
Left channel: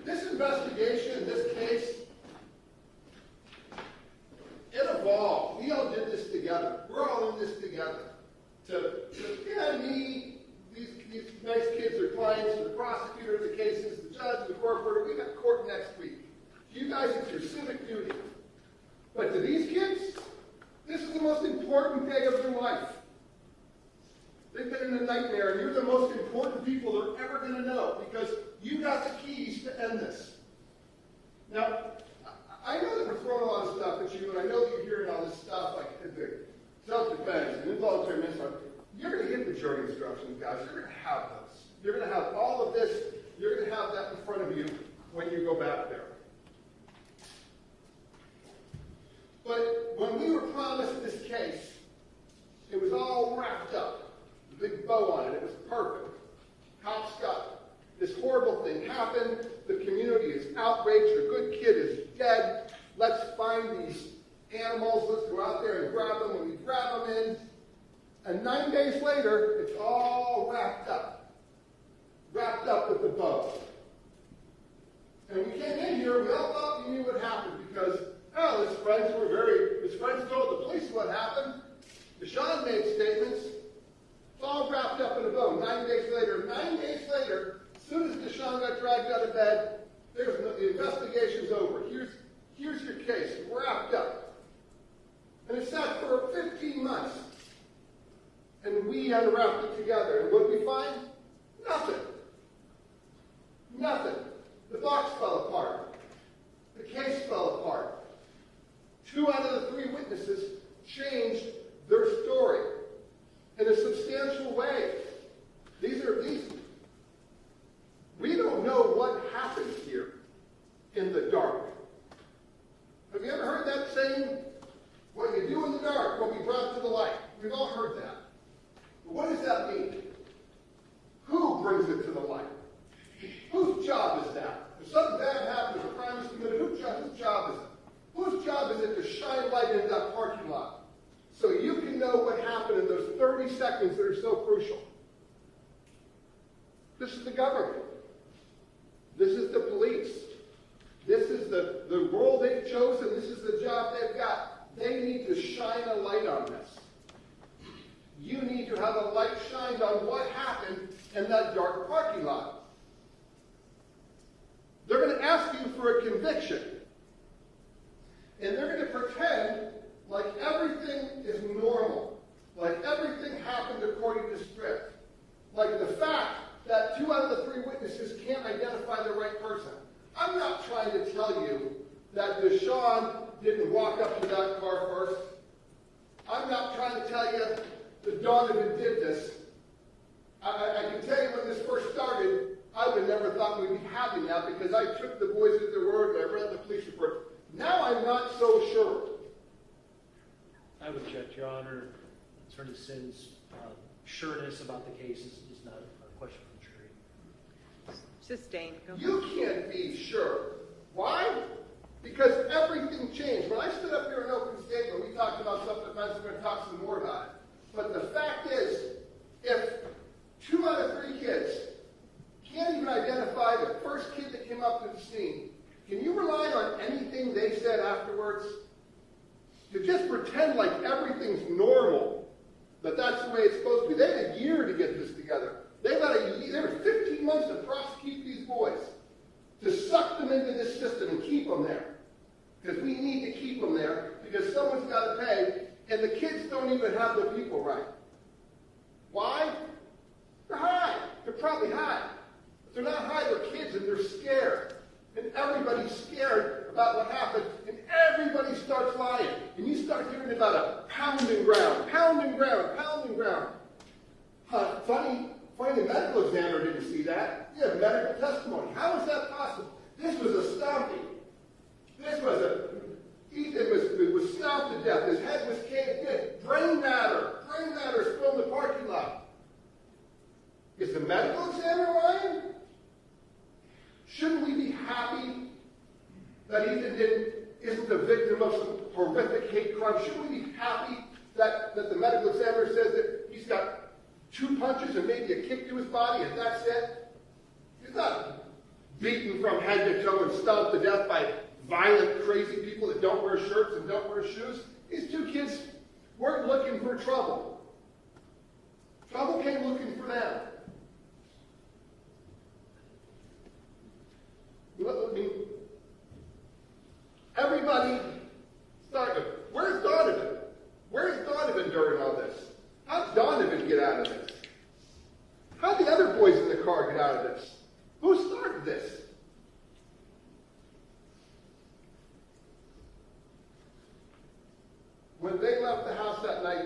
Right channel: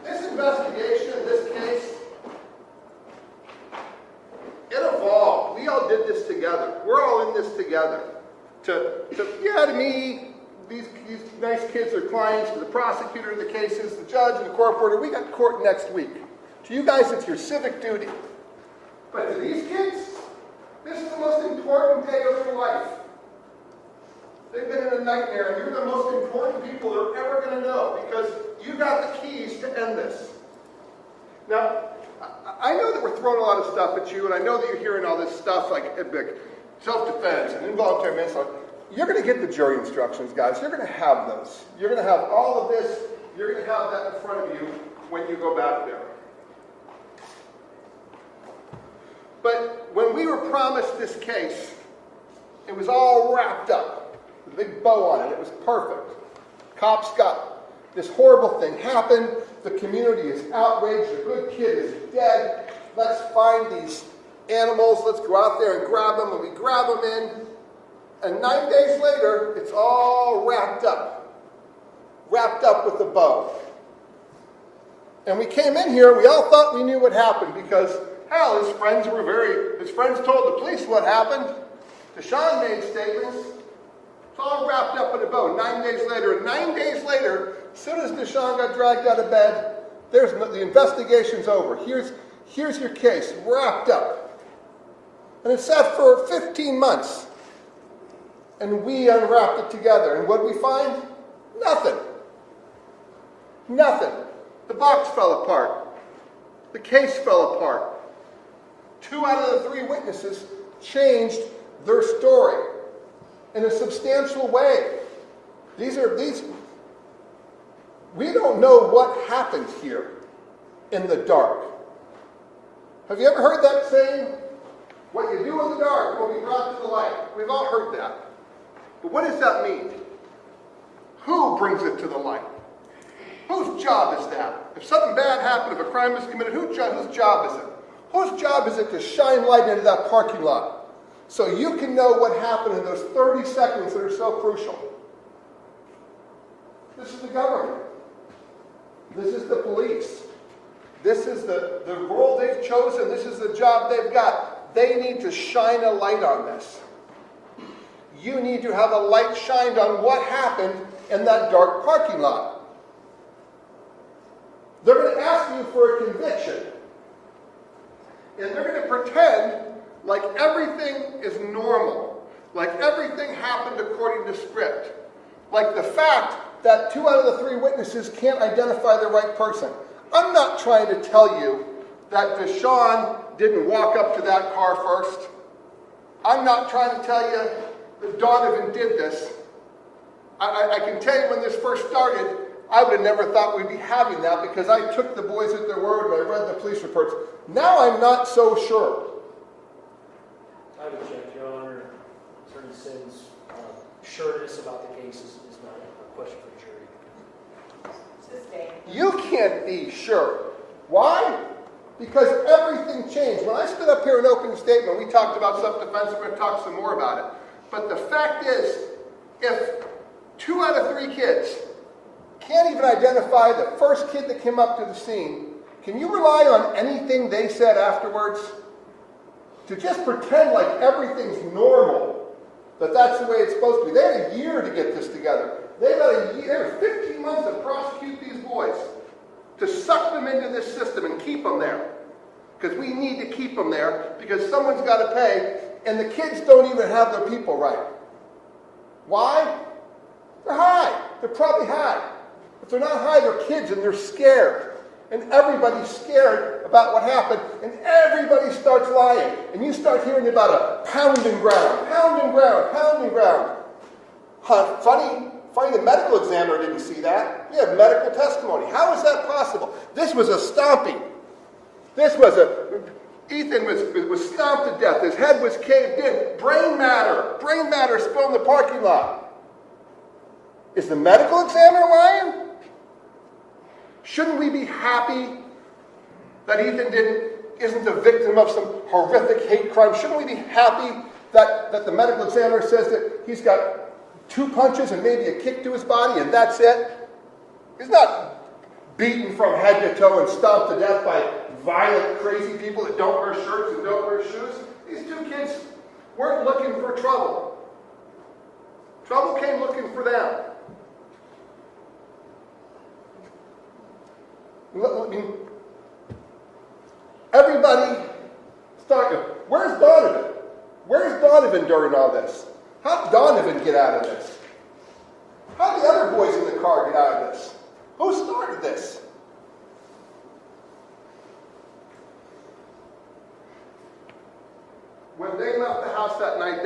This investigation, this case, it evolved. We all did this together. We're all in this together. To me, these nice kids are clients, to the prosecutor of the cases, the judge, and the court reporter. We got court next week. To you guys, it's your civic duty. But to these kids, this is the most important day of their life. They've been in a nightmare, and you're the most important people they're ever going to know, because you got the keys to end this. Now, I know that we're throwing a lot of stuff at you, and I know that you're hearing all this stuff like self-defense and involuntary manslaughter. You're going to get the jury instructions, guys. You're going to have those. You're going to have all of this. You're going to have that in front of you when you go back there. But when we were promised this case, it was all wrapped up with a big bow on it. It was perfect. Cops got this horrible thing happened. The community is outraged. A good kid is dead. Let's find these animals. Let's go out there and grab them. And we grab them in. And 9 days later, it's all wrapped up. Wrapped up with a bow. And we came in here, we all thought we knew what happened because, hell, his friends told the police what happened. DeShawn made statements. It's all wrapped up in a bow. 9 days later, and 9 days later, as soon as DeShawn got dragged out of bed, the investigation's over. Here's your case, wrapped up. And it sat for 15 months. And we unwrapped it together. And what did we find? Nothing. Nothing. The box fell apart. The case fell apart. 2 out of the 3 witnesses changed their story in a substantial way. We don't know what happened here in the dark. Have you ever heard that saying? What you do in the dark will be brought to the light. We've all heard that. But what does that mean? Who brings it to the light? Whose job is that? If something bad happened, if a crime was committed, whose job is it? Whose job is it to shine light into that parking lot so you can know what happened in those 30 seconds that are so crucial? This is the government. This is the police. This is the role they've chosen. This is the job they've got. They need to shine a light on this. You need to have a light shined on what happened in that dark parking lot. They're going to ask you for a conviction. And they're going to pretend like everything is normal. Like everything happened according to script. Like the fact that 2 out of the 3 witnesses can't identify the right person. I'm not trying to tell you that DeShawn didn't walk up to that car first. I'm not trying to tell you that Donovan did this. I can tell you when this first started, I would have never thought we'd be having that because I took the boys at their word and I read the police reports. Now I'm not so sure. I object, Your Honor. Attorney Sims' sureness about the case is not a question for the jury. Sustained. You can't be sure. Why? Because everything changed. When I stood up here in opening statement, we talked about self-defense. We're going to talk some more about it. But the fact is, if 2 out of 3 kids can't even identify the first kid that came up to the scene, can you rely on anything they said afterwards? To just pretend like everything's normal, that that's the way it's supposed to be. They had a year to get this together. They've got a year, 15 months to prosecute these boys, to suck them into this system and keep them there. Because we need to keep them there, because someone's got to pay, and the kids don't even have their people right. Why? They're high. They're probably high. If they're not high, they're kids and they're scared. And everybody's scared about what happened, and everybody starts lying. And you start hearing about a pounding ground, pounding ground, pounding ground. Funny the medical examiner didn't see that. We have medical testimony. How is that possible? This was a stomping. Ethan was stomped to death. His head was caved in. Brain matter spilled in the parking lot. Is the medical examiner lying? Shouldn't we be happy that Ethan isn't the victim of some horrific hate crime? Shouldn't we be happy that the medical examiner says that he's got 2 punches and maybe a kick to his body and that's it? He's not beaten from head to toe and stomped to death by violent, crazy people that don't wear shirts and don't wear shoes. These 2 kids weren't looking for trouble. Trouble came looking for them. Everybody started. Where's Donovan? Where's Donovan during all this? How did Donovan get out of this? How did the other boys in the car get out of this? Who started this? When they left the house that night,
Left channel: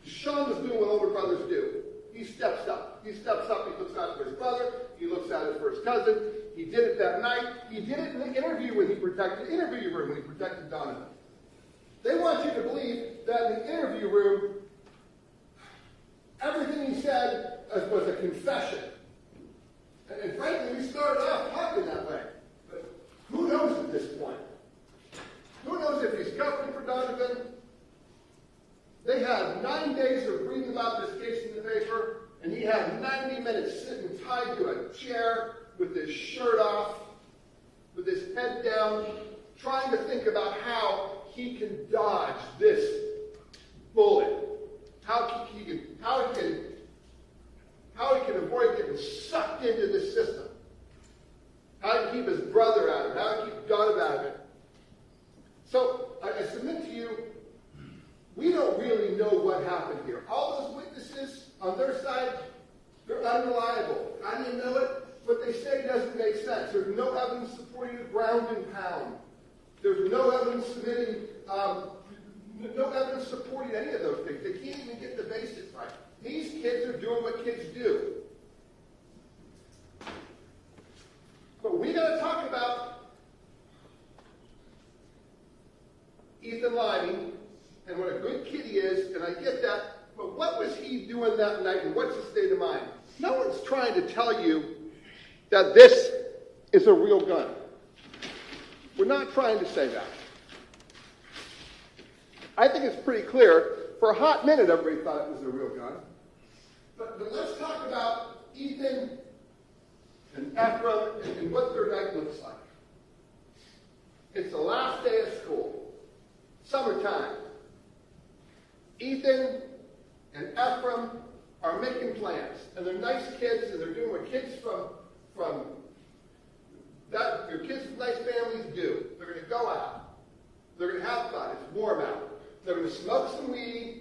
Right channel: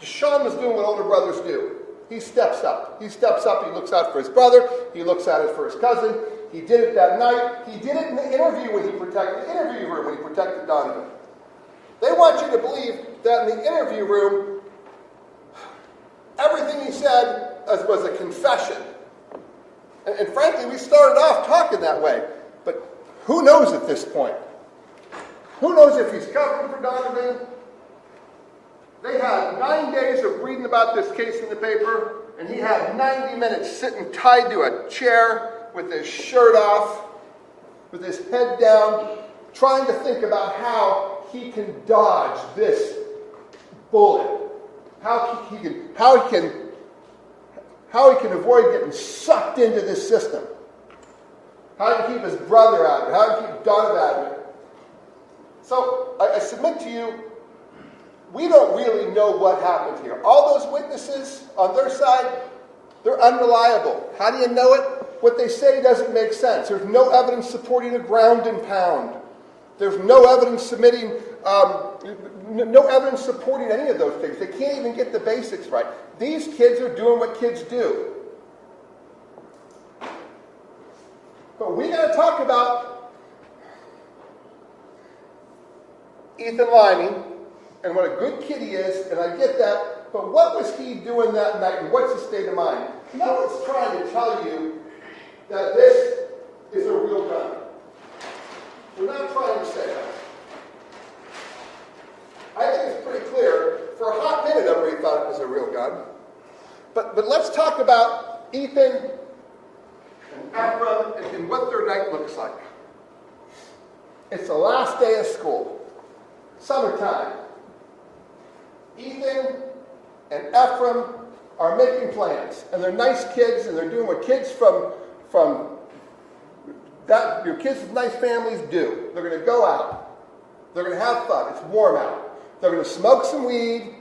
DeShawn was doing what older brothers do. He steps up. He looks out for his brother. He looks out for his cousin. He did it that night. He did it in the interview room when he protected Donovan. They want you to believe that in the interview room, everything he said was a confession. And frankly, we started off talking that way. But who knows at this point? Who knows if he's covering for Donovan? They had 9 days of reading about this case in the paper, and he had 90 minutes sitting tied to a chair with his shirt off, with his head down, trying to think about how he can dodge this bullet, how he can avoid getting sucked into this system, how to keep his brother out of it, how to keep Donovan out of it. So I submit to you, we don't really know what happened here. All those witnesses on their side, they're unreliable. How do you know it? What they say doesn't make sense. There's no evidence supporting a ground and pound. There's no evidence no evidence supporting any of those things. They can't even get the basics right. These kids are doing what kids do. But we got to talk about Ethan Limey and what a good kid he is, and I get that, but what was he doing that night, and what's his state of mind? No one's trying to tell you that this is a real gun. We're not trying to say that. I think it's pretty clear. For a hot minute, everybody thought it was a real gun. But let's talk about Ethan and Ephraim and what their night looks like. It's the last day of school. Summertime. Ethan and Ephraim are making plans, and they're nice kids, and they're doing what kids your kids with nice families do. They're going to go out. They're going to have fun. It's warm out. They're going to smoke some weed.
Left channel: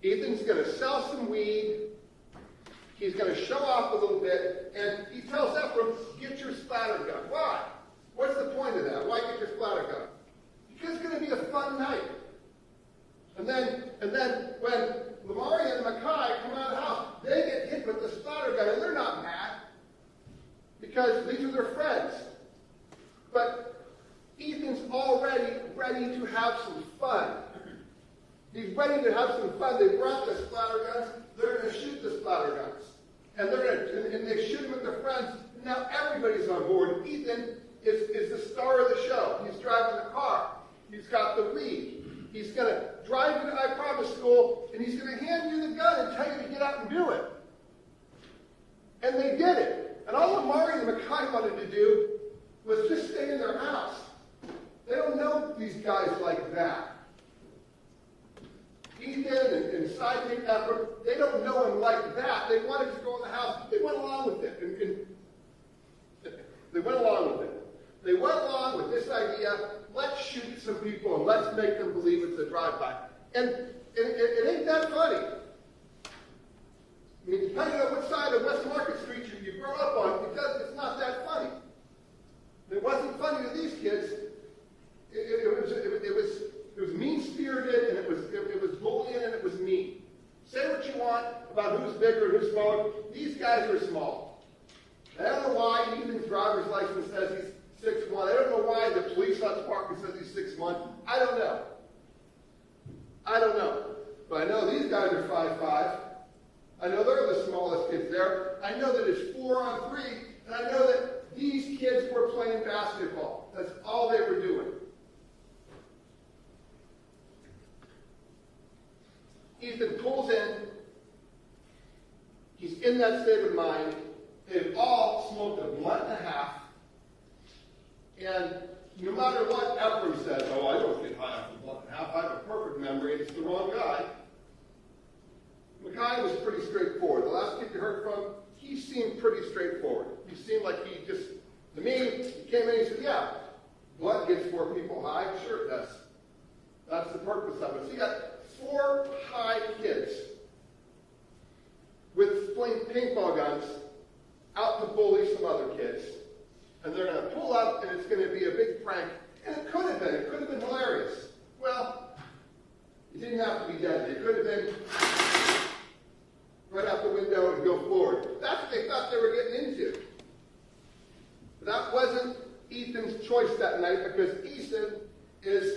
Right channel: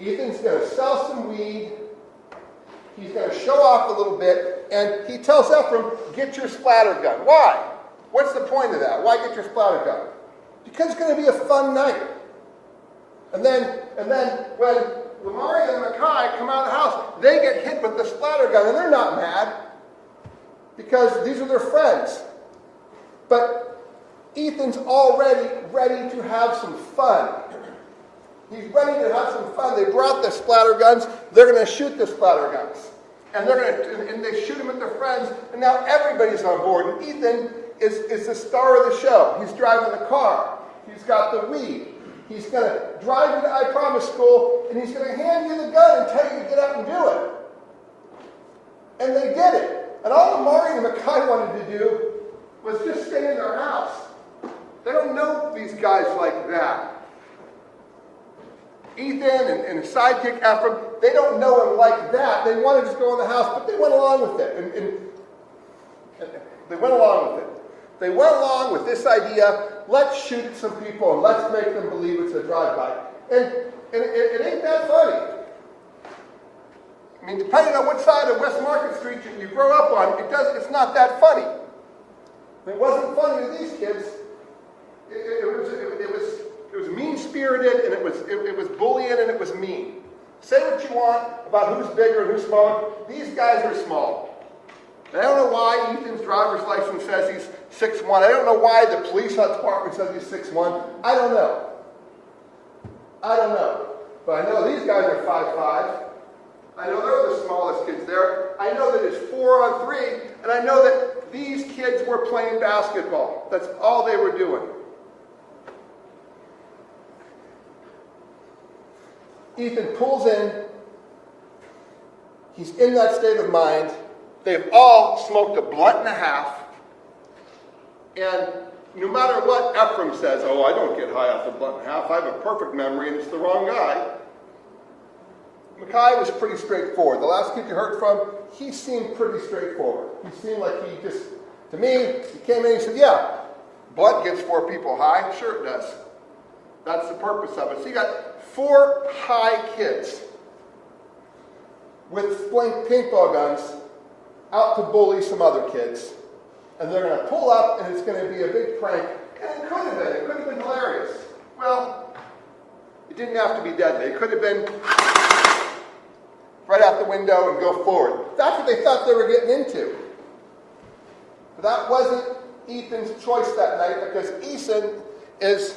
Ethan's going to sell some weed. He's going to show off a little bit, and he tells Ephraim, "Get your splatter gun." Why? What's the point of that? Why get your splatter gun? Because it's going to be a fun night. And then when Lamari and Mackay come out of the house, they get hit with the splatter gun, and they're not mad because these are their friends. But Ethan's already ready to have some fun. He's ready to have some fun. They brought the splatter guns. They're going to shoot the splatter guns. And they shoot them at their friends, and now everybody's on board. And Ethan is the star of the show. He's driving the car. He's got the weed. He's going to drive you to I Promise School, and he's going to hand you the gun and tell you to get out and do it. And they did it. And all Amari and Mackay wanted to do was just stay in their house. They don't know these guys like that. Ethan and his sidekick Ephraim, they don't know him like that. They wanted to just go in the house, but they went along with it. And they went along with it. They went along with this idea, let's shoot at some people and let's make them believe it's a drive-by. And it ain't that funny. I mean, depending on what side of West Market Street you grow up on, it's not that funny. It wasn't funny to these kids. It was mean-spirited, and it was bullying, and it was mean. Say what you want about who's bigger and who's smaller. These guys are small. And I don't know why Ethan's driver's license says he's 6'1". I don't know why the police department says he's 6'1". I don't know. But I know these guys are 5'5". I know they're the smallest kids there. I know that it's 4-on-3, and I know that these kids were playing basketball. That's all they were doing. Ethan pulls in. He's in that state of mind. They've all smoked a blunt and a half. And no matter what Ephraim says, oh, I don't get high off the blunt and a half. I have a perfect memory, and it's the wrong guy. Micaiah was pretty straightforward. The last kid you heard from, he seemed pretty straightforward. He seemed like he just, to me, he came in and he said, yeah, blunt gets 4 people high. Sure it does. That's the purpose of it. So you got 4 high kids with paintball guns out to bully some other kids. And they're going to pull up, and it's going to be a big prank. And it could have been. It could have been hilarious. Well, it didn't have to be deadly. It could have been right out the window and go forward. That's what they thought they were getting into. But that wasn't Ethan's choice that night, because Ethan is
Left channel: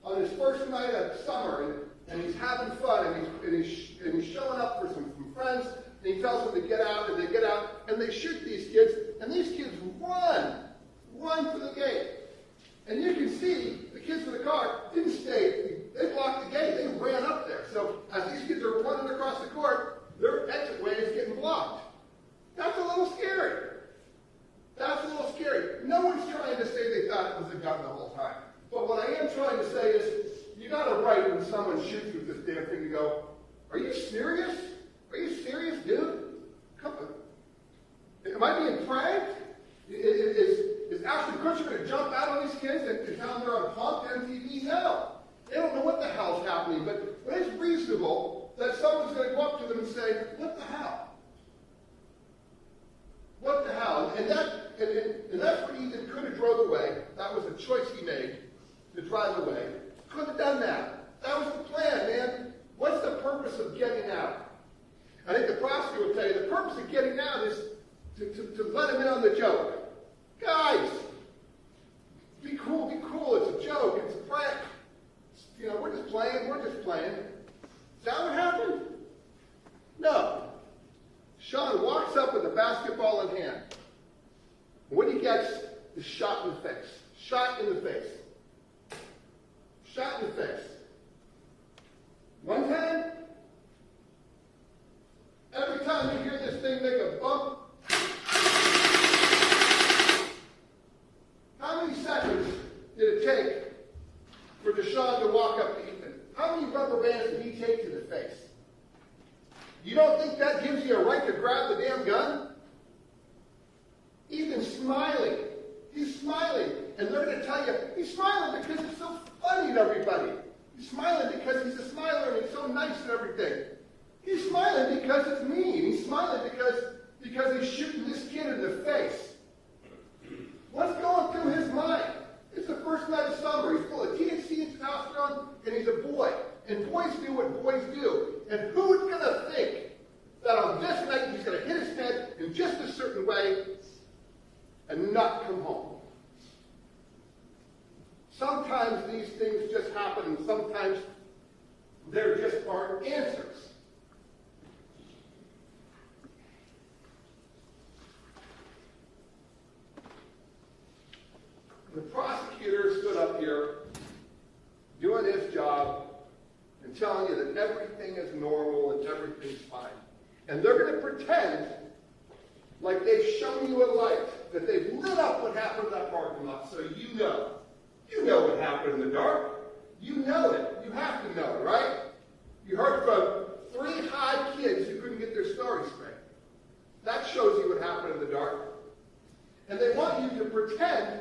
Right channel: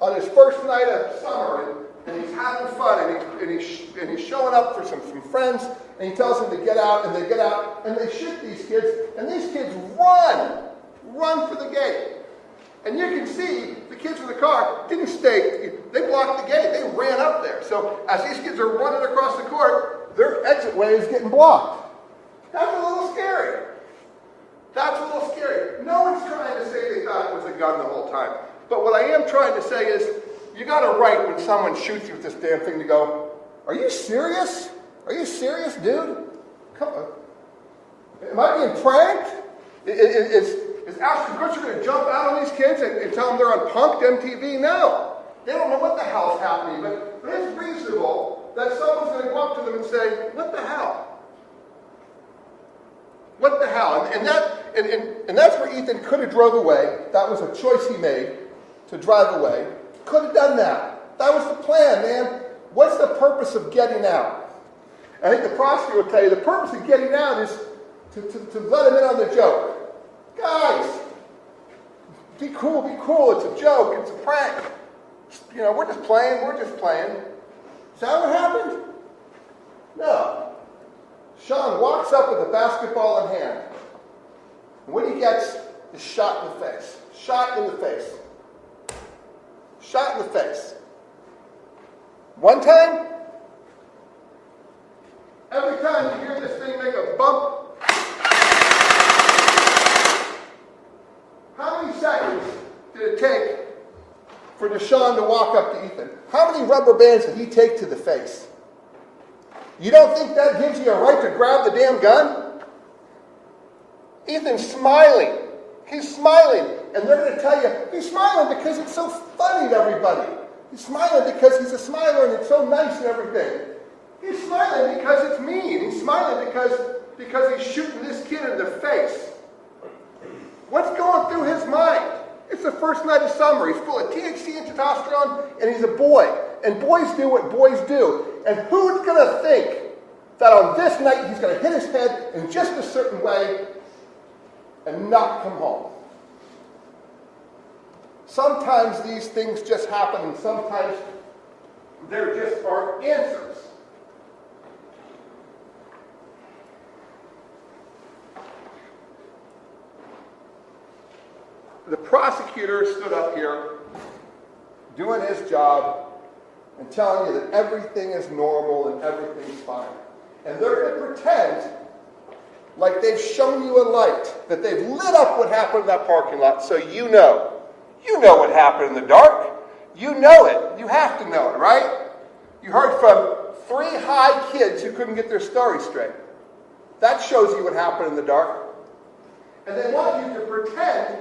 on his first night of summer, and he's having fun, and he's showing up for some friends, and he tells them to get out, and they get out, and they shoot these kids, and these kids run for the gate. And you can see the kids in the car didn't stay, they blocked the gate, they ran up there. So as these kids are running across the court, their exit way is getting blocked. That's a little scary. No one's trying to say they thought it was a gun the whole time. But what I am trying to say is, you got a right when someone shoots you with this damn thing to go, are you serious? Are you serious, dude? Come on. Am I being pranked? Is Ashton Kutcher going to jump out on these kids and tell them they're on Punk'd MTV? No. They don't know what the hell's happening, but it's reasonable that someone's going to go up to them and say, what the hell? What the hell? And that's where Ethan could have drove away. That was a choice he made, to drive away. Could have done that. That was the plan, man. What's the purpose of getting out? I think the prosecutor will tell you the purpose of getting out is to let him in on the joke. Guys, be cool. It's a joke. It's a prank. You know, we're just playing. Is that what happened? No. Sean walks up with a basketball in hand. And what he gets is shot in the face. Shot in the face. One time, every time you hear this thing make a bump, how many seconds did it take for DeShawn to walk up to Ethan? How many rubber bands did he take to the face? You don't think that gives you a right to grab the damn gun? Ethan's smiling. He's smiling. And they're going to tell you, he's smiling because it's so funny to everybody. He's smiling because he's a smiler and it's so nice and everything. He's smiling because it's mean. He's smiling because he's shooting this kid in the face. What's going through his mind? It's the first night of summer. He's full of THC and testosterone, and he's a boy. And boys do what boys do. And who's going to think that on this night he's going to hit his head in just a certain way and not come home? Sometimes these things just happen, and sometimes there just aren't answers. The prosecutor stood up here doing his job and telling you that everything is normal and everything's fine. And they're going to pretend like they've shown you a light, that they've lit up what happened in that parking lot so you know. You know what happened in the dark. You know it. You have to know it, right? You heard from 3 high kids who couldn't get their story straight. That shows you what happened in the dark. And they want you to pretend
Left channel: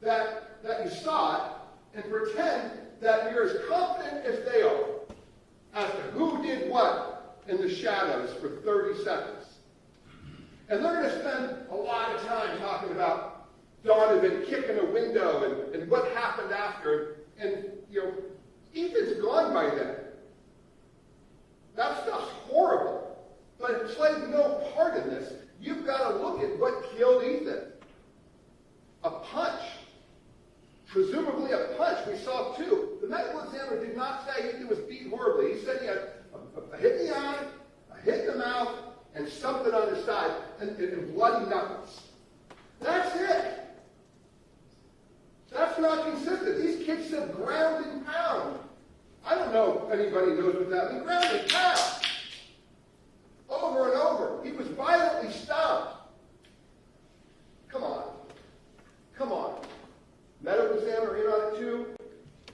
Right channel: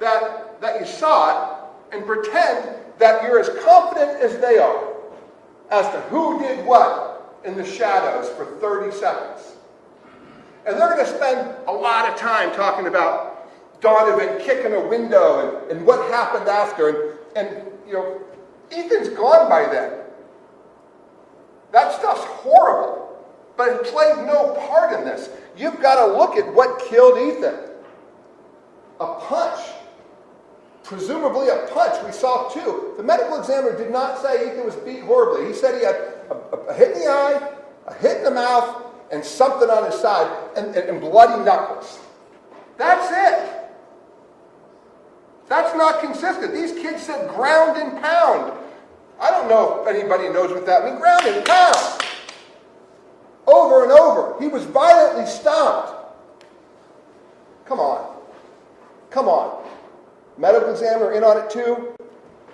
that you saw it, and pretend that you're as confident as they are as to who did what in the shadows for 30 seconds. And they're going to spend a lot of time talking about Donovan kicking a window and what happened after. And you know, Ethan's gone by then. That stuff's horrible, but it played no part in this. You've got to look at what killed Ethan. A punch. Presumably a punch. We saw two. The medical examiner did not say Ethan was beat horribly. He said he had a hit in the eye, a hit in the mouth, and something on his side, and bloody knuckles. That's it. That's not consistent. These kids said ground and pound. I don't know if anybody knows what that means. Ground and pound. Over and over. He was violently stomped. Come on. Come on. Medical examiner in on it too?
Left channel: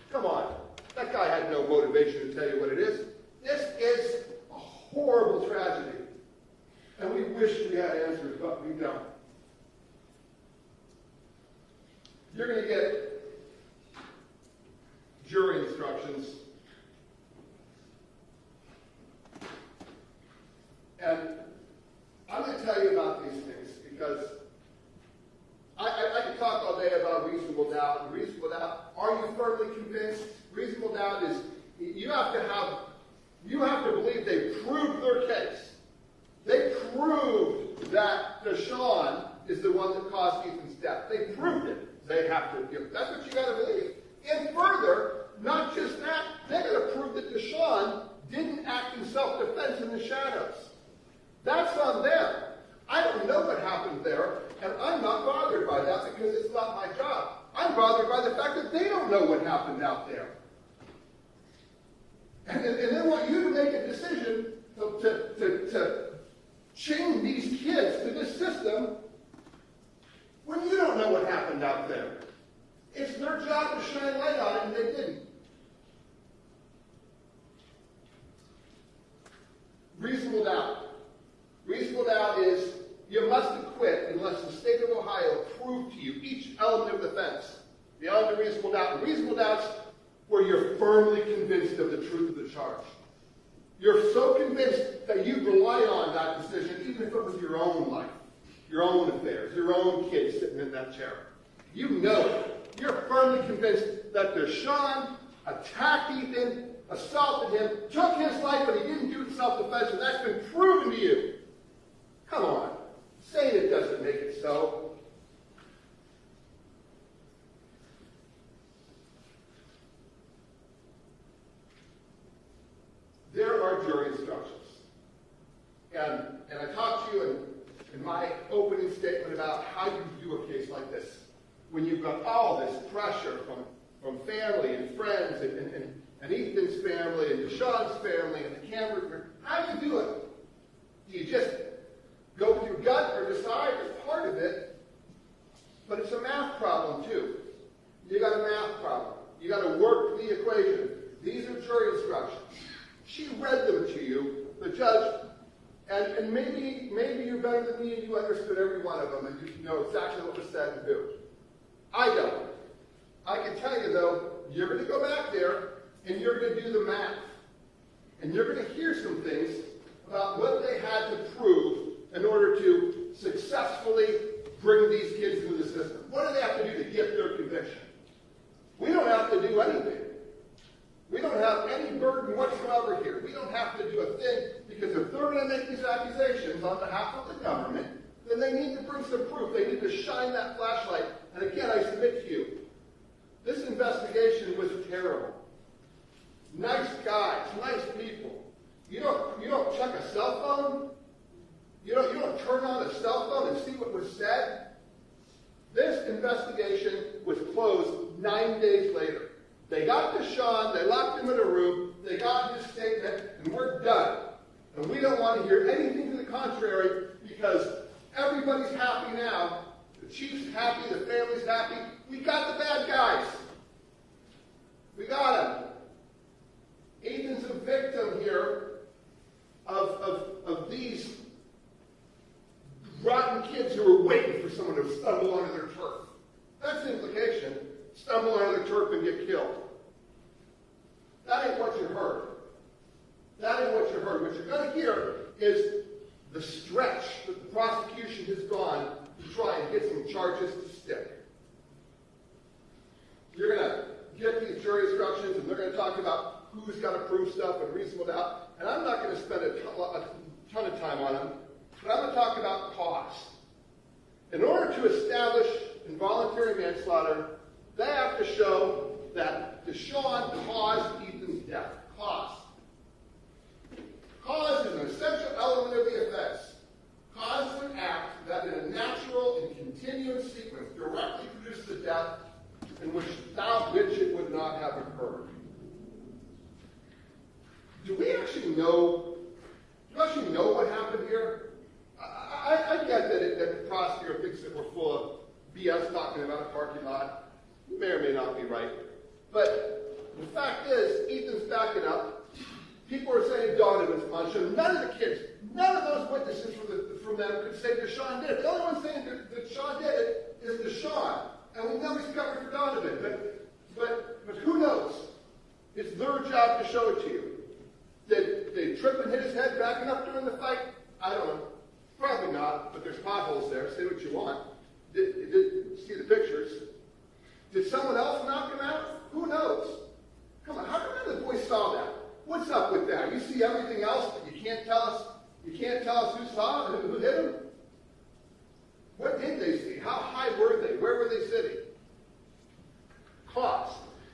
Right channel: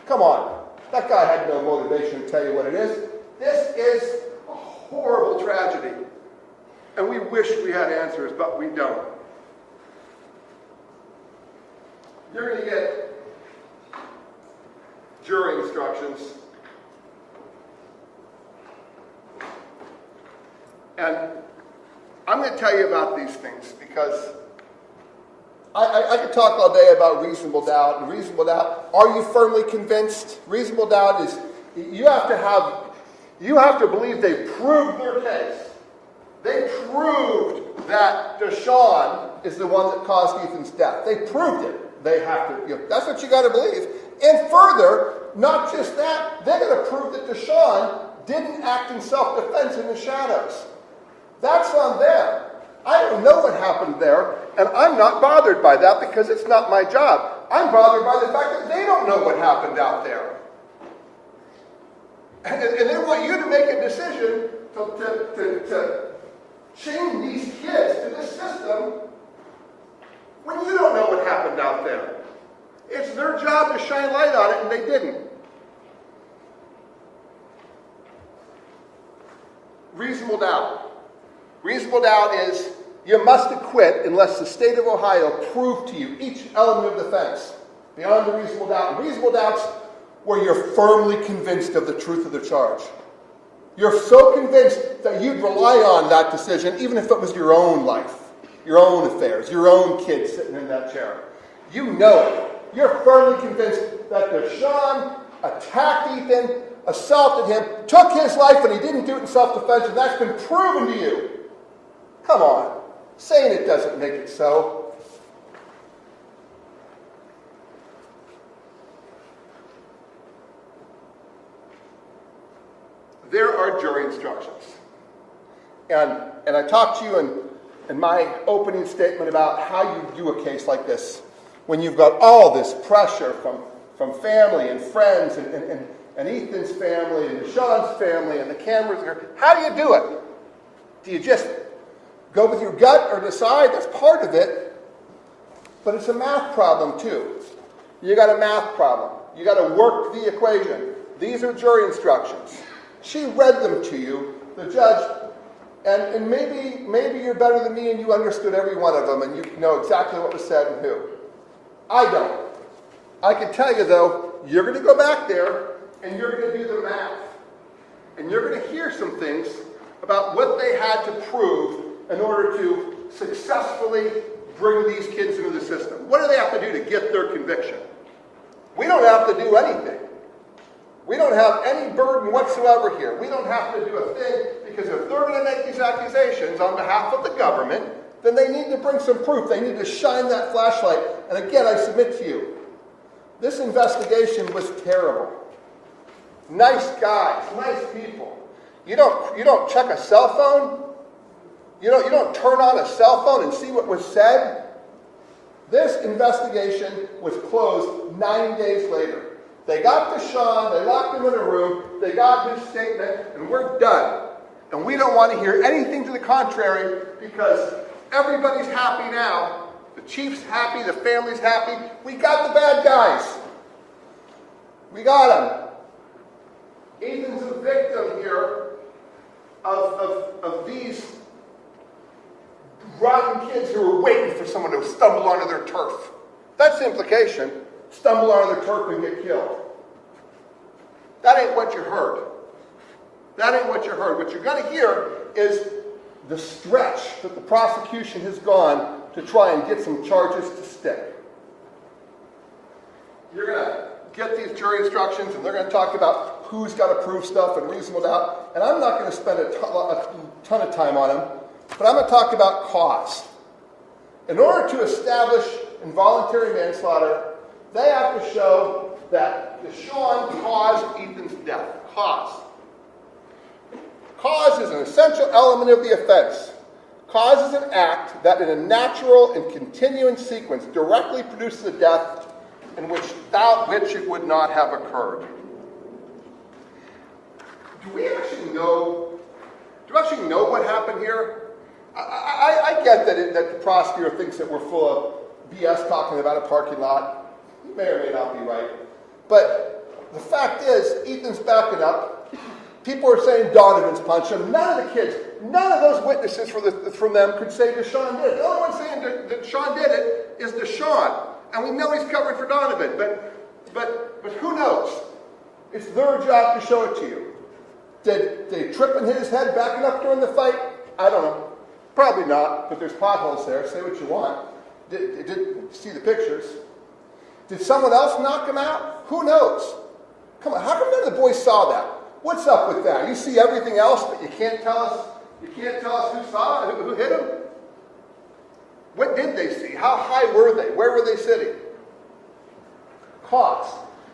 Come on. That guy had no motivation to tell you what it is. This is a horrible tragedy. And we wish we had answers, but we don't. You're going to get jury instructions. And I'm going to tell you about these things because I could talk all day about reasonable doubt. And reasonable doubt, are you firmly convinced? Reasonable doubt is you have to believe they proved their case. They proved that DeShawn is the one that caused Ethan's death. They proved it. They have to, that's what you got to believe. And further, not just that, they're going to prove that DeShawn didn't act in self-defense in the shadows. That's on them. I don't know what happened there, and I'm not bothered by that because it's not my job. I'm bothered by the fact that they don't know what happened out there. And they want you to make a decision to chain these kids to this system when you don't know what happened out there. It's their job to shine light on it, and they didn't. Reasonable doubt. Reasonable doubt is you must acquit unless the state of Ohio proved to you each element of defense beyond the reasonable doubt. And reasonable doubts where you're firmly convinced of the truth of the charge. You're so convinced that you'd rely on that decision even if it was your own life, your own affairs, your own kids sitting in that chair. You know it. You're firmly convinced that DeShawn attacked Ethan, assaulted him, took his life, and he didn't do it in self-defense, and that's been proven to you. Come on. Saying it doesn't make it so. There are jury instructions. And I talked to you in my opening statement about how you do a case like this when you've got all this pressure from family and friends and Ethan's family and DeShawn's family and the cameras here. How do you do it? Do you just go with your gut or decide? That's part of it. But it's a math problem too. You got a math problem. You got to work the equation. These are jury instructions. She read them to you, the judge, and maybe you're better than me and you understood every one of them and you know exactly what was said and who. I don't. I can tell you though, you're going to go back there and you're going to do the math. And you're going to hear some things about what they had to prove in order to successfully bring these kids into the system. What do they have to do to get their conviction? We don't have to do anything. We don't have any burden whatsoever here. We don't have to do a thing because if they're going to make these accusations on behalf of the government, then they need to bring some proof. They need to shine that flashlight. And again, I submit to you, this investigation was terrible. Nice guys, nice people. You don't check a cell phone? You don't turn on a cell phone and see what was said? This investigation was closed 9 days later. They got DeShawn, they locked him in a room, they got his statement, and we're done. And we don't want to hear anything to the contrary because everybody's happy now. The chief's happy, the family's happy. We got the bad guys. We got them. Ethan's a victim here of these rotten kids who are waiting for someone to stumble onto their turf. That's the implication. Stumble onto their turf and get killed. That ain't what you heard. That ain't what you heard. What you're going to hear is the stretch that the prosecution has gone to try and get some charges to stick. You're going to get these jury instructions, and they're going to talk about who's got to prove stuff and reasonable doubt. And I'm not going to spend a ton of time on them, but I'm going to talk about cause. In order to establish involuntary manslaughter, they have to show that DeShawn caused Ethan's death. Cause. Cause is an essential element of the offense. Cause is an act that in a natural and continuing sequence directly produces a death without which it would not have occurred. Do we actually know what happened here? I get that the prosecutor thinks that we're full of BS talking about a parking lot. He may or may not be right. But the fact is, Ethan's backing up. People are saying Donovan's punched him. None of the kids, none of those witnesses from them could say DeShawn did it. The only one saying that DeShawn did it is DeShawn. And we know he's covered for Donovan. But who knows? It's their job to show it to you. Did they trip and hit his head backing up during the fight? I don't know. Probably not, but there's potholes there. Say what you want. Did see the pictures. Did someone else knock him out? Who knows? Come on, how come none of the boys saw that? What's up with that? You see everything else, but you can't tell us who saw it, who hit him? What did they see? How high were they? Where were they sitting? Cause.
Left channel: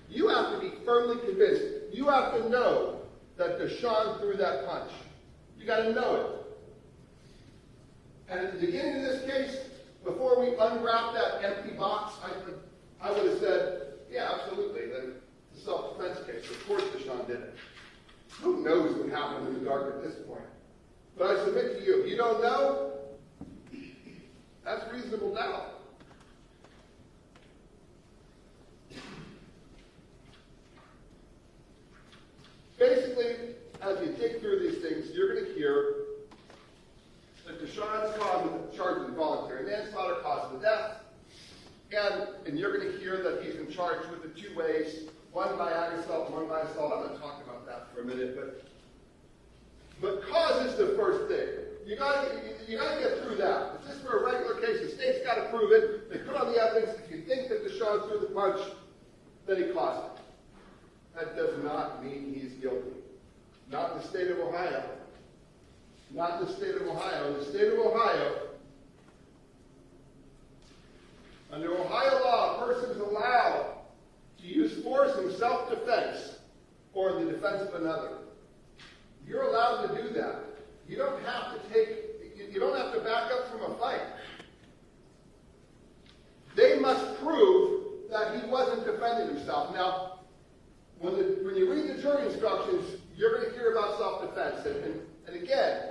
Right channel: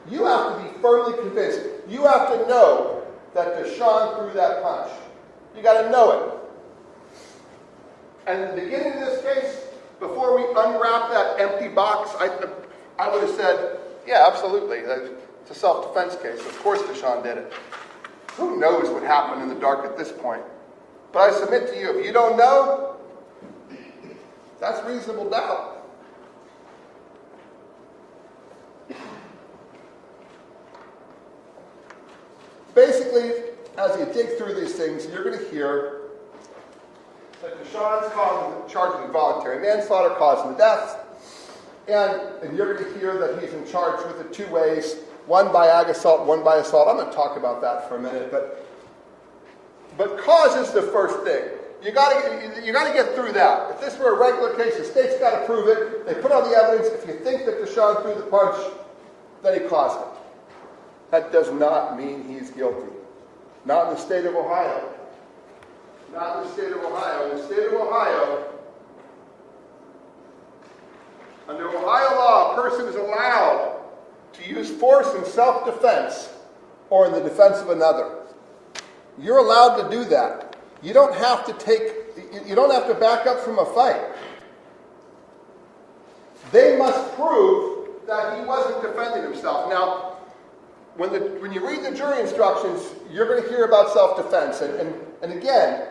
You have to be firmly convinced. You have to know that DeShawn threw that punch. You got to know it. And at the beginning of this case, before we unwrap that empty box, I would have said, yeah, absolutely. It's a self-defense case. Of course DeShawn did it. Who knows what happened in the dark at this point? But I submit to you, if you don't know, that's reasonable doubt. Basically, as you dig through these things, you're going to hear that DeShawn's charged with involuntary manslaughter causing the death, and you're going to hear that he's in charge with it two ways, one by ag assault, one by assault. I'm going to talk about that for a minute, but cause is the first thing. You got to get through that. If this were a regular case, the state's got to prove it. They put on the evidence. If you think that DeShawn threw the punch, then he caused it. That does not mean he's guilty. Not in the state of Ohio. Not in the state of Ohio. In the state of Ohio, under Ohio law, a person is allowed to use force in self-defense or in the defense of another. You're allowed to do that. You don't have to back up from a fight. They must prove that he wasn't defending himself. Now, when you read the jury instructions, you're going to hear about self-defense. And again,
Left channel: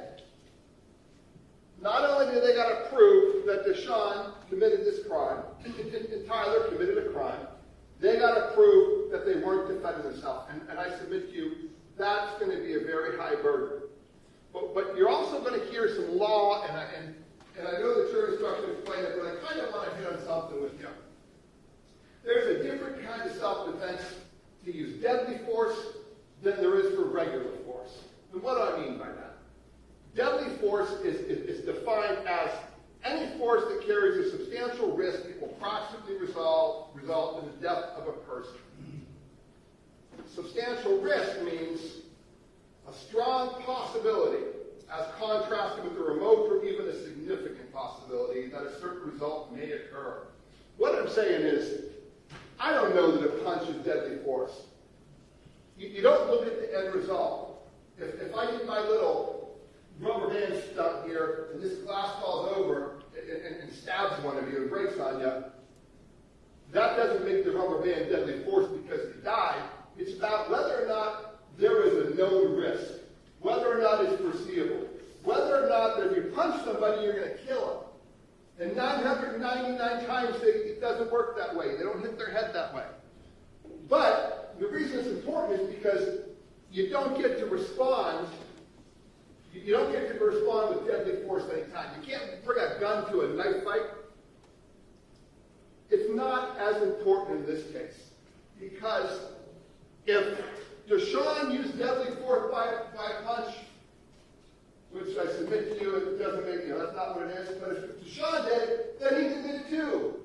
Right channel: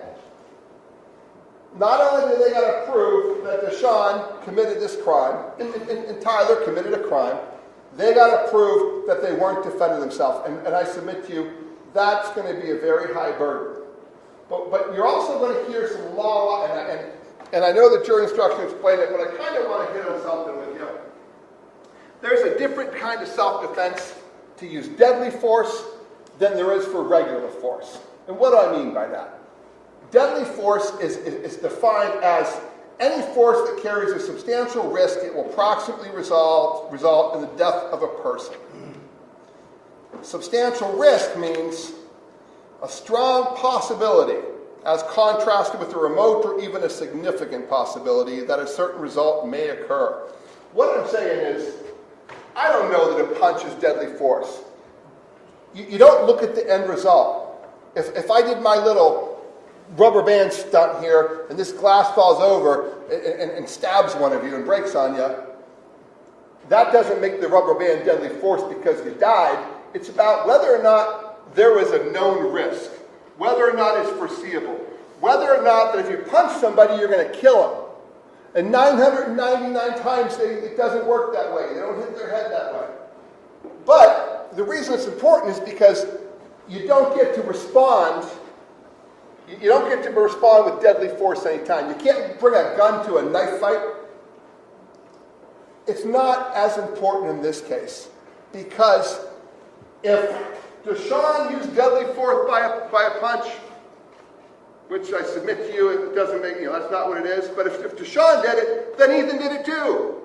not only do they got to prove that DeShawn committed this crime, and Tyler committed a crime, they got to prove that they weren't defending themselves. And I submit to you, that's going to be a very high burden. But you're also going to hear some law, and I know the jury instructions explain it, but I kind of want to hit on something with you. There's a different kind of self-defense to use deadly force than there is for regular force. And what do I mean by that? Deadly force is defined as any force that carries a substantial risk. It will approximately result in the death of a person. Substantial risk means a strong possibility as contrasted with a remote or even a significant possibility that a certain result may occur. What I'm saying is, I don't know that a punch is deadly force. You don't look at the end result. If I did my little rubber band stunt here and this glass falls over and stabs one of you and breaks on you, that doesn't make the rubber band deadly force because you died. It's about whether or not there is a known risk, whether or not it's foreseeable, whether or not that if you punch somebody, you're going to kill them. And 999 times it doesn't work that way. They don't hit their head that way. But the reason it's important is because you don't get to respond. You don't get to respond with deadly force anytime. You can't bring a gun to a knife fight. It's not as important in this case because if DeShawn used deadly force by a punch, which I submit to you, it doesn't make, that's not what it is. But if DeShawn did it, then Ethan did it too.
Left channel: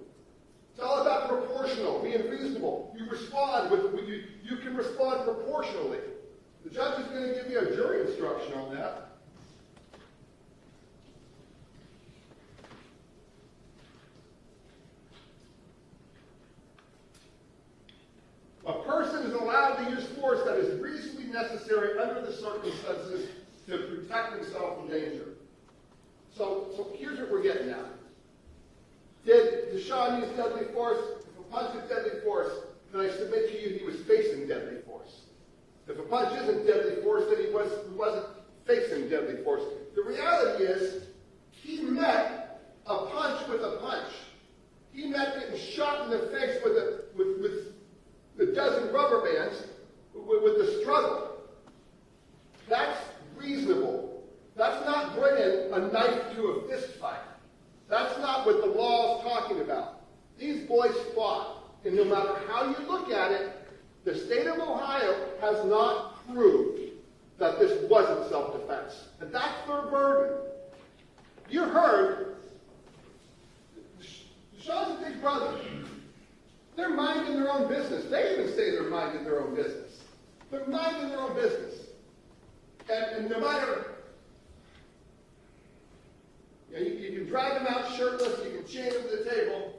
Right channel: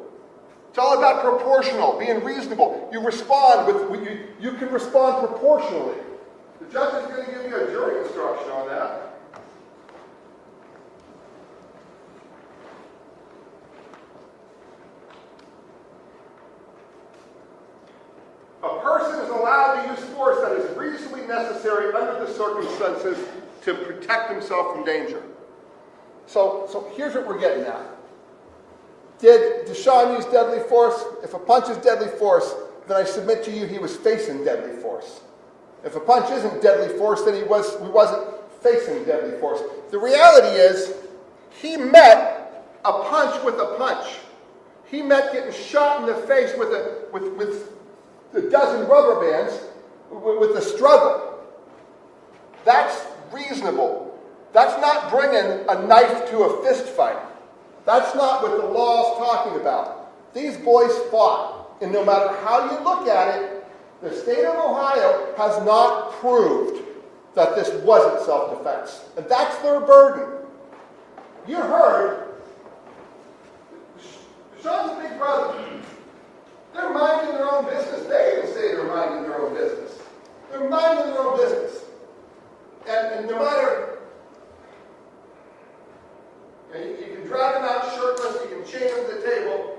It's all about proportional, being reasonable. You respond you can respond proportionally. The judge is going to give you a jury instruction on that. A person is allowed to use force that is reasonably necessary under the circumstances to protect himself from danger. So here's what we're getting at. Did DeShawn use deadly force? If a punch is deadly force, then I submit to you he was facing deadly force. If a punch isn't deadly force, then he wasn't facing deadly force. The reality is, he met a punch with a punch. He met getting shot in the face with a dozen rubber bands with the struggle. That's reasonable. That's not bringing a knife to a fist fight. That's not what the law is talking about. These boys fought, and no matter how you look at it, the state of Ohio has not proved that this wasn't self-defense. And that's their burden. You heard, Sean's big brother. They're minding their own business. They even say they're minding their own business. They're minding their own business. And no matter, you can drag them out shirtless, you can chain them to the table.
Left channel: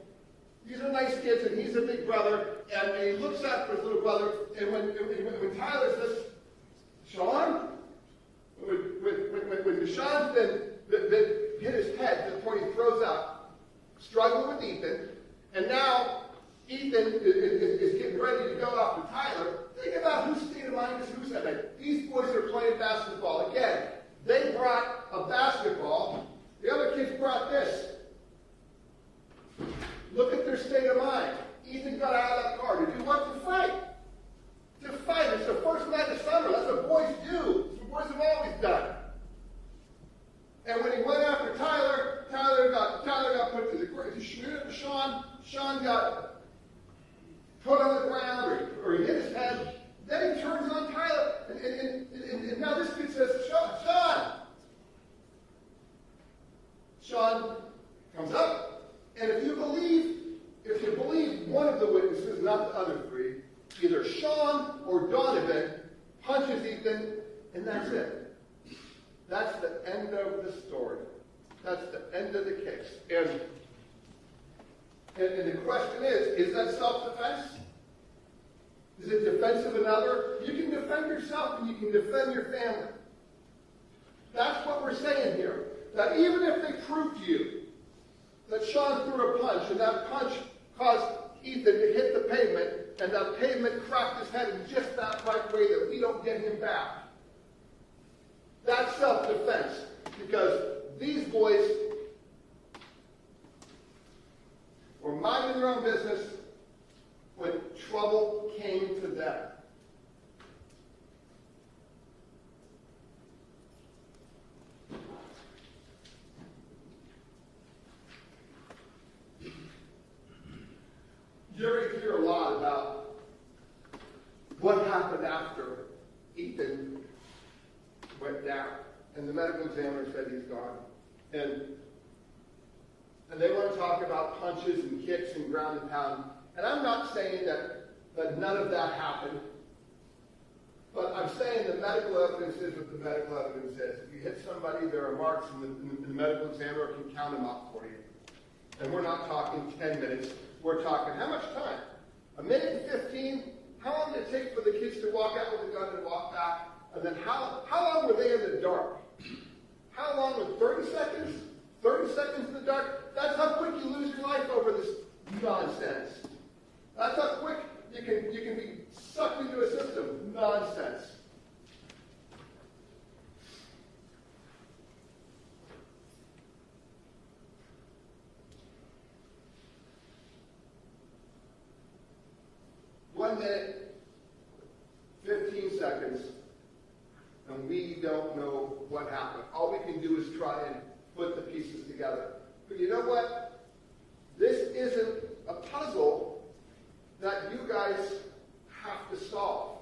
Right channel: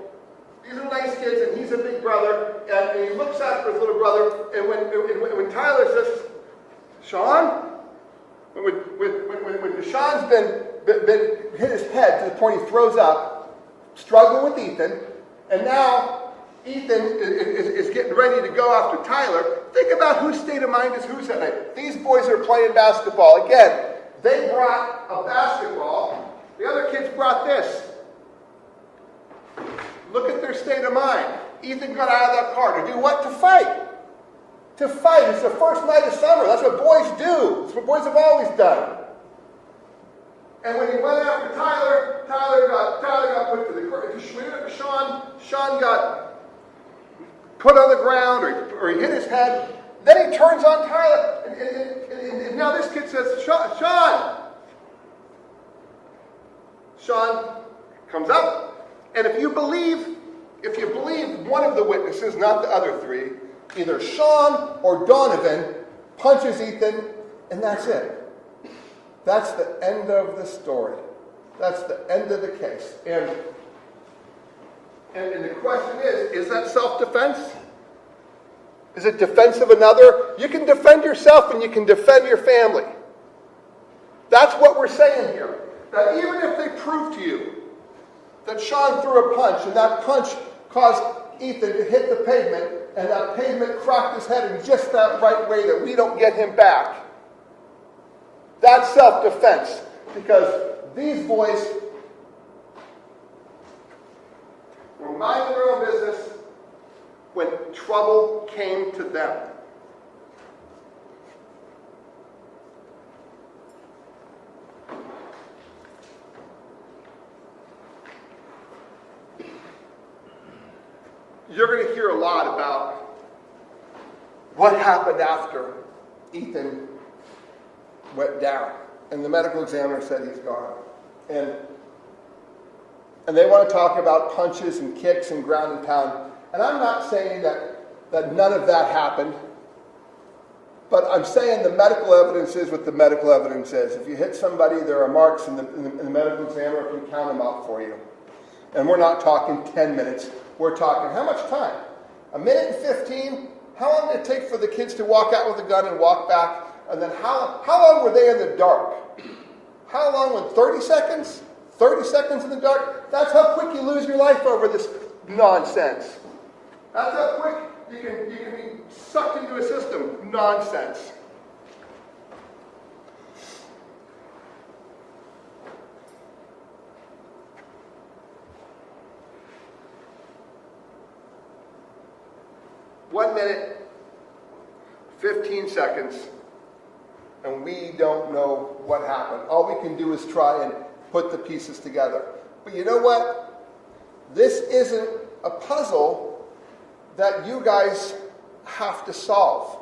These are nice kids, and he's a big brother, and he looks after his little brother, and when Tyler says, Sean, when DeShawn's been hit his head to the point he throws up, struggling with Ethan, and now Ethan is getting ready to go after Tyler. Think about whose state of mind is whose that night. These boys are playing basketball. Again, they brought a basketball. The other kids brought this. Look at their state of mind. Ethan got out of that car to do what? To fight. To fight. It's the first night of summer. That's what boys do. That's what boys have always done. And when he went after Tyler, Tyler got put to the ground. Sean got put on the ground, or he hit his head. Then he turns on Tyler, and now this kid says, Sean comes up, and if you believe one of the witnesses, not the other three, either Sean or Donovan punches Ethan, and that's it. That's the end of the story. That's the end of the case. And the question is that self-defense? Is it defense of another? You can defend yourself and you can defend your family. That's what we're saying here. That even if they prove to you that Sean threw a punch and that punch caused Ethan to hit the pavement and that pavement cracked his head in just that right way that we don't get him back, that's self-defense. Because these boys were minding their own business when trouble came to them. You're going to hear a lot about what happened after Ethan went down. And the medical examiner said he's gone. And they want to talk about punches and kicks and ground and pound. And I'm not saying that none of that happened. But I'm saying the medical evidence is what the medical evidence is. If you hit somebody, there are marks, and the medical examiner can count them out for you. And we're not talking 10 minutes. We're talking, how much time? A minute and 15? How long did it take for the kids to walk out with a gun and walk back? And then how long were they in the dark? How long was 30 seconds? 30 seconds in the dark? That's how quick you lose your life over this nonsense. That's how quick you can be sucked into a system. Nonsense. One minute, 15 seconds, and we don't know what happened. All we can do is try and put the pieces together. But you know what? This isn't a puzzle that you guys have to solve.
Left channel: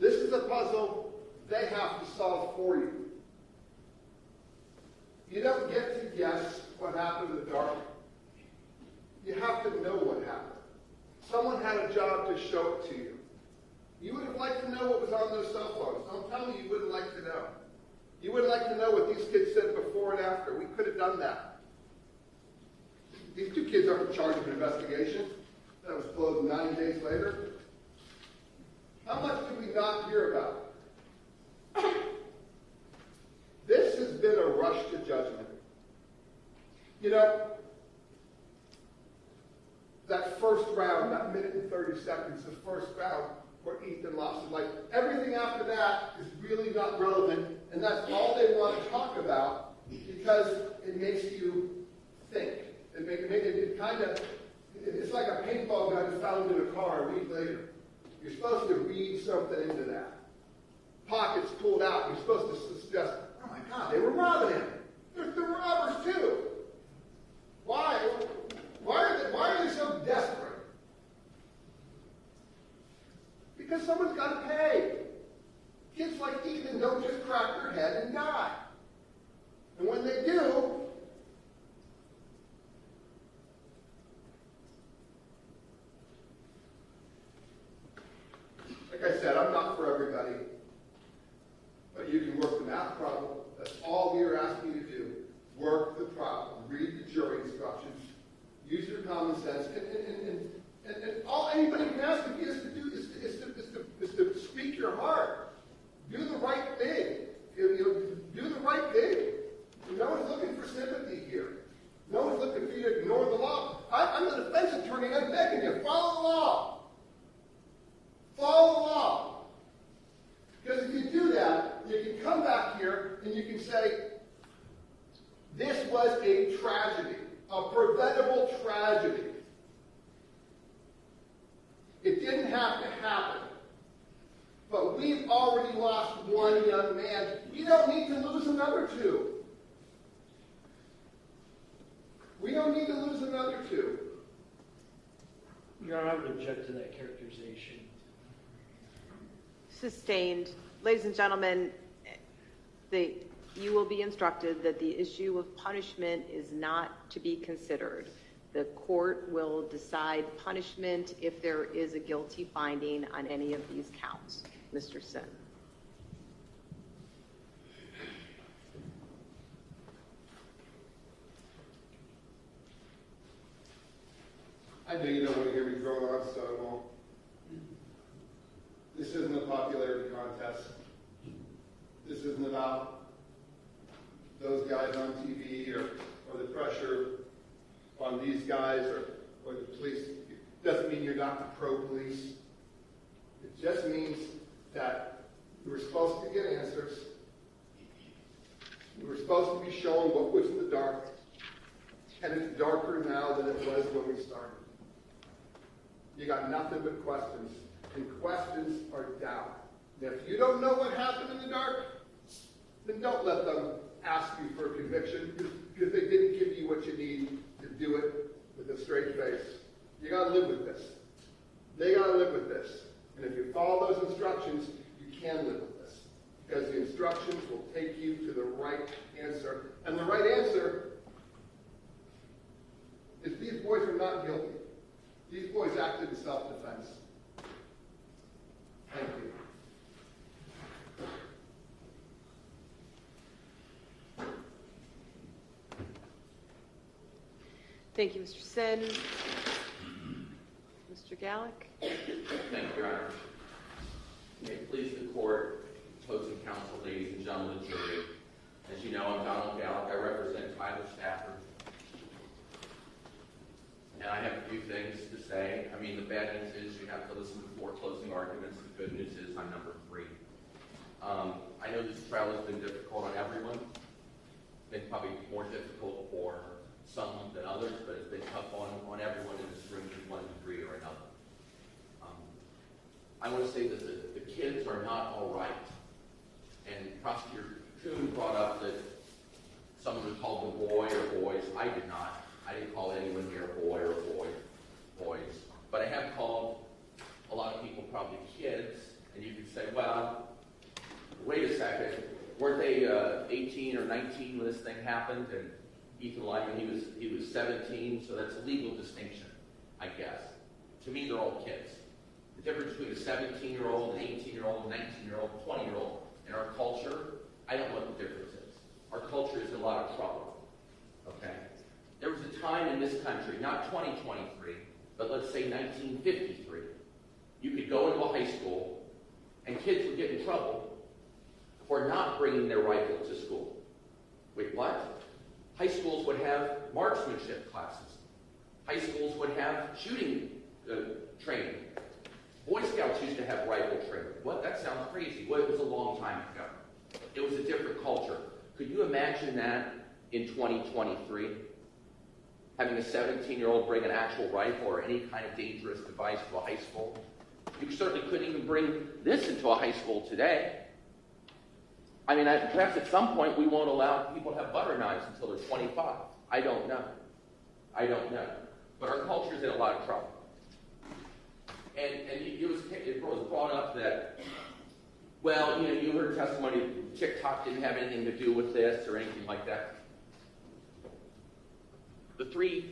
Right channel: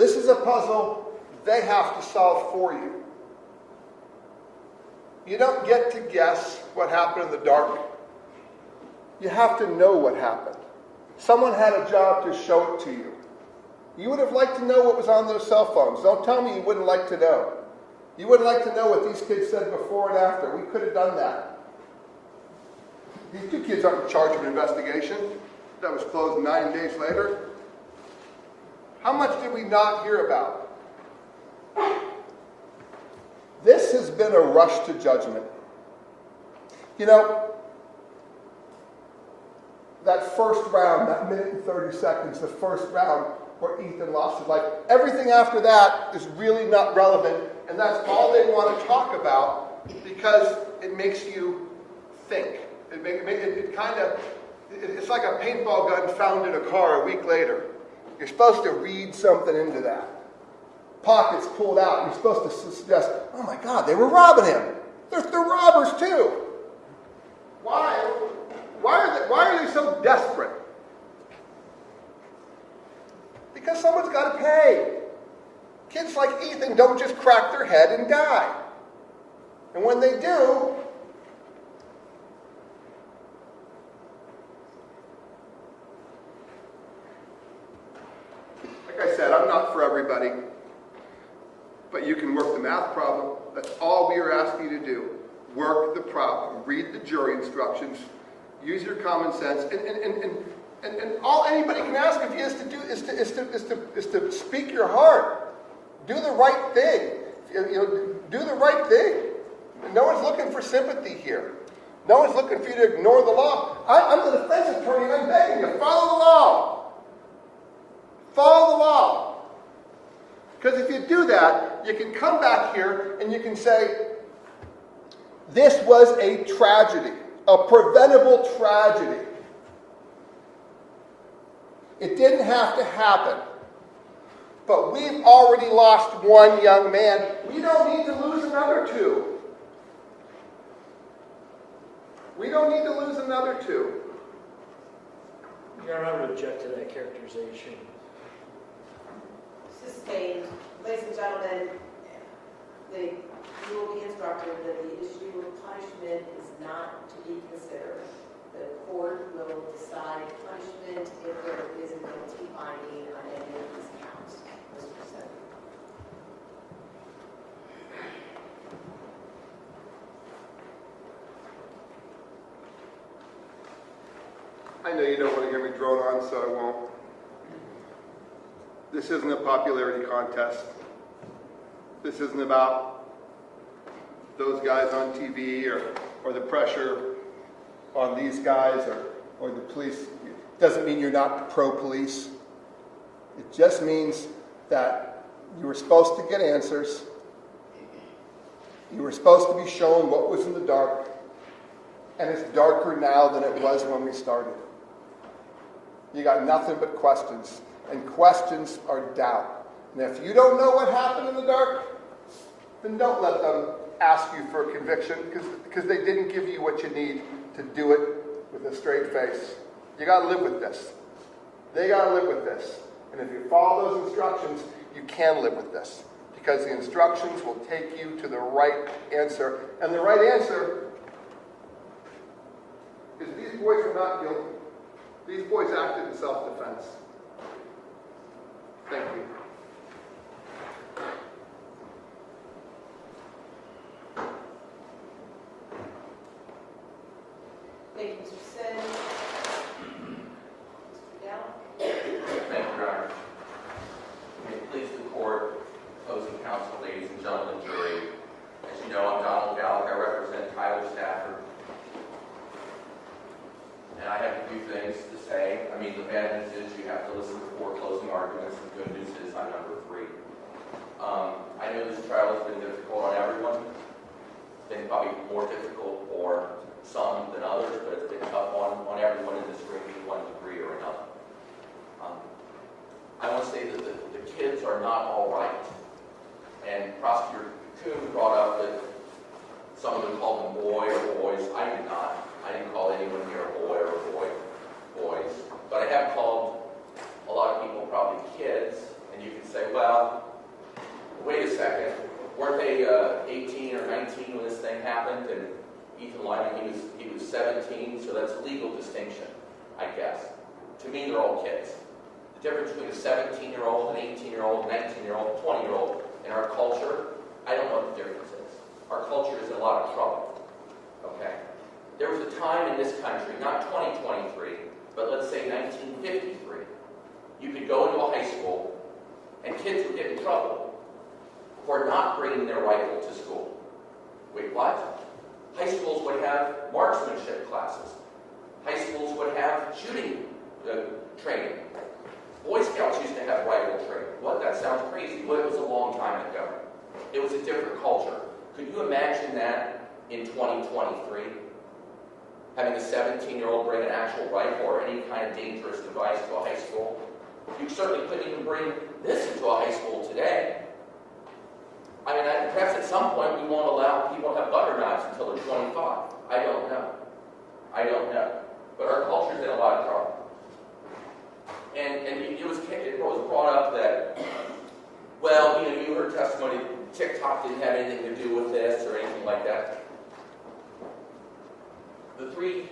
This is a puzzle they have to solve for you. You don't get to guess what happened in the dark. You have to know what happened. Someone had a job to show it to you. You would have liked to know what was on those cell phones. Don't tell me you wouldn't like to know. You would like to know what these kids said before and after. We could have done that. These two kids aren't charged with an investigation that was closed 9 days later. How much did we not hear about? This has been a rush to judgment. You know, that first round, that minute and 30 seconds, the first round where Ethan lost his life, everything after that is really not relevant, and that's all they want to talk about because it makes you think. It's like a paintball gun found in a car a week later. You're supposed to read something into that. Pockets pulled out, and you're supposed to suggest, oh my God, they were robbing him. They're robbers too. Why? Why are they so desperate? Because someone's got to pay. Kids like Ethan don't just crack their head and die. And when they do, like I said, I'm not for everybody. But you can work the math problem. That's all we are asking you to do. Work the problem. Read the jury instructions. Use your common sense. And all anybody can ask of you is to speak your heart. Do the right thing. Do the right thing. No one's looking for sympathy here. No one's looking for you to ignore the law. I'm the defense attorney. I'm begging you, follow the law. Follow the law. Because if you do that, you can come back here and you can say, this was a tragedy, a preventable tragedy. It didn't have to happen. But we've already lost one young man. We don't need to lose another two. We don't need to lose another two. Your Honor, I would object to that characterization. Sustained. Ladies and gentlemen, you will be instructed that the issue of punishment is not to be considered. The court will decide punishment if there is a guilty finding on any of these counts. Mr. Sin. I know you don't want to get me drone on, so I won't. This isn't a popularity contest. This isn't about those guys on TV or the pressure on these guys or the police. It doesn't mean you're not pro-police. It just means that you were supposed to get answers. You were supposed to be shown what was in the dark. And it's darker now than it was when we started. You got nothing but questions. And questions are doubt. And if you don't know what happened in the dark, then don't let them ask you for a conviction because they didn't give you what you need to do it with a straight face. You got to live with this. They got to live with this. And if you follow those instructions, you can live with this because the instructions will take you to the right answer. And the right answer is these boys were not guilty. These boys acted in self-defense. Thank you. Thank you, Mr. Sin. Mr. Gallick. Thank you, Your Honor. May it please the court, opposing counsel, ladies and gentlemen, jury. As you know, I'm Donald Gallick. I represent Tyler Stafford. And I have a few things to say. I mean, the bad news is you have to listen to 4 closing arguments. The good news is I'm number 3. I know this trial has been difficult on everyone. It's been probably more difficult for some than others, but it's been tough on everyone in this room to one degree or another. I want to say that the kids are not all right. And Prosecutor Kuhn brought up that some of them called them boy or boys. I did not. I didn't call anyone here a boy or boys. But I have called a lot of people probably kids, and you can say, well, Ethan Lyman, he was 17, so that's a legal distinction, I guess. To me, they're all kids. The difference between a 17-year-old, an 18-year-old, 19-year-old, 20-year-old in our culture, I don't know what the difference is. Our culture is in a lot of trouble, okay? There was a time in this country, not 2023, but let's say 1953, you could go into a high school and kids would get in trouble for not bringing their rifle to school. Wait, what? High schools would have marksmanship classes. High schools would have shooting training. Boy Scouts used to have rifle training. What? That sounds crazy. Well, it was a long time ago. It was a different culture. Could you imagine that in 2023? Having a 17-year-old bring an actual rifle or any kind of dangerous device to a high school? You certainly couldn't even bring this into a high school today. I mean, perhaps at some point we won't allow people to have butter knives until they're 25. I don't know. I don't know. But our culture's in a lot of trouble. And it was brought up that, well, you heard testimony, TikTok didn't have anything to do with this or anything like that. The three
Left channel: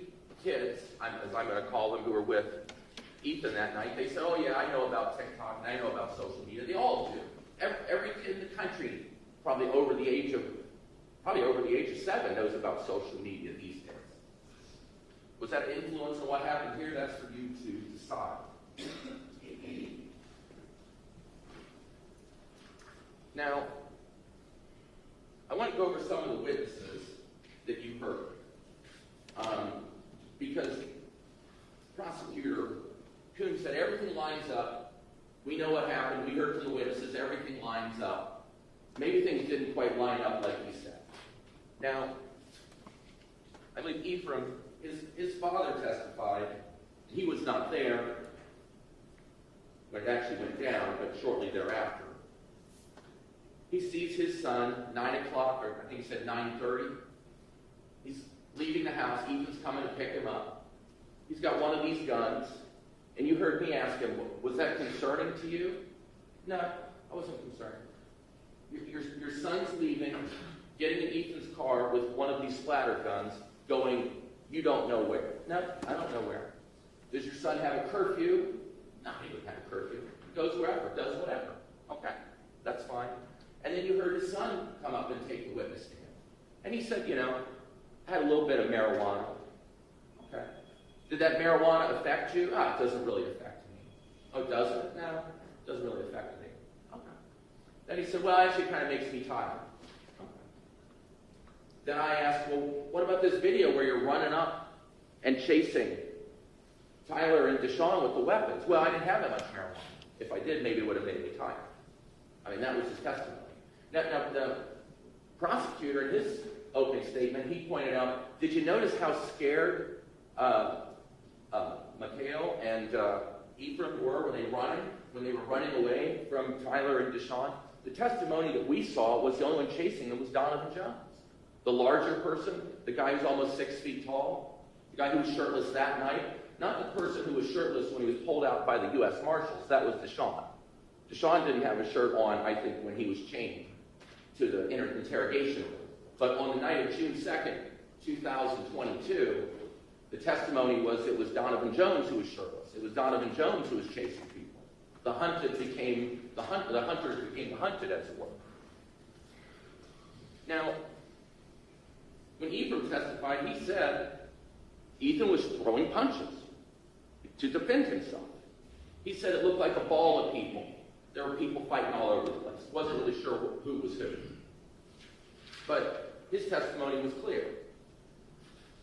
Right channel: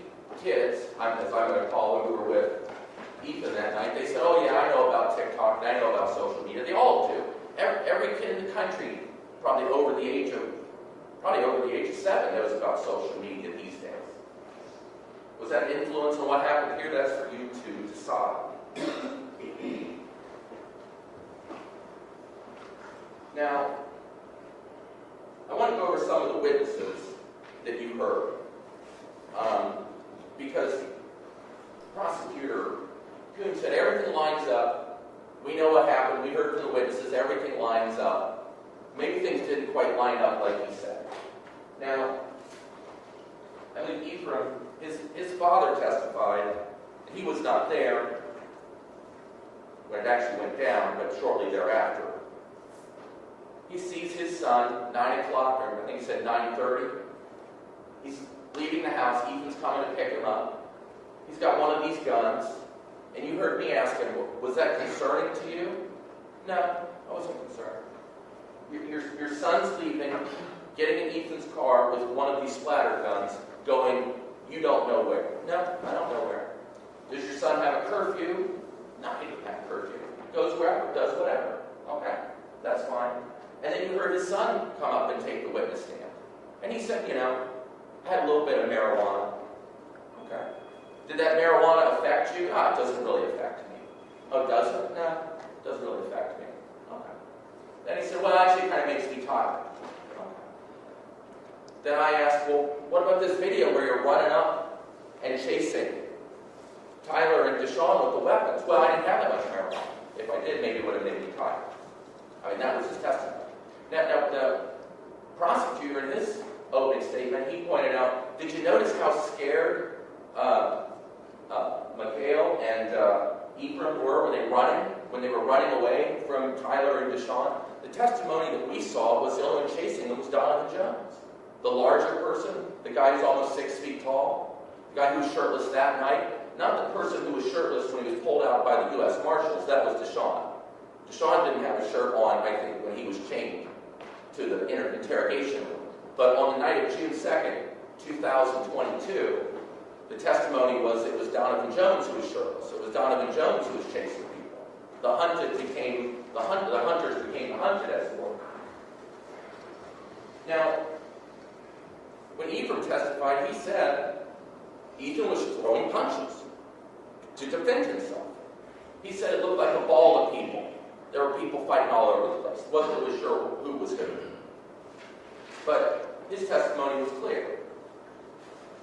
kids, as I'm going to call them, who were with Ethan that night, they said, oh yeah, I know about TikTok and I know about social media. They all do. Every kid in the country, probably over the age of 7, knows about social media these days. Was that an influence on what happened here? That's for you to decide. Now, I want to go over some of the witnesses that you heard. Because Prosecutor Kuhn said everything lines up. We know what happened. We heard from the witnesses. Everything lines up. Maybe things didn't quite line up like he said. Now, I believe Ephraim, his father testified. He was not there when it actually went down, but shortly thereafter. He sees his son, 9 o'clock, or I think he said 9:30. He's leaving the house. Ethan's coming to pick him up. He's got one of these guns. And you heard me ask him, was that concerning to you? No, I wasn't concerned. Your son's leaving, getting in Ethan's car with one of these splatter guns, going, you don't know where. No, I don't know where. Does your son have a curfew? No, he doesn't have a curfew. Goes wherever, does whatever. Okay, that's fine. And then you heard his son come up and take the witness stand. And he said, I had a little bit of marijuana. Okay. Did that marijuana affect you? It doesn't really affect me. Oh, does it? No, it doesn't really affect me. Okay. Then he said, well, actually it kind of makes me tired. Okay. Then I asked, well, what about this video where you're running up and chasing Tyler and DeShawn with the weapons? Well, I didn't have that much marijuana. If I did, maybe it would have made me tired. I mean, that was his testimony. Now, the prosecutor in his opening statement, he pointed out, did you notice how scared Mikhail and Ephraim were when they were running away from Tyler and DeShawn? The testimony that we saw was the only one chasing them was Donovan Jones. The larger person, the guy who's almost 6 feet tall, the guy who was shirtless that night, not the person who was shirtless when he was pulled out by the U.S. Marshals, that was DeShawn. DeShawn didn't have a shirt on, I think, when he was chained to the interrogation room. But on the night of June 2nd, 2022, the testimony was it was Donovan Jones who was shirtless. It was Donovan Jones who was chasing people. The hunters became the hunted, as it were. Now, when Ephraim testified, he said Ethan was throwing punches to defend himself. He said it looked like a ball of people. There were people fighting all over the place. Wasn't really sure who was who. But his testimony was clear.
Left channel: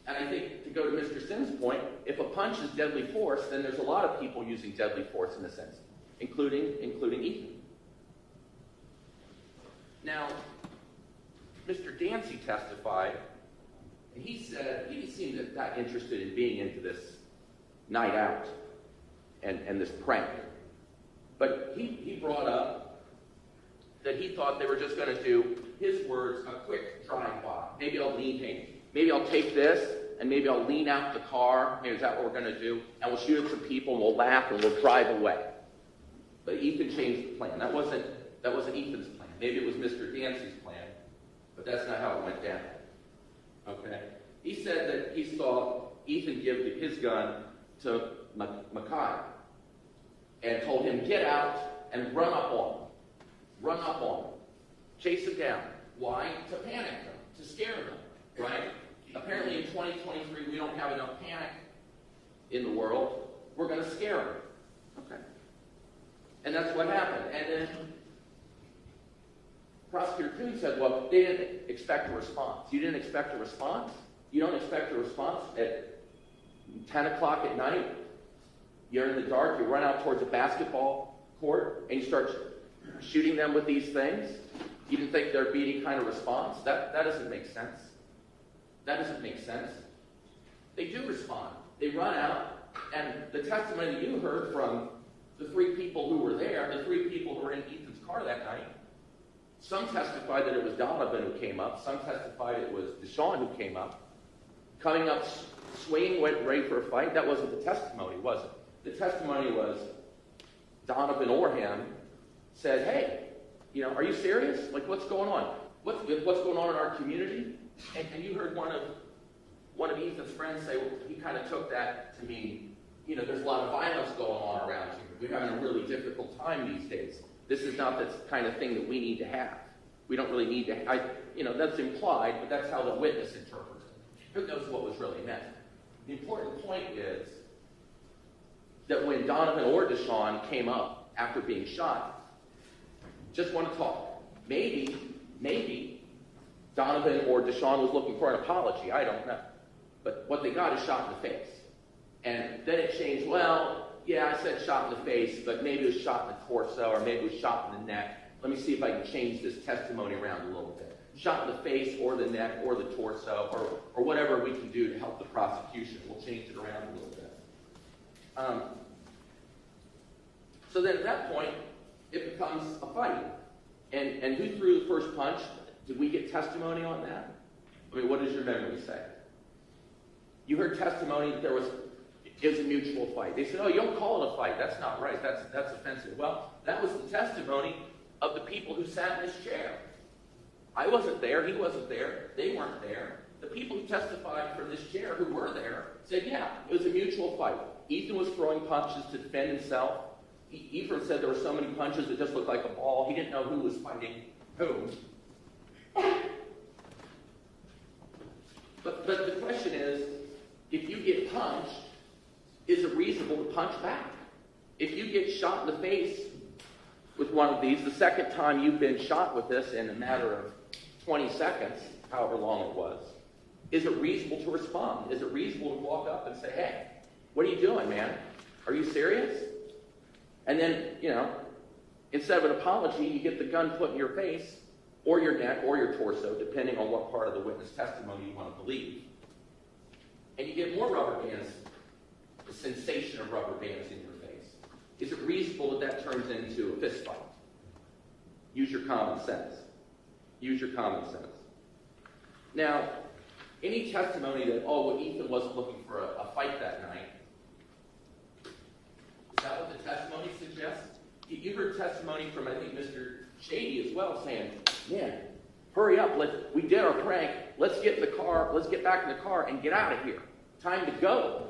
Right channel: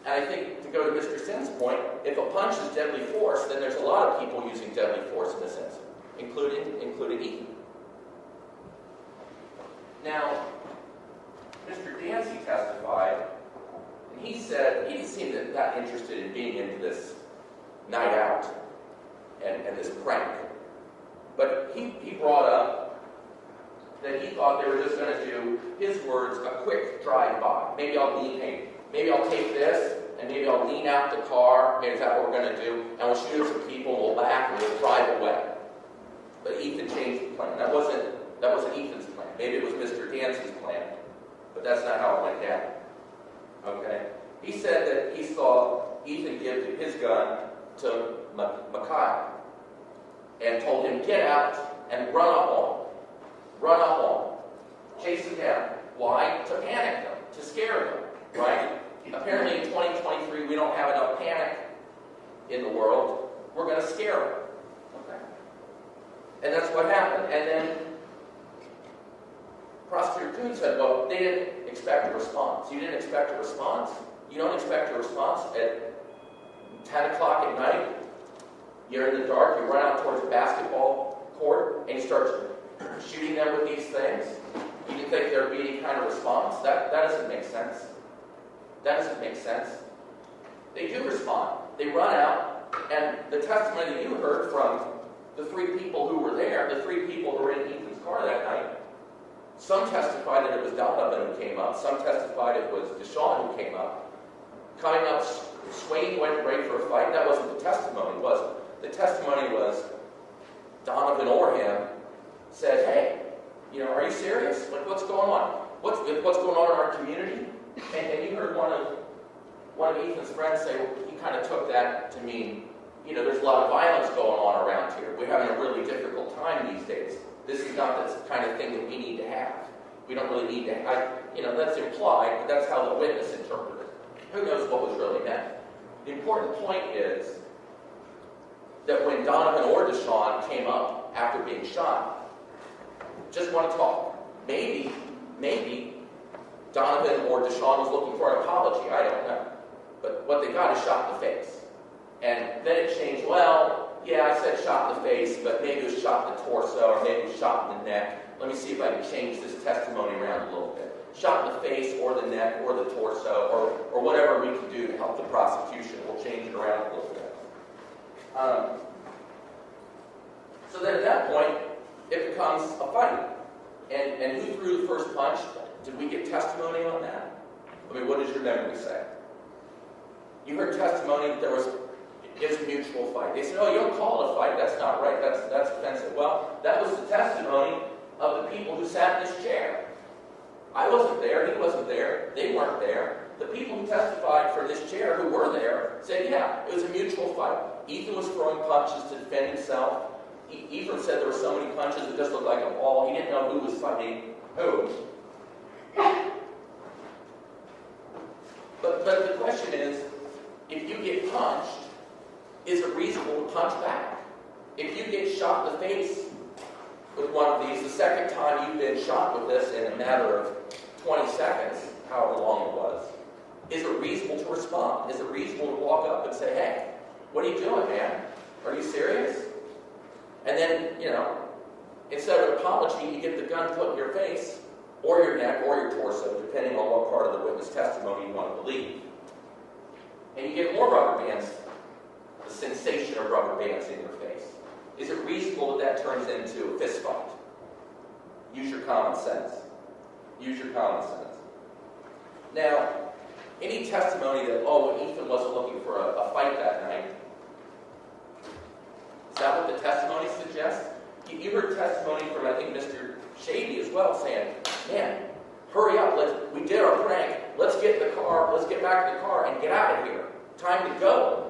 And I think, to go to Mr. Sinn's point, if a punch is deadly force, then there's a lot of people using deadly force in this incident, including Ethan. Now, Mr. Dancy testified, and he said he didn't seem that interested in being into this night out and this prank. But he brought up that he thought they were just going to do, his words, a quick drive-by. Maybe I'll take this, and maybe I'll lean out the car. Maybe that's what we're going to do, and we'll shoot at some people, and we'll laugh, and we'll drive away. But Ethan changed the plan. That wasn't Ethan's plan. Maybe it was Mr. Dancy's plan, but that's not how it went down. Okay? He said that he saw Ethan give his gun to Makai and told him, get out and run up on him. Run up on him. Chase him down. Why? To panic them, to scare them, right? Apparently in 2023, we don't have enough panic in the world. We're going to scare them. Okay. And that's what happened. And then Prosecutor Kuhn said, well, they didn't expect a response. You didn't expect a response? You don't expect a response at 10 o'clock at night? You're in the dark, you run out towards a basketball court, and you start shooting them with these things? You didn't think there'd be any kind of response? That doesn't make sense. That doesn't make sense. They do respond. They run out, and the testimony that you heard from the three people who were there, the three people who were in Ethan's car that night, some testified that it was Donovan who came up, some testified it was DeShawn who came up. Coming up, swaying, went ready for a fight. That wasn't the testimony, was it? The testimony was Donovan or him said, hey, are you serious? Like, what's going on? What's going on in our community? And you heard one of Ethan's friends say, well, he kind of took that to mean, there's a lot of violence going on around here. We're having a really difficult time these days. This is not the kind of thing that we need to have. We don't really need to have, that's implied, but that's how the witness interpreted it. Who knows what was really meant? The important point is that when Donovan or DeShawn came up after being shot, just want to talk. Maybe Donovan or DeShawn was looking for an apology. I don't know. But what they got is shot in the face. And then it changed, well, yeah, I said shot in the face, but maybe it was shot in the torso or maybe it was shot in the neck. Let me see if I can change this testimony around a little bit. Shot in the face or the neck or the torso or whatever we can do to help the prosecution. We'll change it around a little bit. So then at that point, it becomes a fight. And who threw the first punch? Did we get testimony on that? I mean, what does your memory say? You heard testimony that it was a mutual fight. They said, oh, you don't call it a fight. That's not right. That's offensive. Well, that was the testimony of the people who sat in this chair. I wasn't there. He wasn't there. They weren't there. The people who testified for this chair who were there said, yeah, it was a mutual fight. Ethan was throwing punches to defend himself. Ethan said there were so many punches that just looked like a ball. He didn't know who was fighting who. But the question is, if you get punched, is it reasonable to punch back? If you get shot in the face with one of these, the second time you've been shot with this in a matter of 20 seconds, however long it was, is it reasonable to respond? Is it reasonable to walk up and say, hey, what are you doing, man? Are you serious? And then, instead of an apology, you get the gun put in your face, or your neck, or your torso, depending on what part of the witness testimony you want to believe. And you get more rubber bands, the sensation of rubber bands in your face. Is it reasonable that turns into a fist fight? Use your common sense. Use your common sense. Now, any testimony that, oh, Ethan wasn't looking for a fight that night, is that what the testimony suggests? You heard testimony from, I think, Mr. Shady as well, saying, man, hurry up, we did our prank, let's get in the car, let's get back in the car and get out of here. Time to go.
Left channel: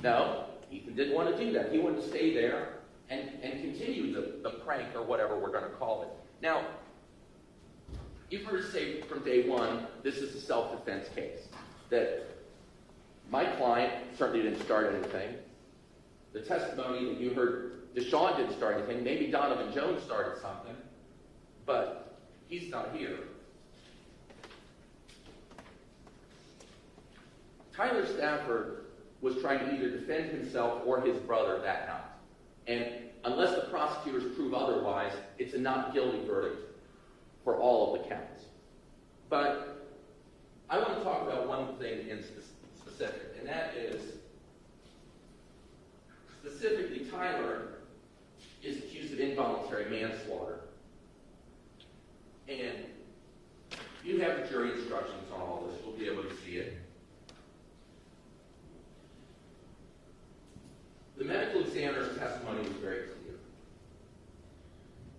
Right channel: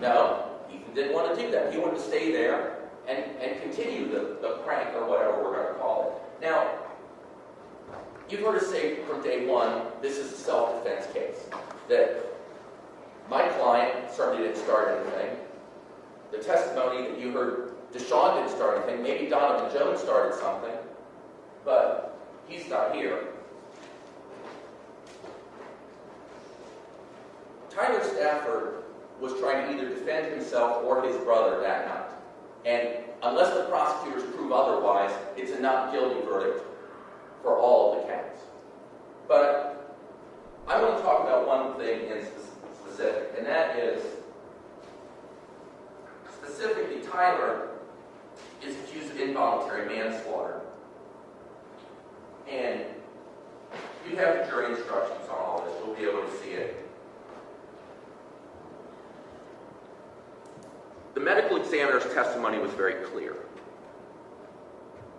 No, Ethan didn't want to do that. He wanted to stay there and continue the prank or whatever we're going to call it. Now, you've heard us say from day one, this is a self-defense case. That my client certainly didn't start anything. The testimony that you heard, DeShawn didn't start anything. Maybe Donovan Jones started something, but he's not here. Tyler Stafford was trying to either defend himself or his brother that night. And unless the prosecutors prove otherwise, it's a not guilty verdict for all of the counts. But I want to talk about one thing in specific, and that is, specifically, Tyler is accused of involuntary manslaughter. And you have the jury instructions on all this. You'll be able to see it. The medical examiner's testimony was very clear.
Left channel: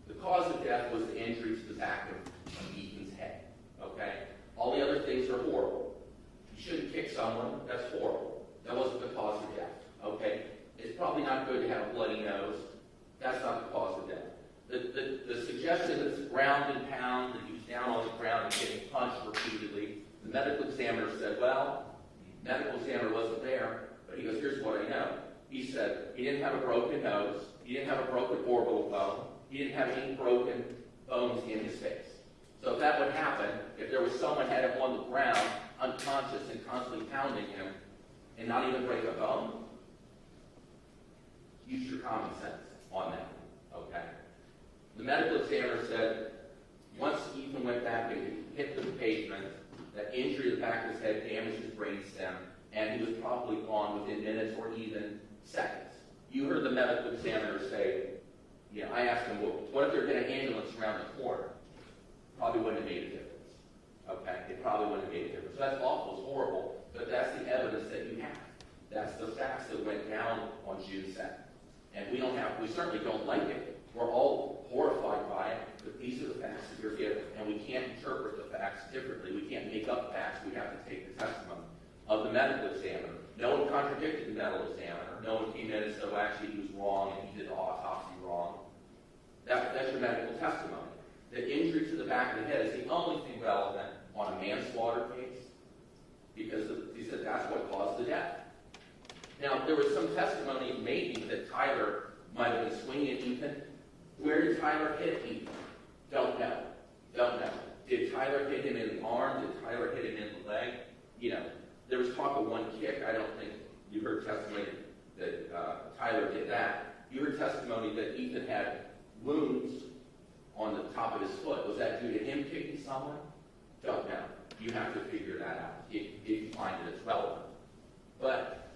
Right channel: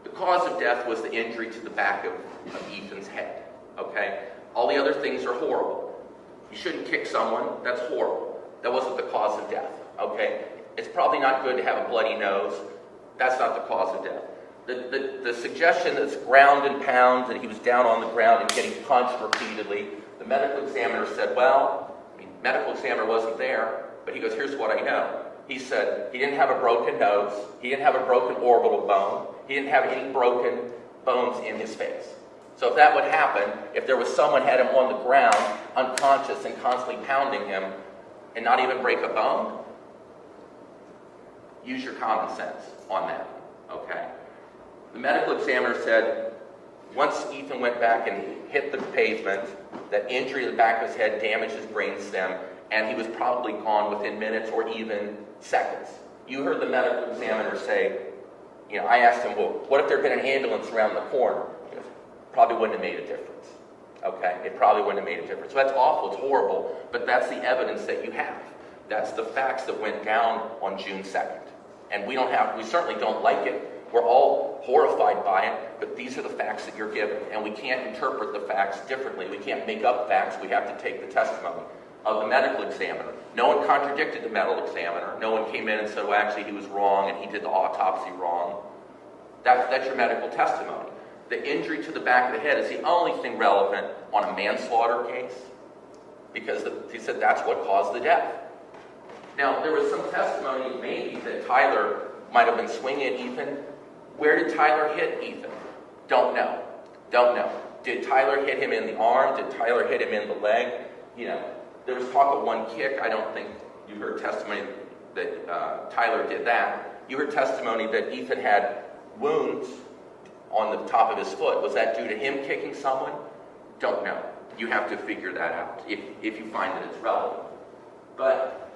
The cause of death was the injury to the back of Ethan's head. Okay? All the other things are horrible. You shouldn't kick someone. That's horrible. That wasn't the cause of death, okay? It's probably not good to have a bloody nose. That's not the cause of death. The suggestion that it's ground and pound, that he was down on the ground and getting punched repeatedly, the medical examiner said, well, medical examiner wasn't there, but he goes, here's what I know. He said he didn't have a broken nose, he didn't have a broken orbital bone, he didn't have any broken bones in his face. So if that would happen, if there was someone had him on the ground, unconscious and constantly pounding him, and not even break a bone, use your common sense on that, okay? The medical examiner said once Ethan went back and hit the pavement, that injury to the back of his head damaged his brainstem, and he was probably gone within minutes or even seconds. You heard the medical examiner say, I asked him, well, what if there had been an ambulance around the corner? He goes, probably wouldn't have made a difference. Okay, it probably wouldn't have made a difference. So that's awful, it's horrible, but that's the evidence that you have. That's the facts that went down on June 2nd. And we certainly don't like it. We're all horrified by it, but these are the facts that you're given. And we can't interpret the facts differently. We can't make up facts. We have to take the testimony of the medical examiner. No one contradicted the medical examiner. No one came in and said, well, actually, he was wrong and he did the autopsy wrong. That's your medical testimony. The injury to the back of the head is the only thing relevant on a manslaughter case, because he said that's what caused the death. Now, there was some testimony maybe that Tyler might have been swinging at Ethan. Where did Tyler hit Ethan? Don't know. Did Tyler hit him in the arm? Did Tyler hit him in the leg? There was talk of one kick. I don't think you heard testimony that Tyler did that. You heard testimony that Ethan had wounds on the top of his foot. Was that due to him kicking someone? Don't know. You have to figure that out if you find that it's relevant. But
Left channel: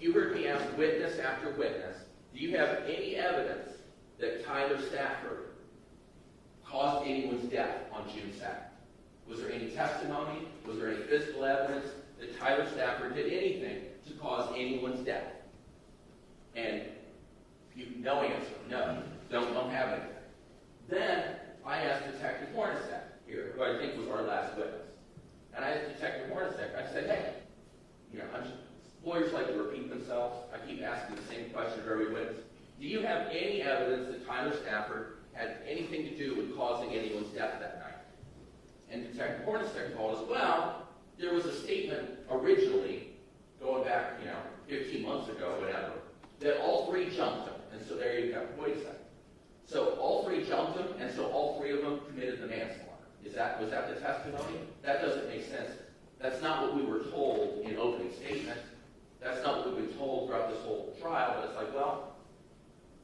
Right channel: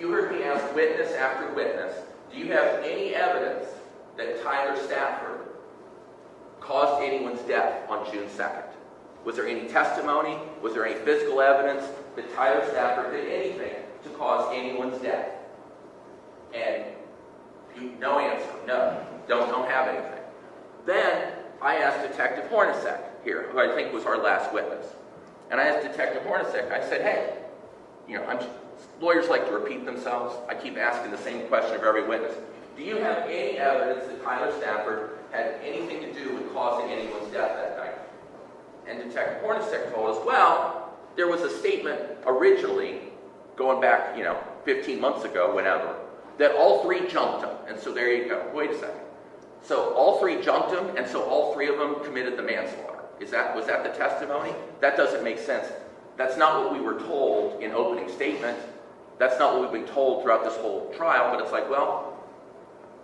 you heard me ask witness after witness, do you have any evidence that Tyler Stafford caused anyone's death on June 2nd? Was there any testimony? Was there any physical evidence that Tyler Stafford did anything to cause anyone's death? And no answer. No. Don't have anything. Then I asked Detective Hornacek here, who I think was our last witness. And I asked Detective Hornacek, I said, hey, lawyers like to repeat themselves. I keep asking the same question of every witness. Do you have any evidence that Tyler Stafford had anything to do with causing anyone's death that night? And Detective Hornacek told us, well, there was a statement originally, going back, 15 months ago, whenever, that all three jumped him. And so there you go. Wait a second. So all three jumped him, and so all three of them committed the manslaughter. Was that the testimony? That doesn't make sense. That's not what we were told in opening statement. That's not what we've been told throughout this whole trial, but it's like, well,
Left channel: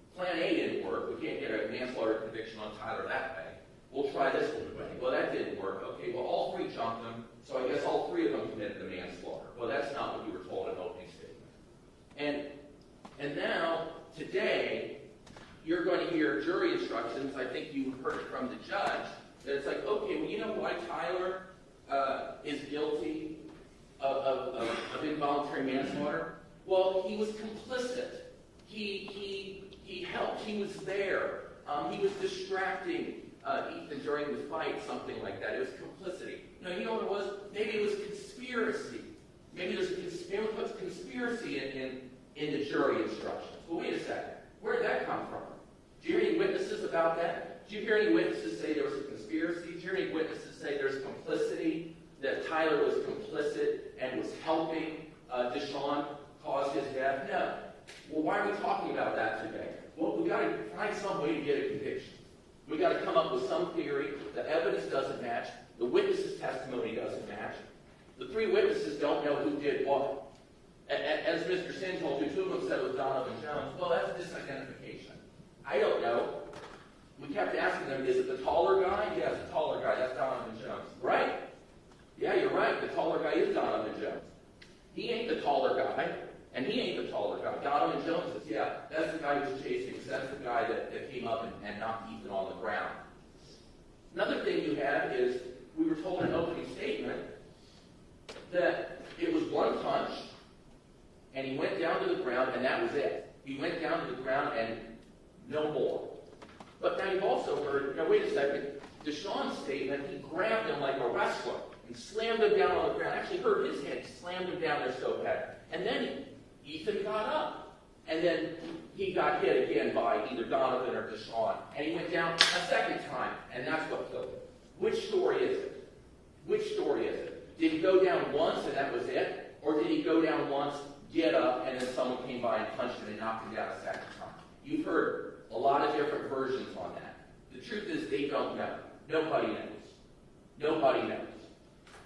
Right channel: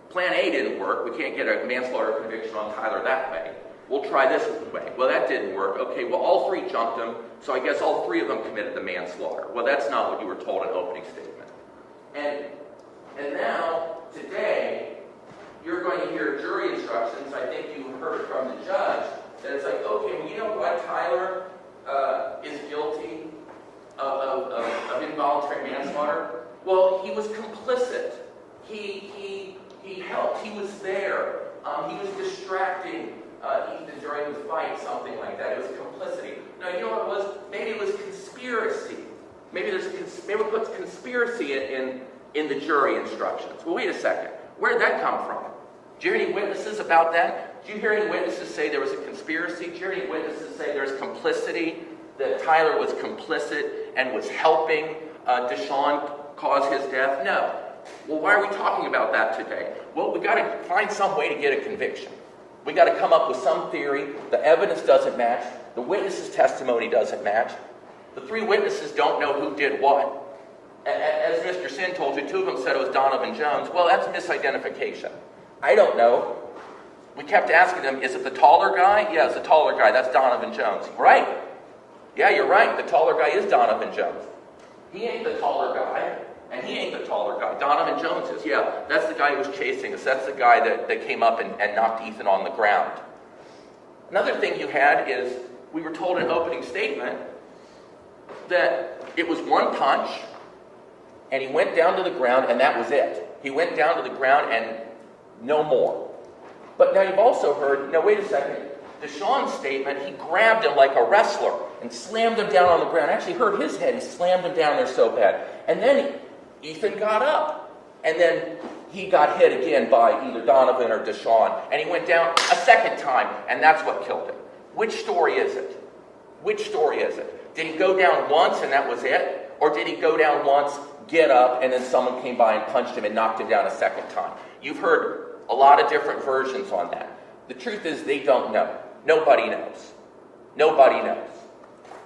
plan A didn't work. We can't get a manslaughter conviction on Tyler that way. We'll try this way. Well, that didn't work. Okay, well, all three jumped him, so I guess all three of them committed the manslaughter. Well, that's not what you were told in opening statement. And now, today, you're going to hear jury instructions. I think you heard it from the judge, that it's like, okay, well, you know why Tyler is guilty of involuntary manslaughter? Well, he was complicit. He helped. He was there. He was distracting Ethan during the fight, something like that. It was complicity. No, you know what it was? Maybe it was conspiracy. Maybe we put conspiracy in the jury instructions. Well, wait a second. Where did that come from? Do you hear any witnesses about that? Do you hear any witnesses say there was a conspiracy? Do you hear any witnesses say there's complicity, that Tyler was complicit and was helping DeShawn cause his death? No. Well, why are we talking about that today? Well, we've got to find some way to get a conviction. We've got to come up with some theory. The evidence doesn't match. The witness's testimony doesn't match. The three witnesses don't know who did what. As Mr. Sin told you, two of them said it was Donovan Jones. Well, that's misidentification. I don't know. We kept asking them, is it the taller guy? Yeah, it's the taller guy. That's Donovan Jones. Right. Yeah, you're right. The taller guy is Donovan Jones. He ain't the taller guy, and he ain't the taller guy. Donovan Jones is. Yeah, that's the guy who was chasing us. That's the guy that came up and knocked Ethan on the ground. Another thing you had is, we were told in opening statement that it was one punch, and he went down to the ground, and that was it. He went down to the ground, and no more. But now you've also heard, wait a second, DeShawn's statement, he grabbed him like a wrestler. and slammed him down on the ground. Actually hurt his head. He slammed him down there so bad. And then Ethan got up. And then he got hit again by either Donovan or DeShawn. And he went down a second time, and that's what killed him. Which story is it? Which story is it? Did he go down once and that was it? Or did he go down once, get up, and then someone came by and punched him and knocked him down a second time? You've heard a lot of different versions on that. The truth is they don't know. Nobody knows. Nobody knows.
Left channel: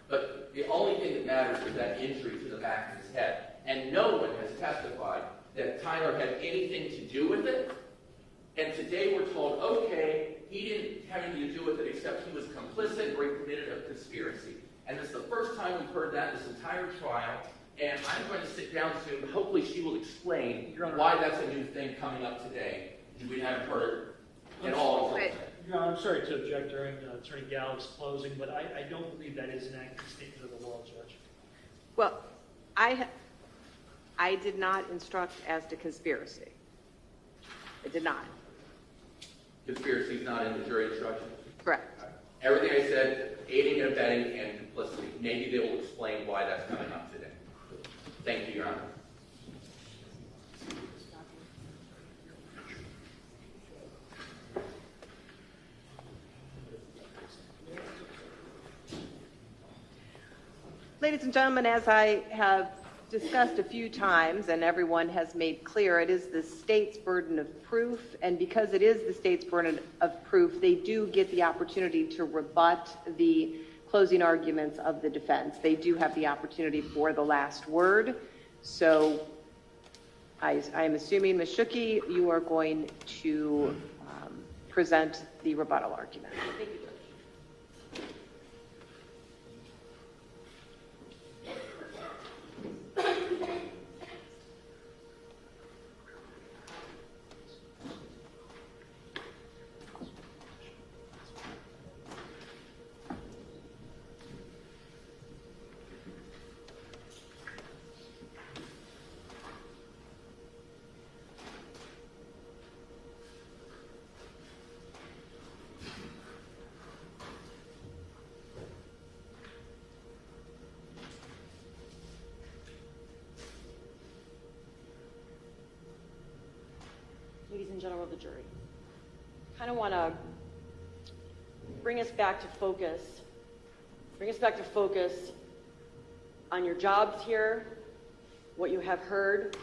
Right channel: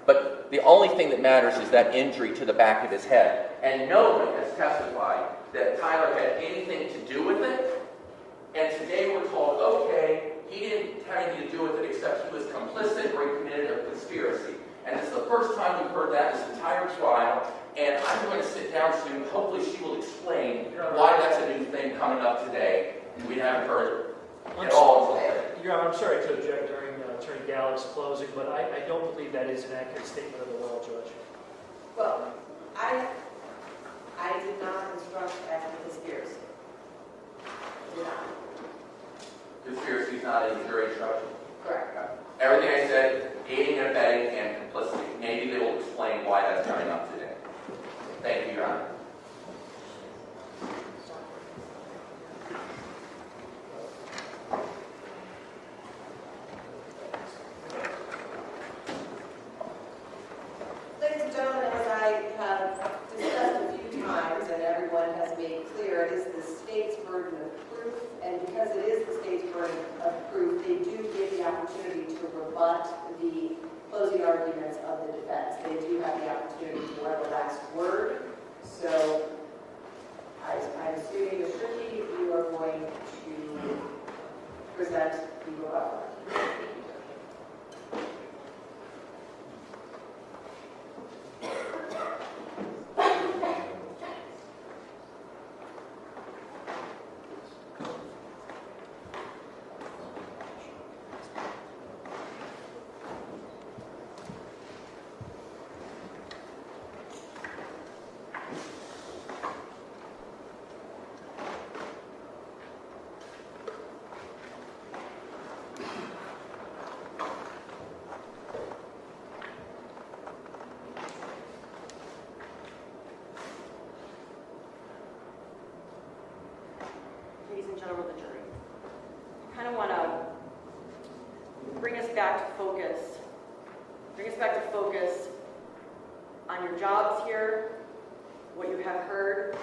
But the only thing that matters is that injury to the back of his head. And no one has testified that Tyler had anything to do with it. And today we're told, okay, he didn't have anything to do with it except he was complicit or he committed a conspiracy. And it's the first time we've heard that this entire trial. And I'm going to sit down soon. Hopefully she will explain why that's a new thing coming up today. We haven't heard it at all. Your Honor, I'm sorry to object during Attorney Gallups' closing, but I don't believe that is an accurate statement of the law, Judge. Well, I did not instruct as to conspiracy. I did not. Conspiracy is not in the jury instruction. Correct. Everything I said, aiding and abetting and complicity. Maybe they will explain why that's coming up today. Thank you, Your Honor. Ladies and gentlemen, as I have discussed a few times and everyone has made clear, it is the state's burden of proof, and because it is the state's burden of proof, they do get the opportunity to rebut the closing arguments of the defense. They do have the opportunity for the last word. So I am assuming, Ms. Schucke, you are going to present the rebuttal argument. Ladies and gentlemen of the jury, I kind of want to bring us back to focus on your jobs here, what you have heard,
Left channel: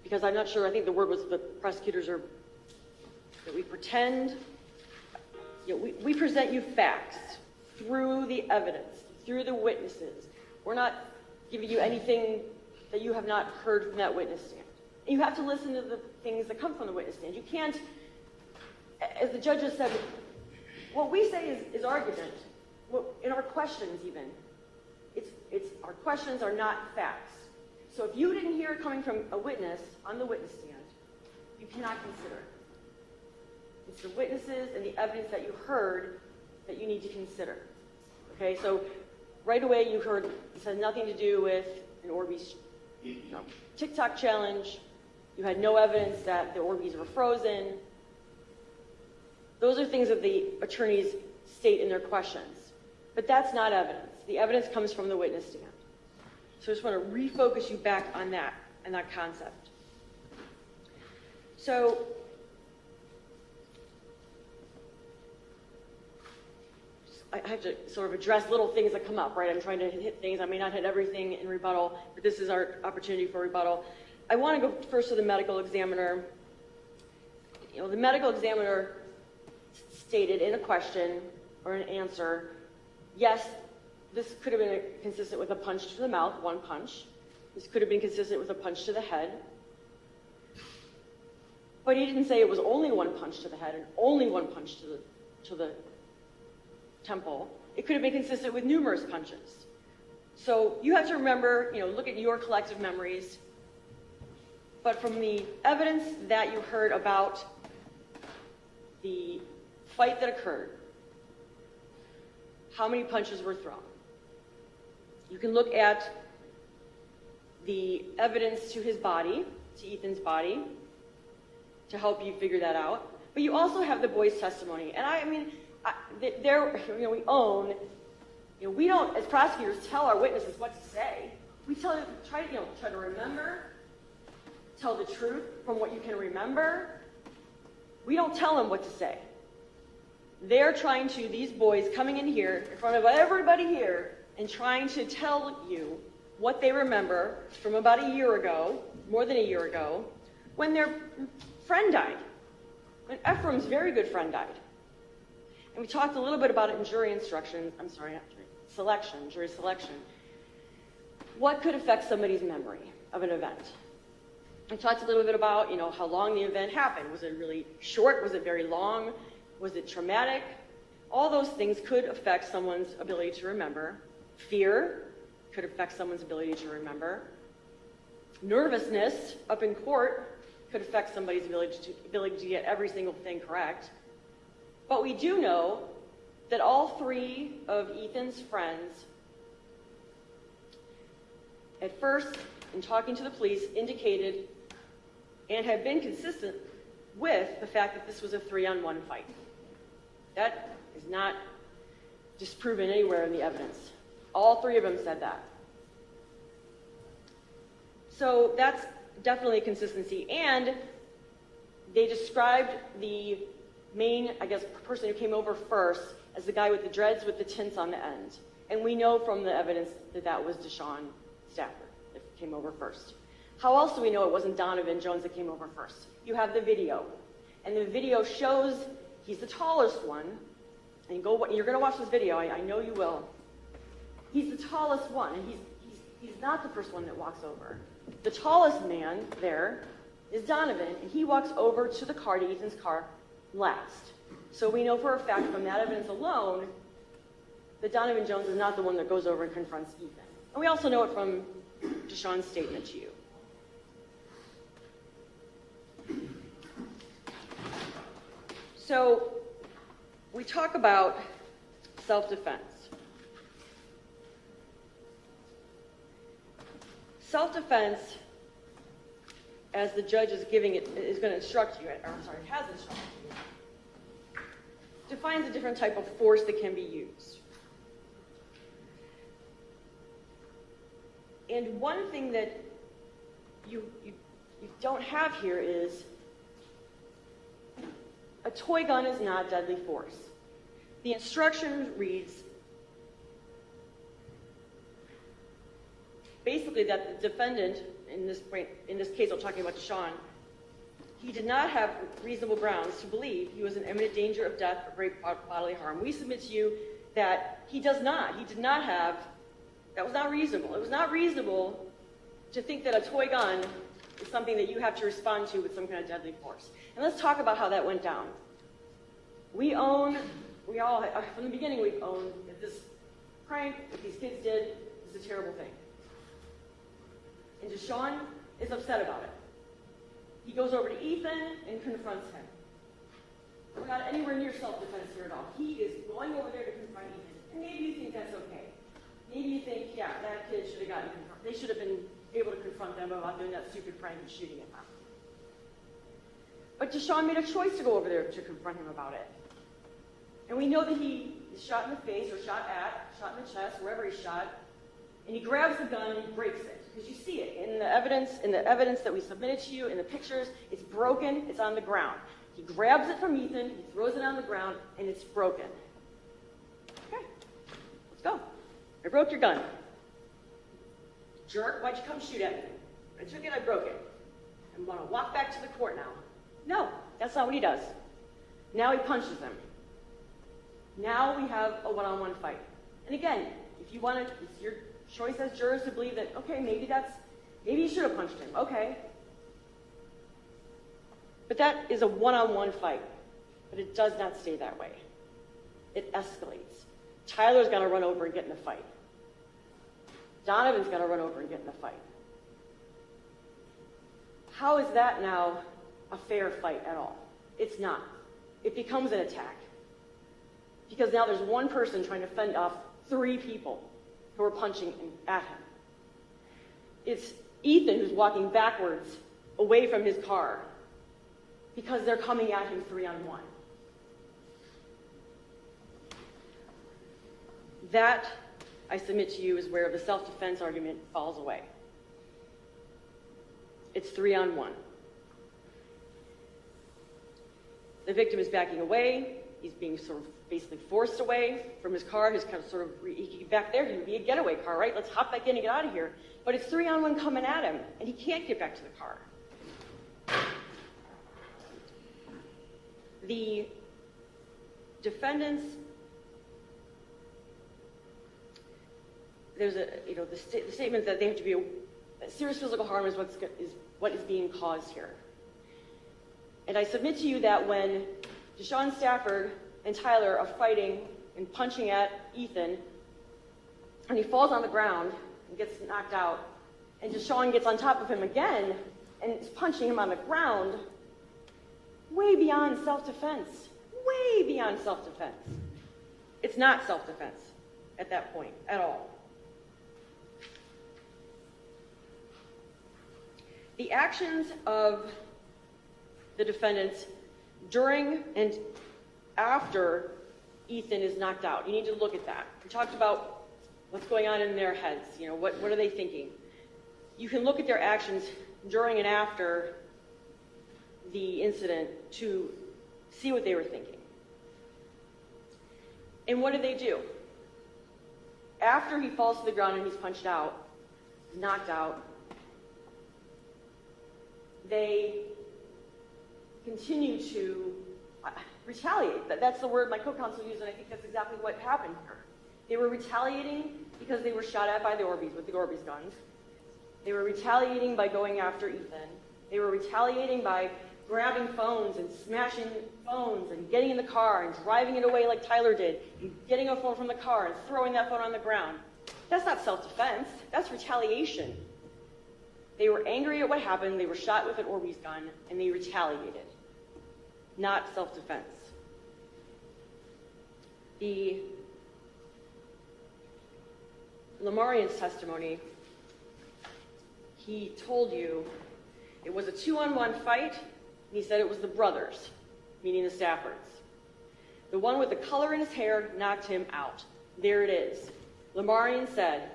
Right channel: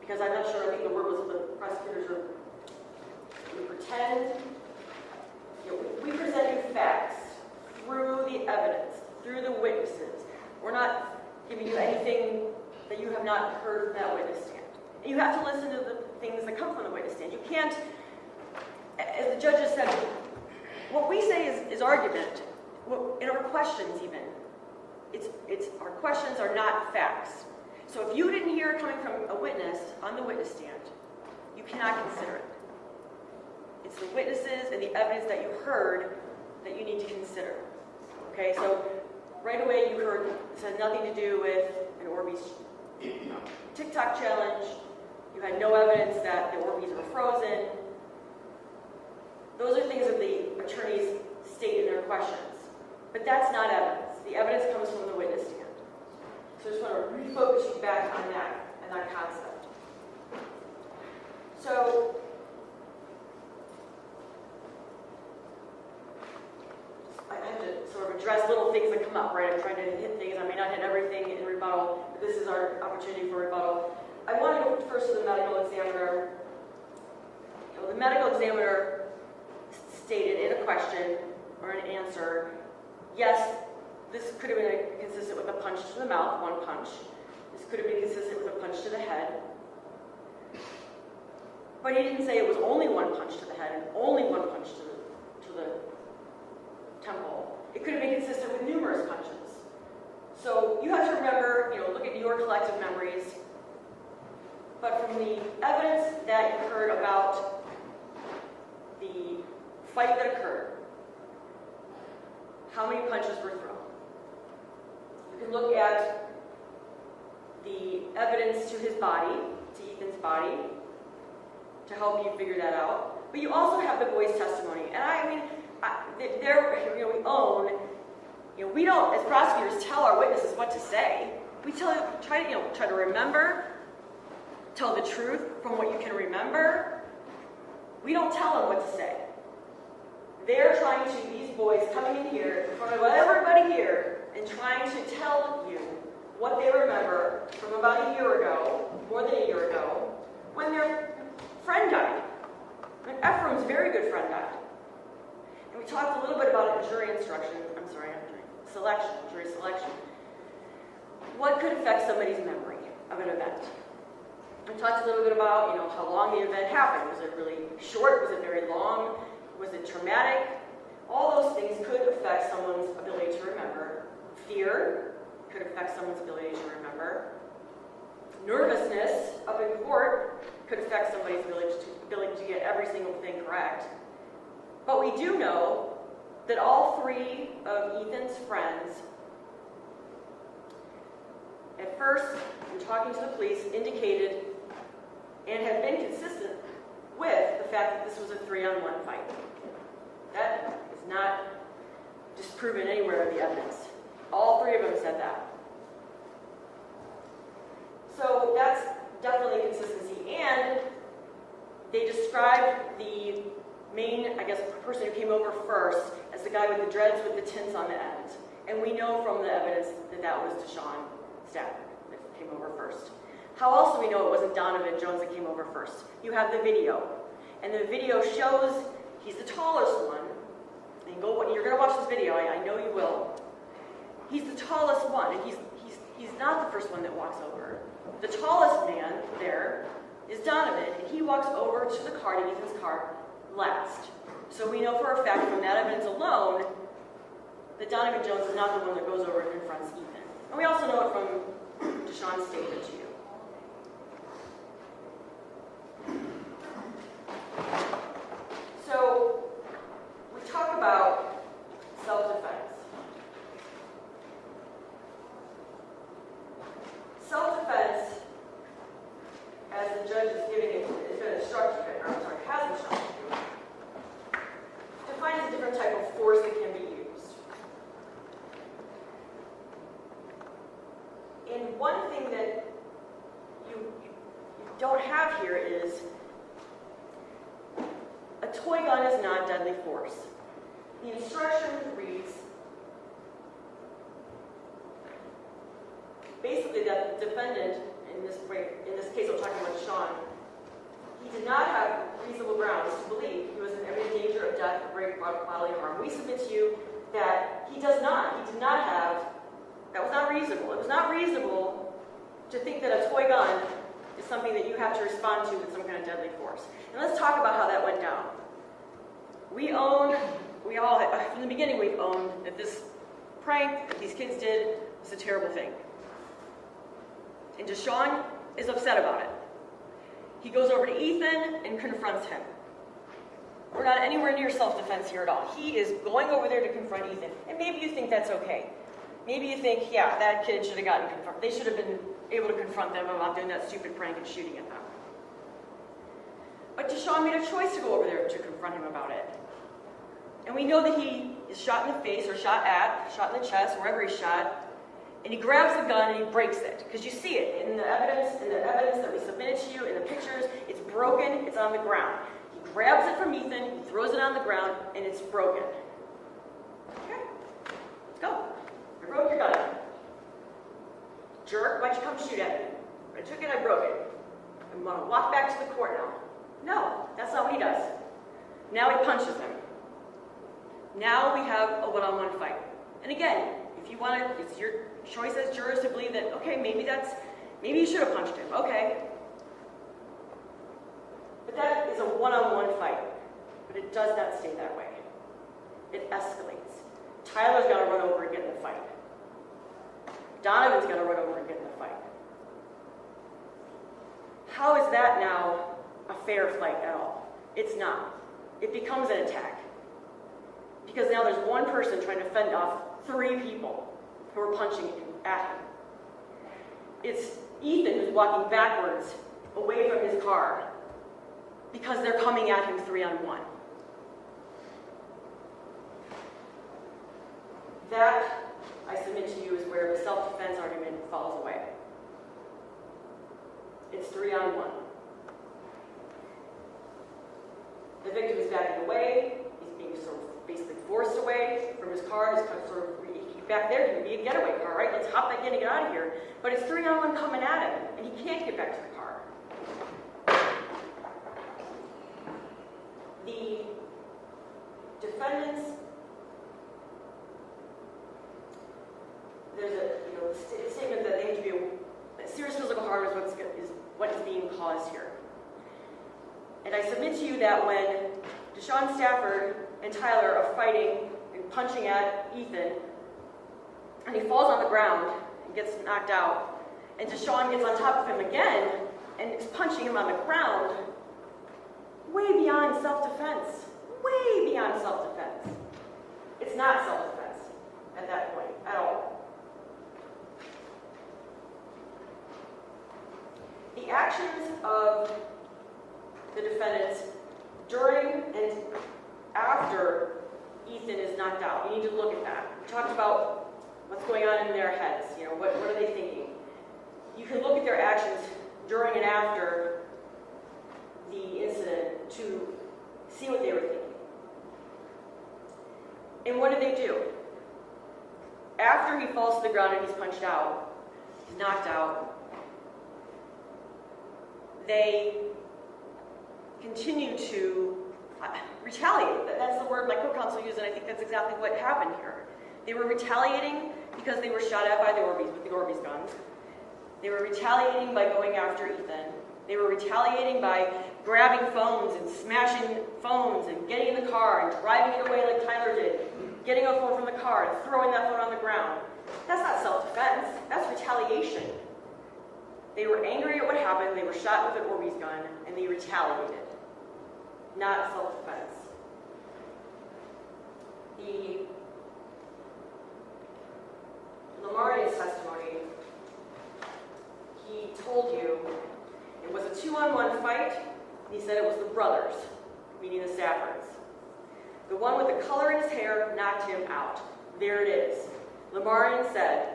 because I'm not sure, I think the word was the prosecutors are, that we pretend, we present you facts through the evidence, through the witnesses. We're not giving you anything that you have not heard from that witness stand. And you have to listen to the things that come from the witness stand. You can't, as the judge has said, what we say is argument. In our questions even, it's our questions are not facts. So if you didn't hear it coming from a witness on the witness stand, you cannot consider it. It's the witnesses and the evidence that you heard that you need to consider. Okay, so right away you heard this had nothing to do with an Orbeez TikTok challenge. You had no evidence that the Orbeez were frozen. Those are things that the attorneys state in their questions. But that's not evidence. The evidence comes from the witness stand. So I just want to refocus you back on that and that concept. So I have to sort of address little things that come up, right? I'm trying to hit things. I may not hit everything in rebuttal, but this is our opportunity for rebuttal. I want to go first to the medical examiner. The medical examiner stated in a question or an answer, yes, this could have been consistent with a punch to the mouth, one punch. This could have been consistent with a punch to the head. But he didn't say it was only one punch to the head and only one punch to the temple. It could have been consistent with numerous punches. So you have to remember, look at your collective memories. But from the evidence that you heard about the fight that occurred, how many punches were thrown? You can look at the evidence to his body, to Ethan's body, to help you figure that out. But you also have the boy's testimony. And we own You know, we don't, as prosecutors, tell our witnesses what to say. We try to remember, tell the truth from what you can remember. We don't tell them what to say. They're trying to, these boys coming in here in front of everybody here and trying to tell you what they remember from about a year ago, more than a year ago, when their friend died. When Ephraim's very good friend died. And we talked a little bit about it in jury instruction, jury selection. What could affect somebody's memory of an event? We talked a little bit about, how long the event happened. Was it really short? Was it very long? Was it traumatic? All those things could affect someone's ability to remember. Fear could affect someone's ability to remember. Nervousness up in court could affect somebody's ability to get every single thing correct. But we do know that all three of Ethan's friends, at first, in talking to the police, indicated and had been consistent with the fact that this was a 3-on-1 fight. That is not disproven anywhere in the evidence. All three of them said that. So that's definitely a consistency. And they described the main, person who came over first as the guy with the dreads with the tints on the end. And we know from the evidence that that was DeShawn Stafford that came over first. How else do we know it wasn't Donovan Jones that came over first? You have the video. And the video shows he's the tallest one. And you're going to watch this video, I know you will. He's the tallest one, and he's not the first one that walks over. The tallest man there is Donovan, and he walks over to the car, to Ethan's car, last. So we know for a fact from that evidence alone that Donovan Jones is not the one that goes over and confronts Ethan. And we also know it from DeShawn's statement to you. So we talk about self-defense. Self-defense, as the judge is giving it, is going to instruct you, has instructed you, defines a different type of force that can be used. And one thing that you don't have here is a toy gun is not deadly force. The instruction reads basically that the defendant, in this case I'm talking about Sean, he did not have reasonable grounds to believe he was in imminent danger of death or great bodily harm. We submit to you that he did not have, that was not reasonable. It was not reasonable to think that a toy gun is something that you have to respond to with some kind of deadly force. And let's talk about how that went down. We all, from the beginning, we've owned that this prank that these kids did was a terrible thing. And DeShawn is upset about it. He goes over to Ethan and confronts him. We're not anywhere near self-defense here at all. He is going over there to confront Ethan. And maybe you think that's okay. Maybe you think, yeah, that kid should have gotten confronted. They should have been able to confront them about doing that stupid prank and shooting at them. But DeShawn made a choice to go over there to confront him about it. And we know that he is shot in the face or shot in the chest, wherever he's shot, and he grabs the gun and he breaks it. Because you see it in the evidence that we submitted to you, in the pictures, it's broken, it's on the ground. He grabs it from Ethan, he throws it on the ground, and it's broken. Okay, let's go. I broke your gun. Jerk, why'd you come shoot at me? I took it, I broke it. I want to walk back to the court now. No, that's not what he does. Now he punches him. Now we have a one-on-one fight. And again, if you want it, it's your choice as jurors to believe that, okay, maybe you should have punched him, okay. But that is a one-on-one fight. But it does not stay that way. It escalates. Tyler's got to run over and get in the fight. Donovan's got to run over and get in the fight. How is that now a fair fight at all? It's not. It becomes an attack. Because now there's one person trying to fend off 3 people who are punching at him. It's Ethan who's walking backwards away from his car because they're coming at him 3-on-1. That, I submit to you, is where the self-defense argument falls away. It's 3-on-1. The victim is backing away. He's being sort of basically forced away from his car. He's kind of sort of, he can get back there. It can be a getaway car, right? Let's hop back in and get out of here. But it's 3-on-1 coming at him, and he can't get back to the car. The defendants, there's the statement that they have to be, that serious physical harm is what is being caused here. And I submit to you that when DeShawn Stafford and Tyler are fighting and punching at Ethan, and he falls on the ground and gets knocked out, and DeShawn gets on top of him again and is punching him on the ground, way beyond self-defense. Way beyond self-defense. It's not self-defense at that point at all. The actions of the defendants during and after Ethan is knocked out, you need to look at that. We talked about what's going on in their heads. What are they thinking? You can look at their actions during and after the incident to see what they were thinking. And what do? After he falls to the ground and he's punched out, he's knocked out, they continue to retaliate. That's the word my co-counsel used, and I think that's exactly what happened here. They were retaliating because they were shot at by the Orbeez with the Orbeez guns. They were retaliating by going after Ethan. They were retaliating by grabbing phones and smashing phones and getting in the car and driving it away like Tyler did, and getting a phone from the car and throwing that phone on the ground. That's not self-defense. That's retaliation. They were angry at what happened. They were shot with an Orbeez gun, and they retaliated. Not self-defense. The Lamarian's testimony, he told you it was a 2-on-1 fight. He said it was the brothers, meaning the Staffords. The one with the color in his hair knocked him out. There it is. Lamarian said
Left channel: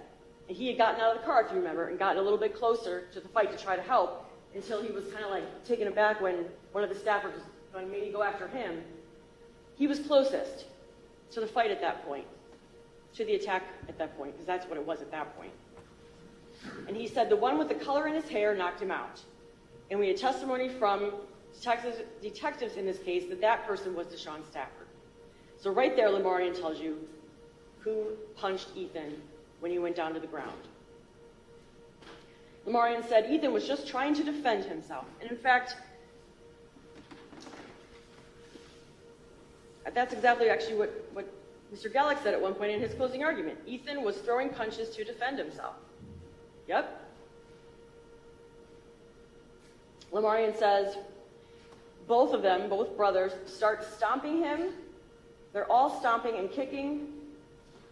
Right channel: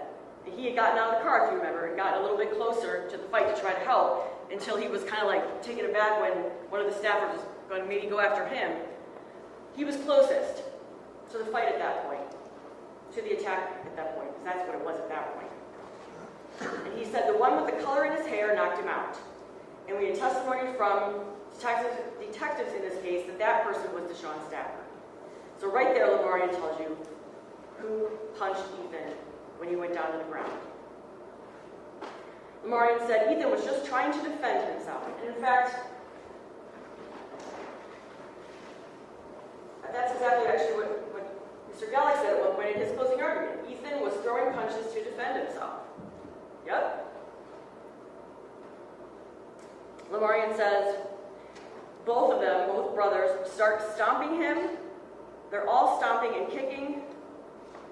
that he had gotten out of the car, if you remember, and gotten a little bit closer to the fight to try to help until he was kind of like taken aback when one of the Staffords was going to maybe go after him. He was closest to the fight at that point, to the attack at that point, because that's what it was at that point. And he said the one with the color in his hair knocked him out. And we had testimony from detectives in this case that that person was DeShawn Stafford. So right there, Lamarian tells you who punched Ethan when he went down to the ground. Lamarian said Ethan was just trying to defend himself. And in fact, that's exactly actually what Mr. Gallagher said at one point in his closing argument. Ethan was throwing punches to defend himself. Yep. Lamarian says both of them, both brothers, start stomping him. They're all stomping and kicking,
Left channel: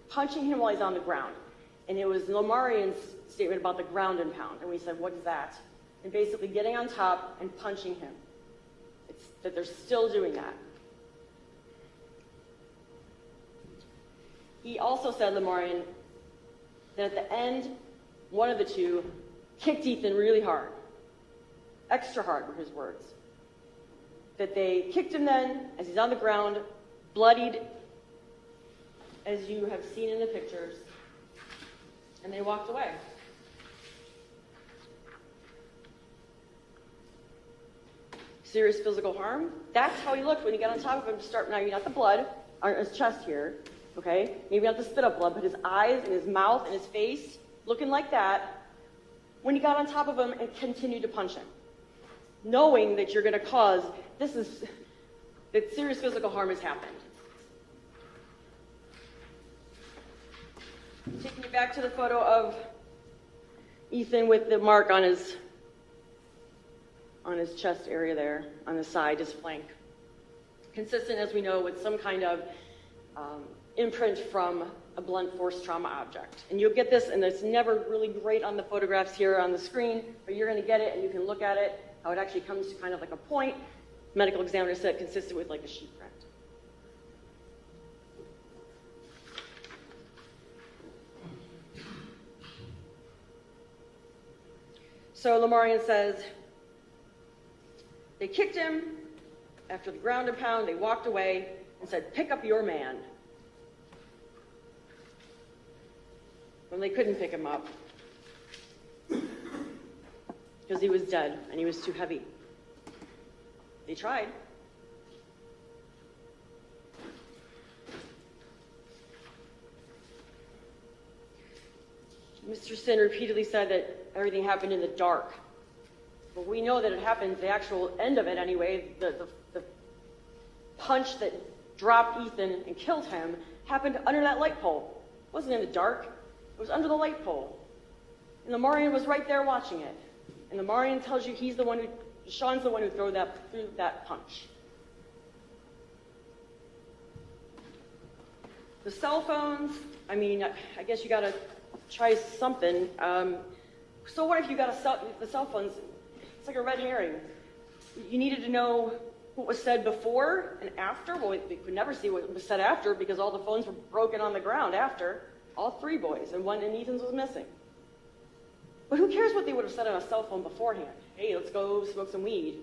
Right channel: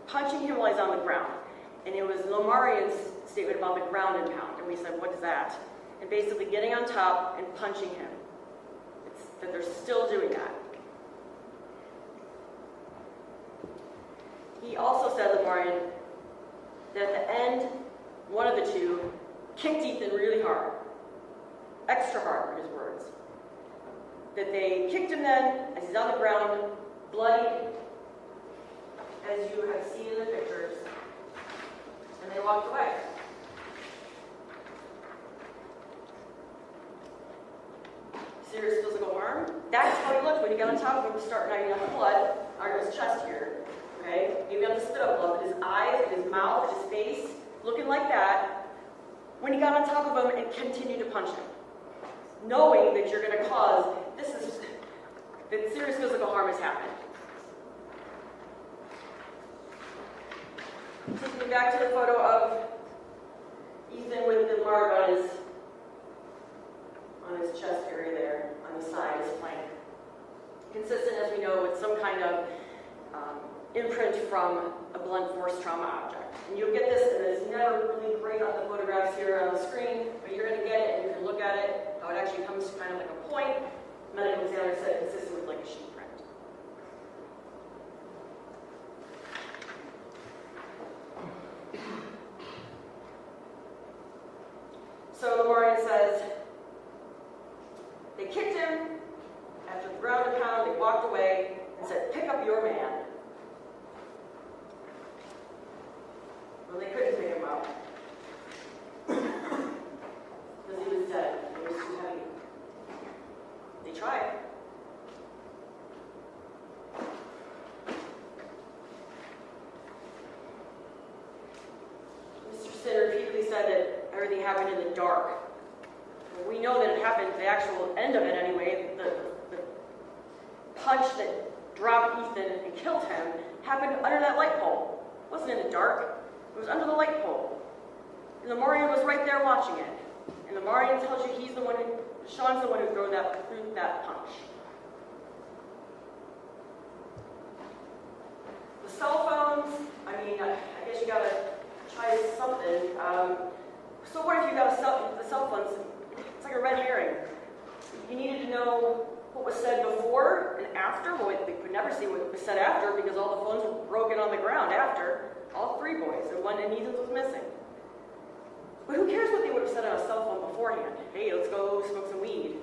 punching him while he's on the ground. And it was Lamarian's statement about the ground and pound. And we said, what is that? And basically getting on top and punching him. That they're still doing that. He also said, Lamarian, that at the end, one of the two kicked Ethan really hard. Extra hard were his words. That they kicked him then, as he's on the ground, bloodied, as you have seen in the pictures, and they walked away. Serious physical harm. That's how he looked when he got on top of him to start knocking out the blood on his chest here. Okay? He got the spit up blood, but his eyes and his mouth and his face looking like that when he got on top of him and continued to punch him. Knowing that you're going to cause, that serious physical harm has happened. Taking me back to the photo of Ethan with the mark on his chest area there, on the side, his flank. Consistent, as we know, with some kind of imprint from a blunt force trauma object. And you'll get this, and it's never really great on the photographs here on the screen, but you're going to get it, and you can look at it, how it actually comes to kind of like a point. Medical examiner said consistent with like a sheet print. kicked him. After the ground and pound, they walked away and said, "Pick up your man." Well, they couldn't pick him up because he was dead and he was too heavy. They tried. Mr. Sin repeatedly said that everything happened in the dark. We know that it happened, the actual end of it anyway, the punch that dropped Ethan and killed him happened under that light pole. It wasn't in the dark, it was under the light pole. And the Marion was right there watching it. And the Marion tells you DeShawn's the one who threw that punch. The cell phones, I mean, I guess you gotta try something. So what if you got the cell phones? It's like a red herring. You needed to know what was said before and after. Well, we could never see what was said after because all the phones were broken on the ground after. All three boys, and Ethan's was missing. But who cares what they would have said on a cell phone beforehand? Hey, let's go smoke some weed.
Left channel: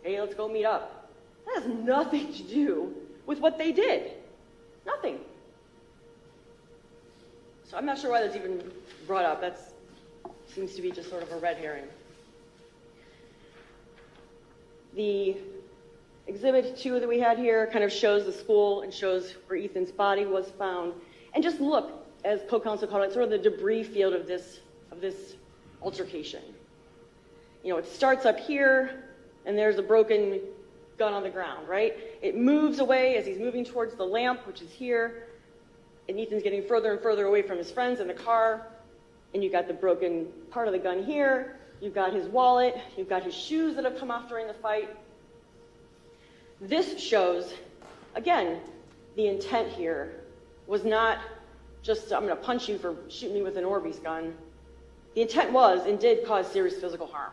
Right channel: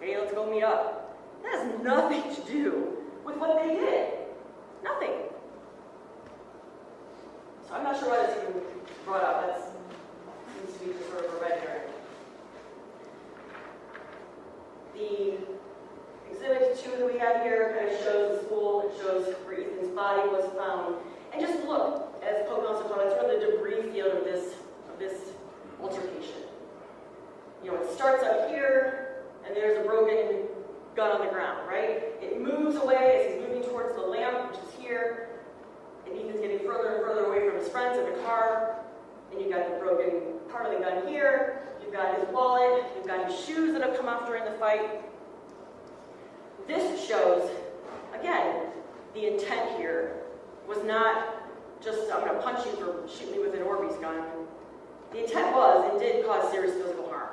Hey, let's go meet up. That has nothing to do with what they did. Nothing. So I'm not sure why that's even brought up. That seems to be just sort of a red herring. The exhibit 2 that we had here kind of shows the school and shows where Ethan's body was found. And just look, as co-counsel called it, sort of the debris field of this altercation. You know, it starts up here, and there's a broken gun on the ground, right? It moves away as he's moving towards the lamp, which is here, and Ethan's getting further and further away from his friends in the car, and you've got the broken part of the gun here, you've got his wallet, you've got his shoes that have come off during the fight. This shows, again, the intent here was not just, I'm going to punch you for shooting me with an Orbeez gun. The intent was and did cause serious physical harm.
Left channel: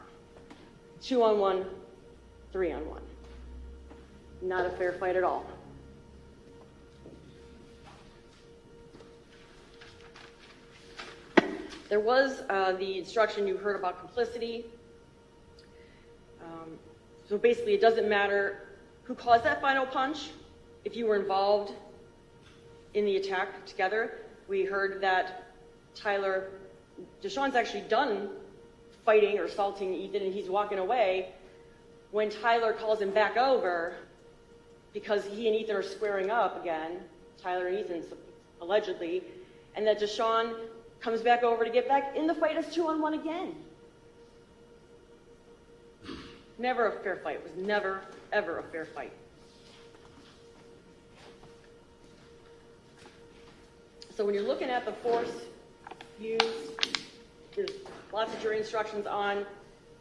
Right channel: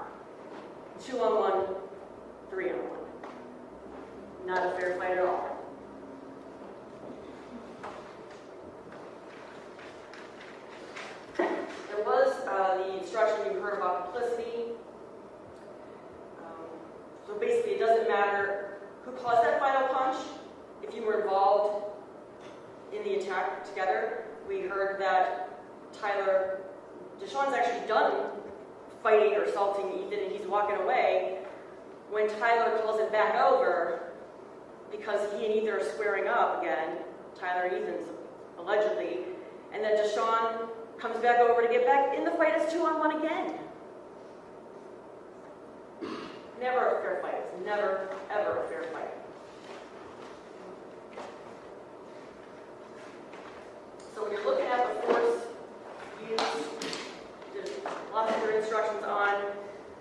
2-on-1, 3-on-1. Not a fair fight at all. There was the instruction you heard about complicity. So basically, it doesn't matter who caused that final punch. If you were involved in the attack together, we heard that DeShawn's actually done fighting or assaulting Ethan, and he's walking away when Tyler calls him back over because he and Ethan are squaring up again, Tyler and Ethan's allegedly, and that DeShawn comes back over to get back in the fight as 2-on-1 again. Never a fair fight. It was never, ever a fair fight. So when you're looking at the force used, there's lots of jury instructions on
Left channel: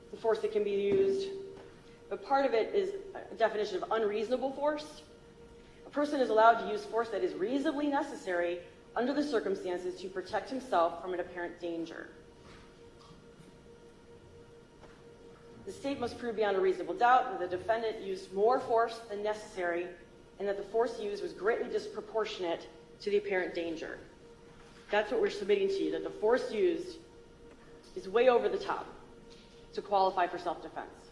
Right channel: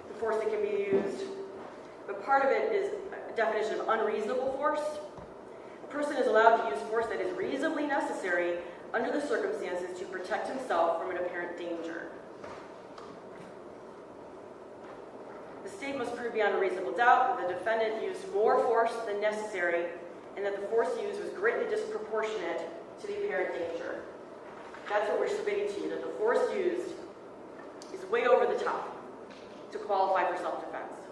the force that can be used, but part of it is a definition of unreasonable force. A person is allowed to use force that is reasonably necessary under the circumstances to protect himself from an apparent danger. The state must prove beyond a reasonable doubt that the defendant used more force than necessary and that the force used was greatly disproportionate to the apparent danger. That's what we're submitting to you, that the force used is way over the top to qualify for self-defense.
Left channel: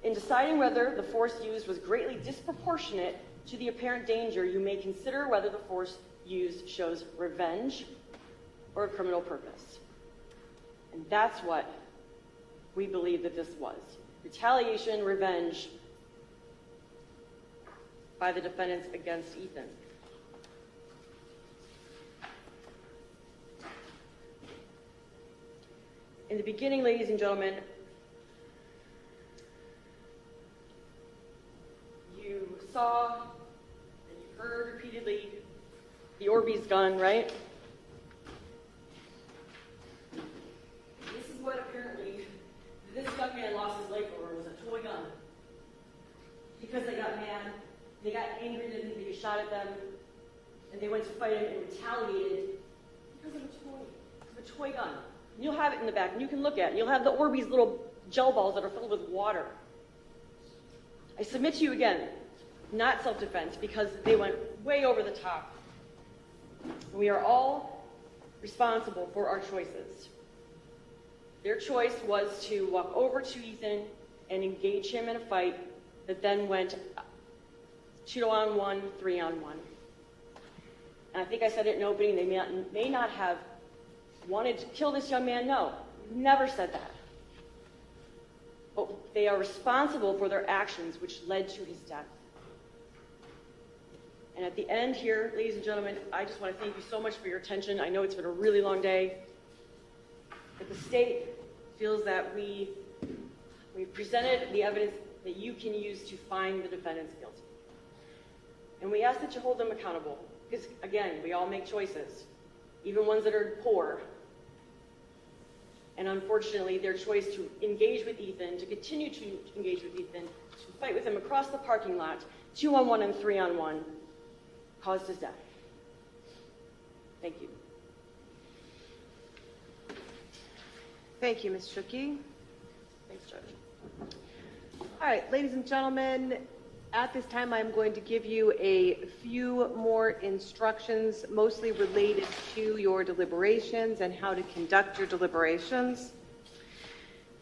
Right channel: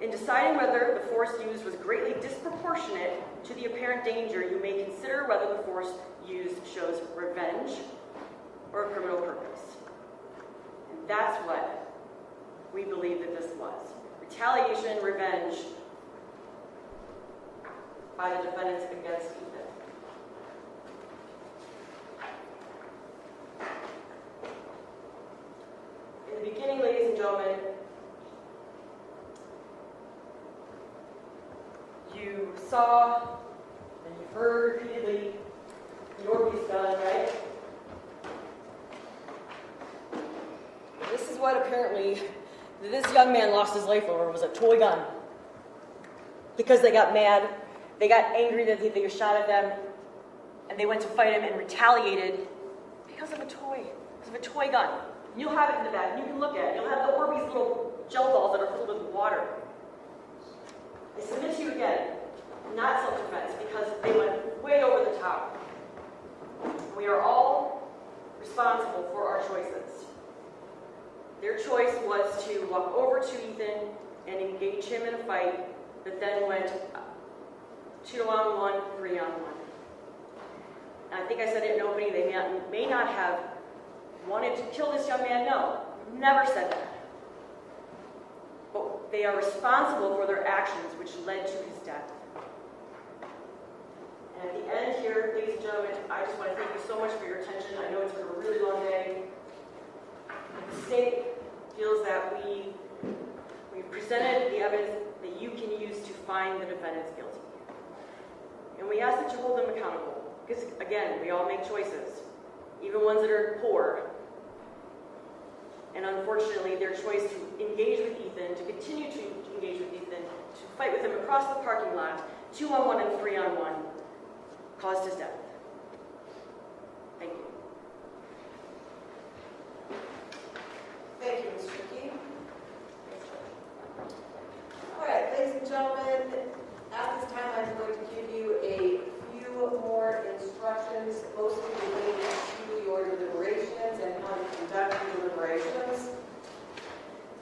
In deciding whether the force used was greatly disproportionate to the apparent danger, you may consider whether the force used shows revenge or a criminal purpose. And that's what we believe that this was. Retaliation, revenge by the defendants against Ethan. In the beginning, ladies and gentlemen, you saw and you heard repeatedly the Orbeez gun, right? This is what apparently this young man lost his life over, was a toy gun. Because they got mad, they got angry that they shot at them, and they went to fight him and retaliated because of a toy gun. You'll have it in the back, and you can look at it. You'll have the Orbeez little gel balls that are filled with water. I submit to you again, not self-defense, because they went way over the top. We are all responsible for our choices. Their choice was to walk over to Ethan, and engaged him in a fight that then went 2-on-1, 3-on-1. And I think I said it in opening, they may not have wanted to kill this young man. No, never said that. But they are responsible for their actions, which led to his death. And at the end here, ladies and gentlemen, I just want to thank you so much for your attention. I know it's been a really long day. The state feels that we presented the evidence that you can use to find the defendants guilty. And we ask that you hold them accountable. Because, again, we all make choices, even ones that are poor. And unfortunately, their choice to engage with Ethan, to continue to engage with Ethan, to fight with him across the parking lot, 2-on-1 and 3-on-1, caused his death. Thank you. Thank you, Ms. Trickey. All right, ladies and gentlemen, at this time I'm going to give you a few more instructions, mostly related to your deliberations and how to conduct your deliberations.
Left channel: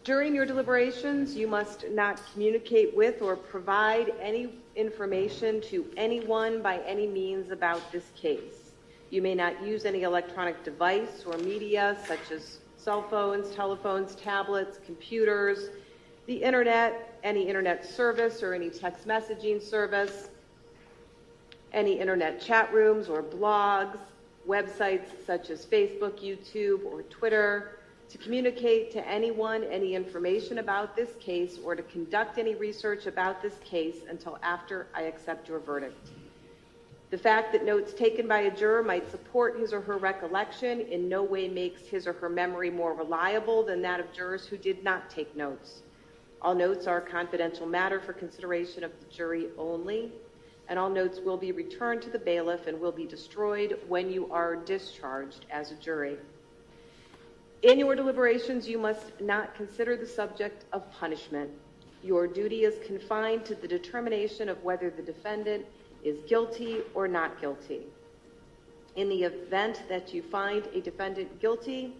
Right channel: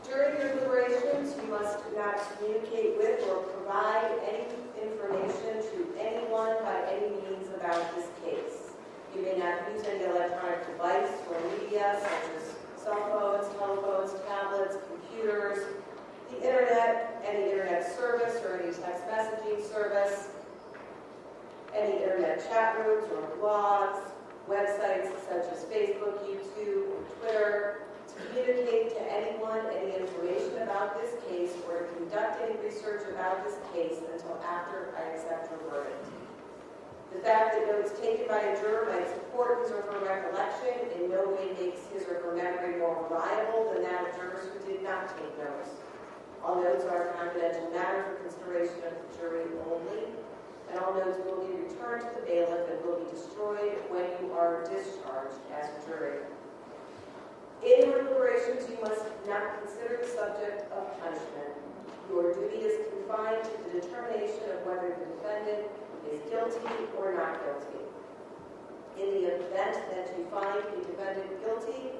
During your deliberations, you must not communicate with or provide any information to anyone by any means about this case. You may not use any electronic device or media such as cell phones, telephones, tablets, computers, the internet, any internet service or any text messaging service, any internet chat rooms or blogs, websites such as Facebook, YouTube, or Twitter, to communicate to anyone any information about this case or to conduct any research about this case until after I accept your verdict. The fact that notes taken by a juror might support his or her recollection in no way makes his or her memory more reliable than that of jurors who did not take notes. All notes are a confidential matter for consideration of the jury only, and all notes will be returned to the bailiff and will be destroyed when you are discharged as a jury. In your deliberations, you must not consider the subject of punishment. Your duty is confined to the determination of whether the defendant is guilty or not guilty. In the event that you find a defendant guilty,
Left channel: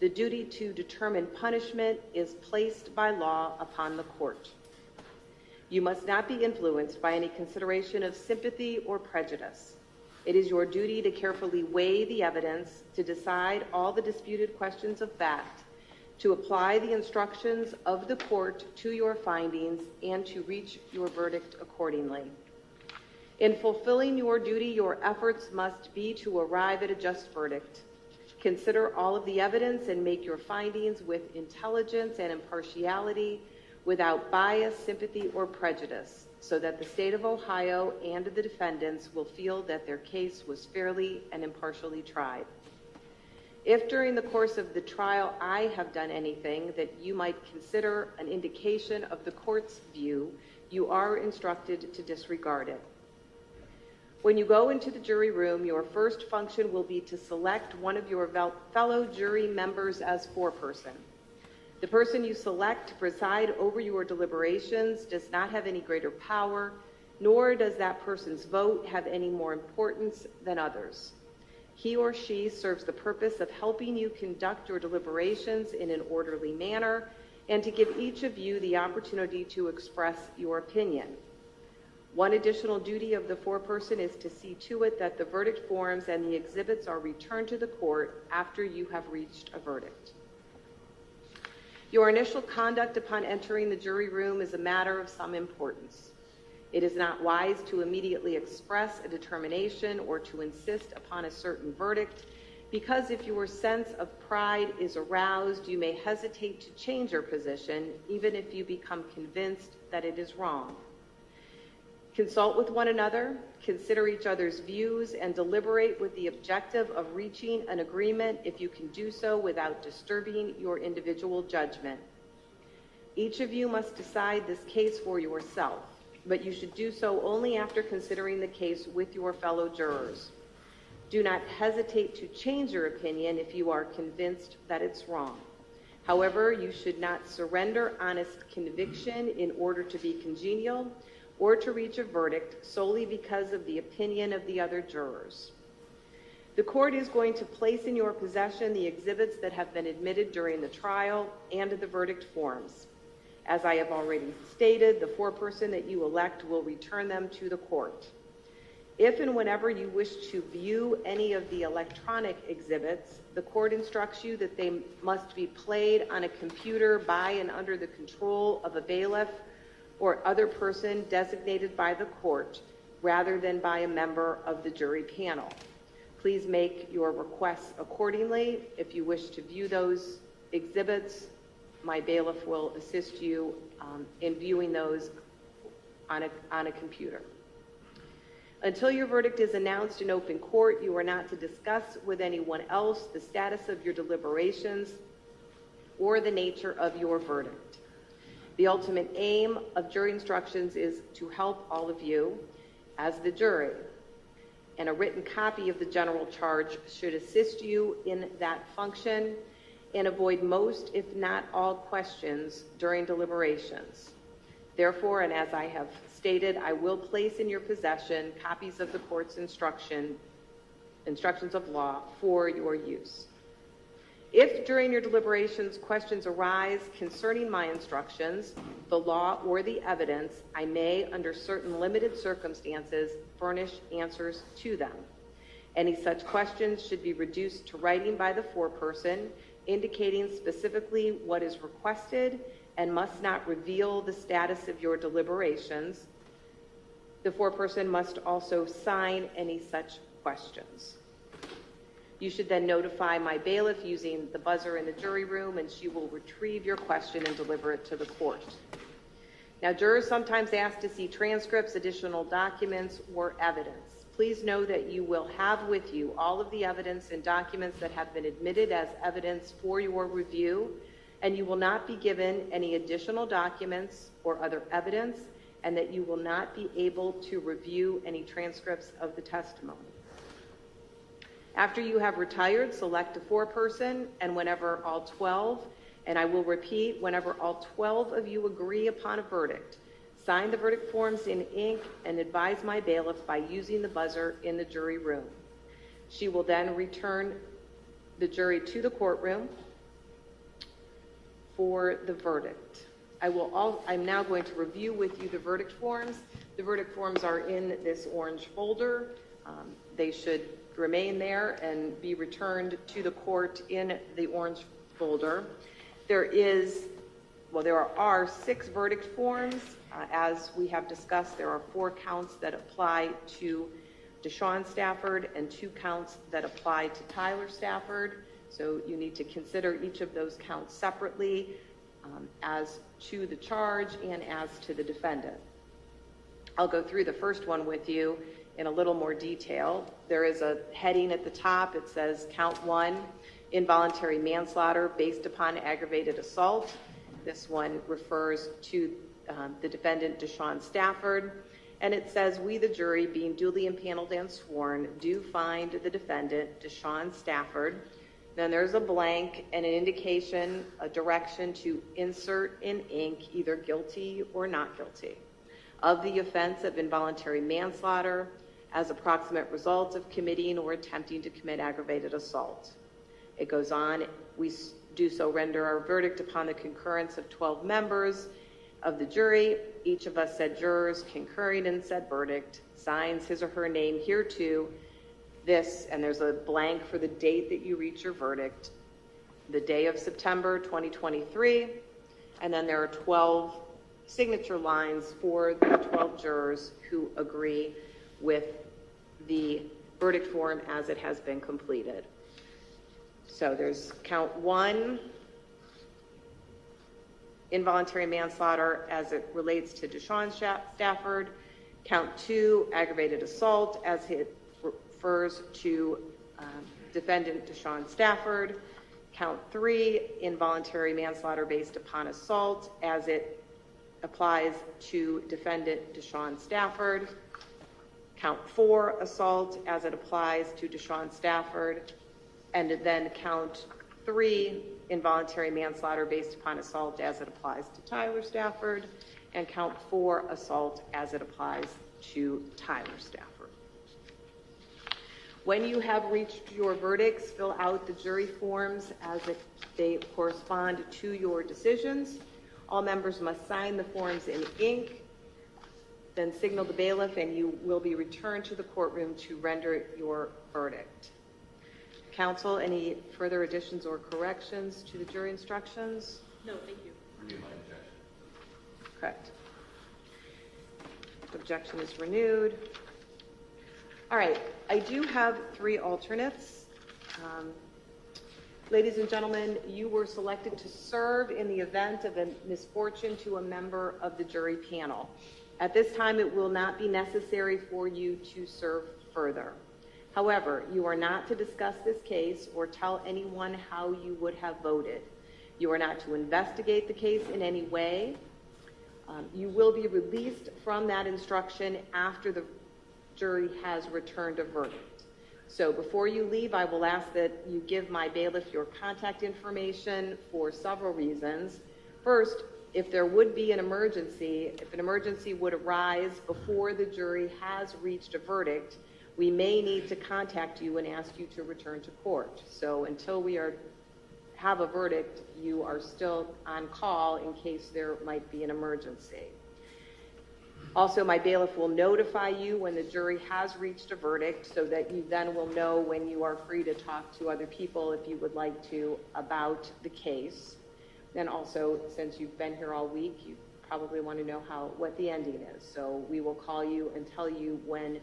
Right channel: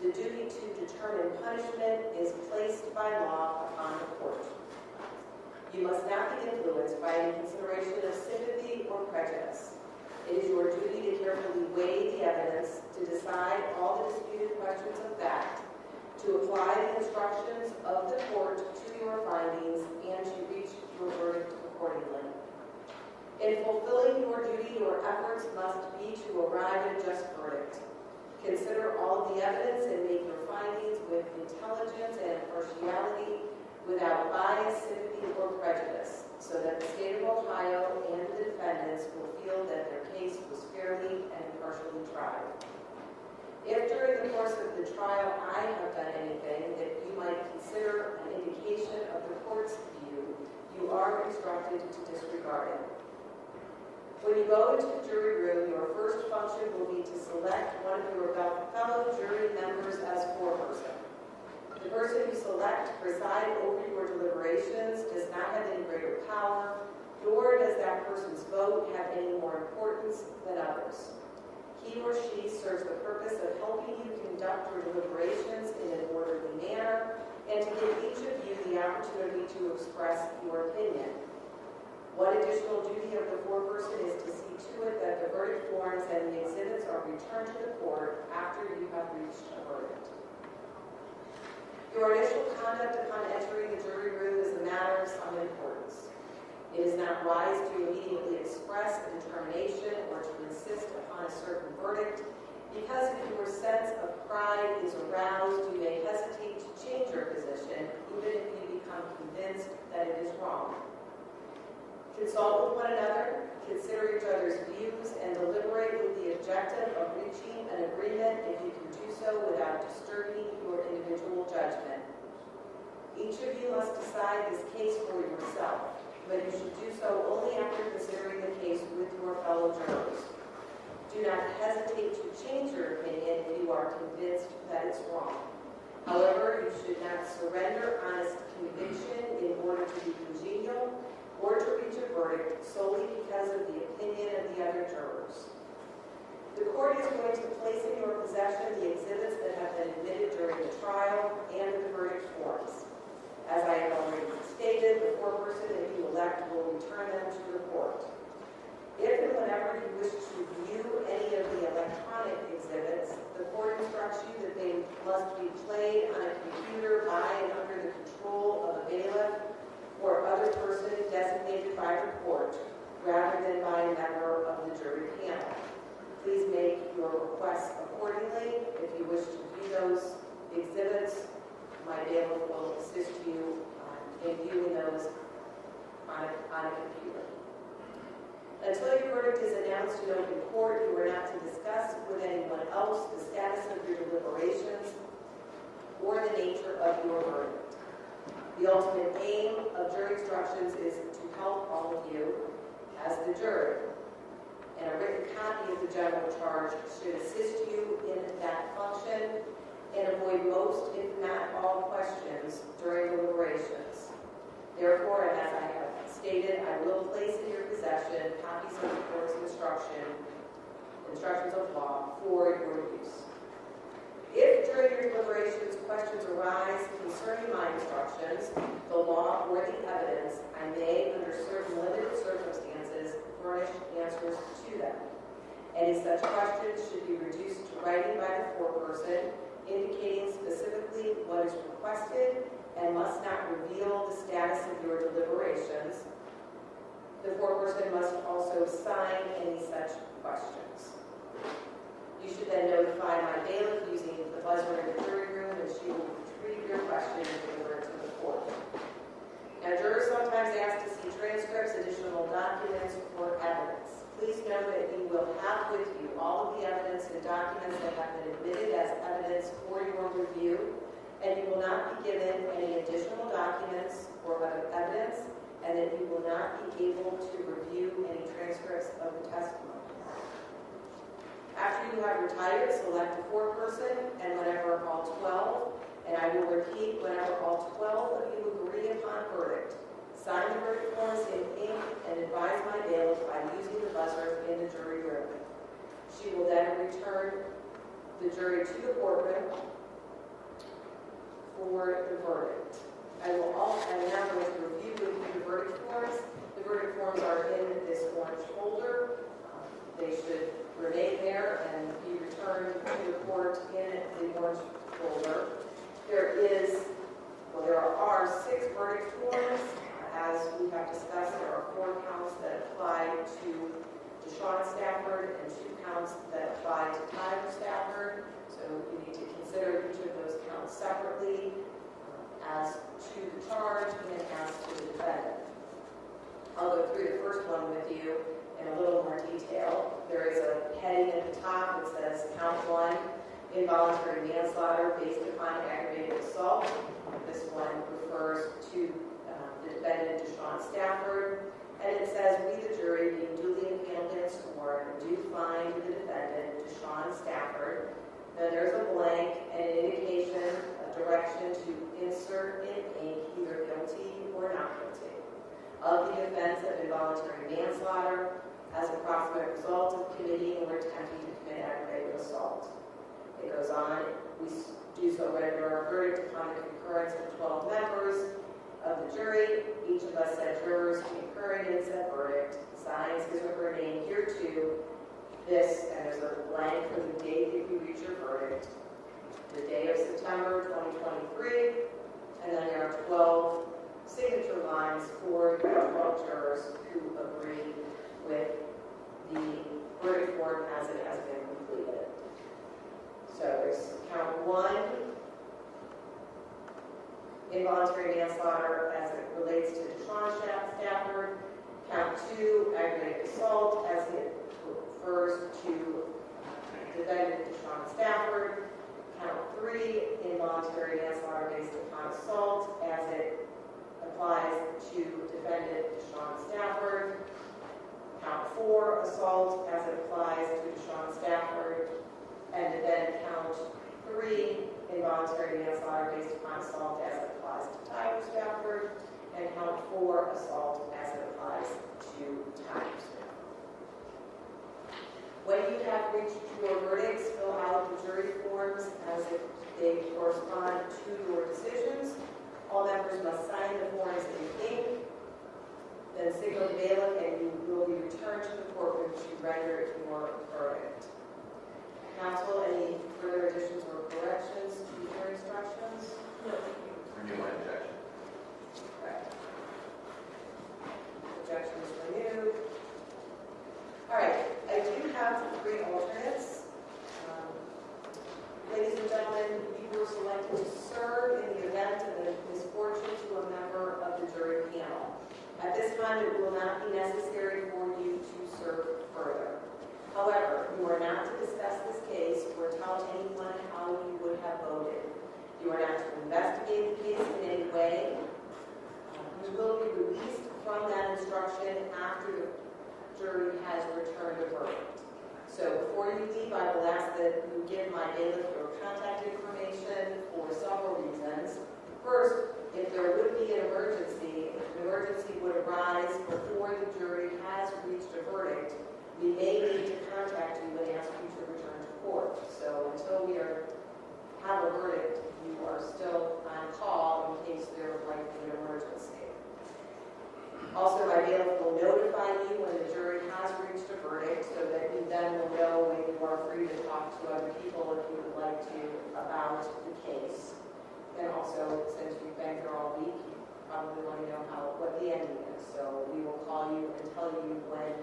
the duty to determine punishment is placed by law upon the court. You must not be influenced by any consideration of sympathy or prejudice. It is your duty to carefully weigh the evidence, to decide all the disputed questions of fact, to apply the instructions of the court to your findings, and to reach your verdict accordingly. In fulfilling your duty, your efforts must be to arrive at a just verdict. Consider all of the evidence and make your findings with intelligence and impartiality, without bias, sympathy, or prejudice, so that the state of Ohio and the defendants will feel that their case was fairly and impartially tried. If during the course of the trial I have done anything that you might consider an indication of the court's view, you are instructed to disregard it. When you go into the jury room, your first function will be to select one of your fellow jury members as foreperson. The person you select to preside over your deliberations does not have any greater power, nor does that person's vote have any more importance than others. He or she serves the purpose of helping you conduct your deliberations in an orderly manner and to give each of you the opportunity to express your opinion. One additional duty of the foreperson is to see to it that the verdict forms and the exhibits are returned to the court after you have reached a verdict. Your initial conduct upon entering the jury room is a matter of some importance. It is not wise to immediately express a determination or to insist upon a certain verdict, because if your sense of pride is aroused, you may hesitate to change your position, even if you become convinced that it is wrong. Consult with one another, consider each other's views, and deliberate with the objective of reaching an agreement if you can do so without disturbing your individual judgment. Each of you must decide this case for yourself, but you should do so only after considering the case with your fellow jurors. Do not hesitate to change your opinion if you are convinced that it's wrong. However, you should not surrender honest conviction in order to be congenial or to reach a verdict solely because of the opinion of the other jurors. The court is going to place in your possession the exhibits that have been admitted during the trial and the verdict forms. As I have already stated, the foreperson that you elect will return them to the court. If and whenever you wish to view any of the electronic exhibits, the court instructs you that they must be played on a computer by and under the control of a bailiff or other person designated by the court, rather than by a member of the jury panel. Please make your requests accordingly. If you wish to view those exhibits, my bailiff will assist you in viewing those on a computer. Until your verdict is announced in open court, you are not to discuss with anyone else the status of your deliberations or the nature of your verdict. The ultimate aim of jury instructions is to help all of you as the jury, and a written copy of the general charge should assist you in that function and avoid most, if not all, questions during deliberations. Therefore, and as I have stated, I will place in your possession copies of the court's instructions of law for your use. If during your deliberations questions arise concerning my instructions, the law, or the evidence, I may, under certain limited circumstances, furnish answers to them. Any such questions should be reduced to writing by the foreperson, indicating specifically what is requested and must not reveal the status of your deliberations. The foreperson must also sign any such questions. You should then notify my bailiff using the buzzer in the jury room, and she will retrieve your question and deliver it to the court. Now, jurors sometimes ask to see transcripts, additional documents, or evidence. Please know that you will have with you all of the evidence and documents that have been admitted as evidence for your review, and you will not be given any additional documents or other evidence, and that you will not be able to review any transcripts of the testimony. After you have retired, select a foreperson, and whenever all 12, and I will repeat, whenever all 12 of you agree upon a verdict, sign the verdict forms in ink and advise my bailiff by using the buzzer in the jury room. She will then return the jury to the courtroom for the verdict. I'm now going to review with you the verdict forms. The verdict forms are in this orange folder. They should remain there and be returned to the court in the orange folder. There are 6 verdict forms. As we have discussed, there are 4 counts that apply to DeShawn Stafford and 2 counts that apply to Tyler Stafford. So you need to consider each of those counts separately as to the charge and as to the defendant. I'll go through the first one with you in a little more detail. There is a heading at the top. It says count 1, involuntary manslaughter based upon aggravated assault. This one refers to the defendant, DeShawn Stafford. And it says, we, the jury, being duly impaneled and sworn, do find the defendant, DeShawn Stafford. Then there's a blank and an indication, a direction to insert in ink either guilty or not guilty of the offense of involuntary manslaughter as approximate result of committing or attempting to commit aggravated assault. It goes on, we do so render our verdict upon the concurrence of 12 members of the jury. Each of us said jurors concurring in said verdict signs his or her name hereto. This, and there's a blank for the date that you reach your verdict, the day of September 2023, and then there are 12 signature lines for the 12 jurors who agree with the verdict form as it has been completed. So there's count 1, involuntary manslaughter as it relates to DeShawn Stafford. Count 2, aggravated assault as it refers to defendant DeShawn Stafford. Count 3, involuntary manslaughter based upon assault as it applies to defendant DeShawn Stafford. Count 4, assault as it applies to DeShawn Stafford. And then count 3, involuntary manslaughter based upon assault as it applies to Tyler Stafford. And count 4, assault as it applies to Tyler Stafford. When you have reached your verdicts, fill out the jury forms as they correspond to your decisions. All members must sign the forms in ink, then signal the bailiff, and you will be returned to the courtroom to render your verdict. Counsel, any further additions or corrections to the jury instructions? No, thank you. Renew my objection. Correct. Objection is renewed. All right, I do have 3 alternates. Ladies and gentlemen, you were selected to serve in the event of a misfortune to a member of the jury panel. At this time, it will not be necessary for you to serve further. However, you are not to discuss this case or tell anyone how you would have voted. You are not to investigate the case in any way. You will be released from that instruction after the jury has returned a verdict. So before you leave, I will ask that you give my bailiff your contact information for several reasons. First, if there would be an emergency, if an emergency would arise before the jury has reached a verdict, we may need to contact you and ask you to return to court. So until we have a verdict, you are still on call in case there might be an emergency. Also, my bailiff will notify you when the jury has reached a verdict so that you then will know when you are free to talk to other people if you would like to about the case. And also, since you've been here all week, you probably want to know what the ending is. So we will call you and tell you when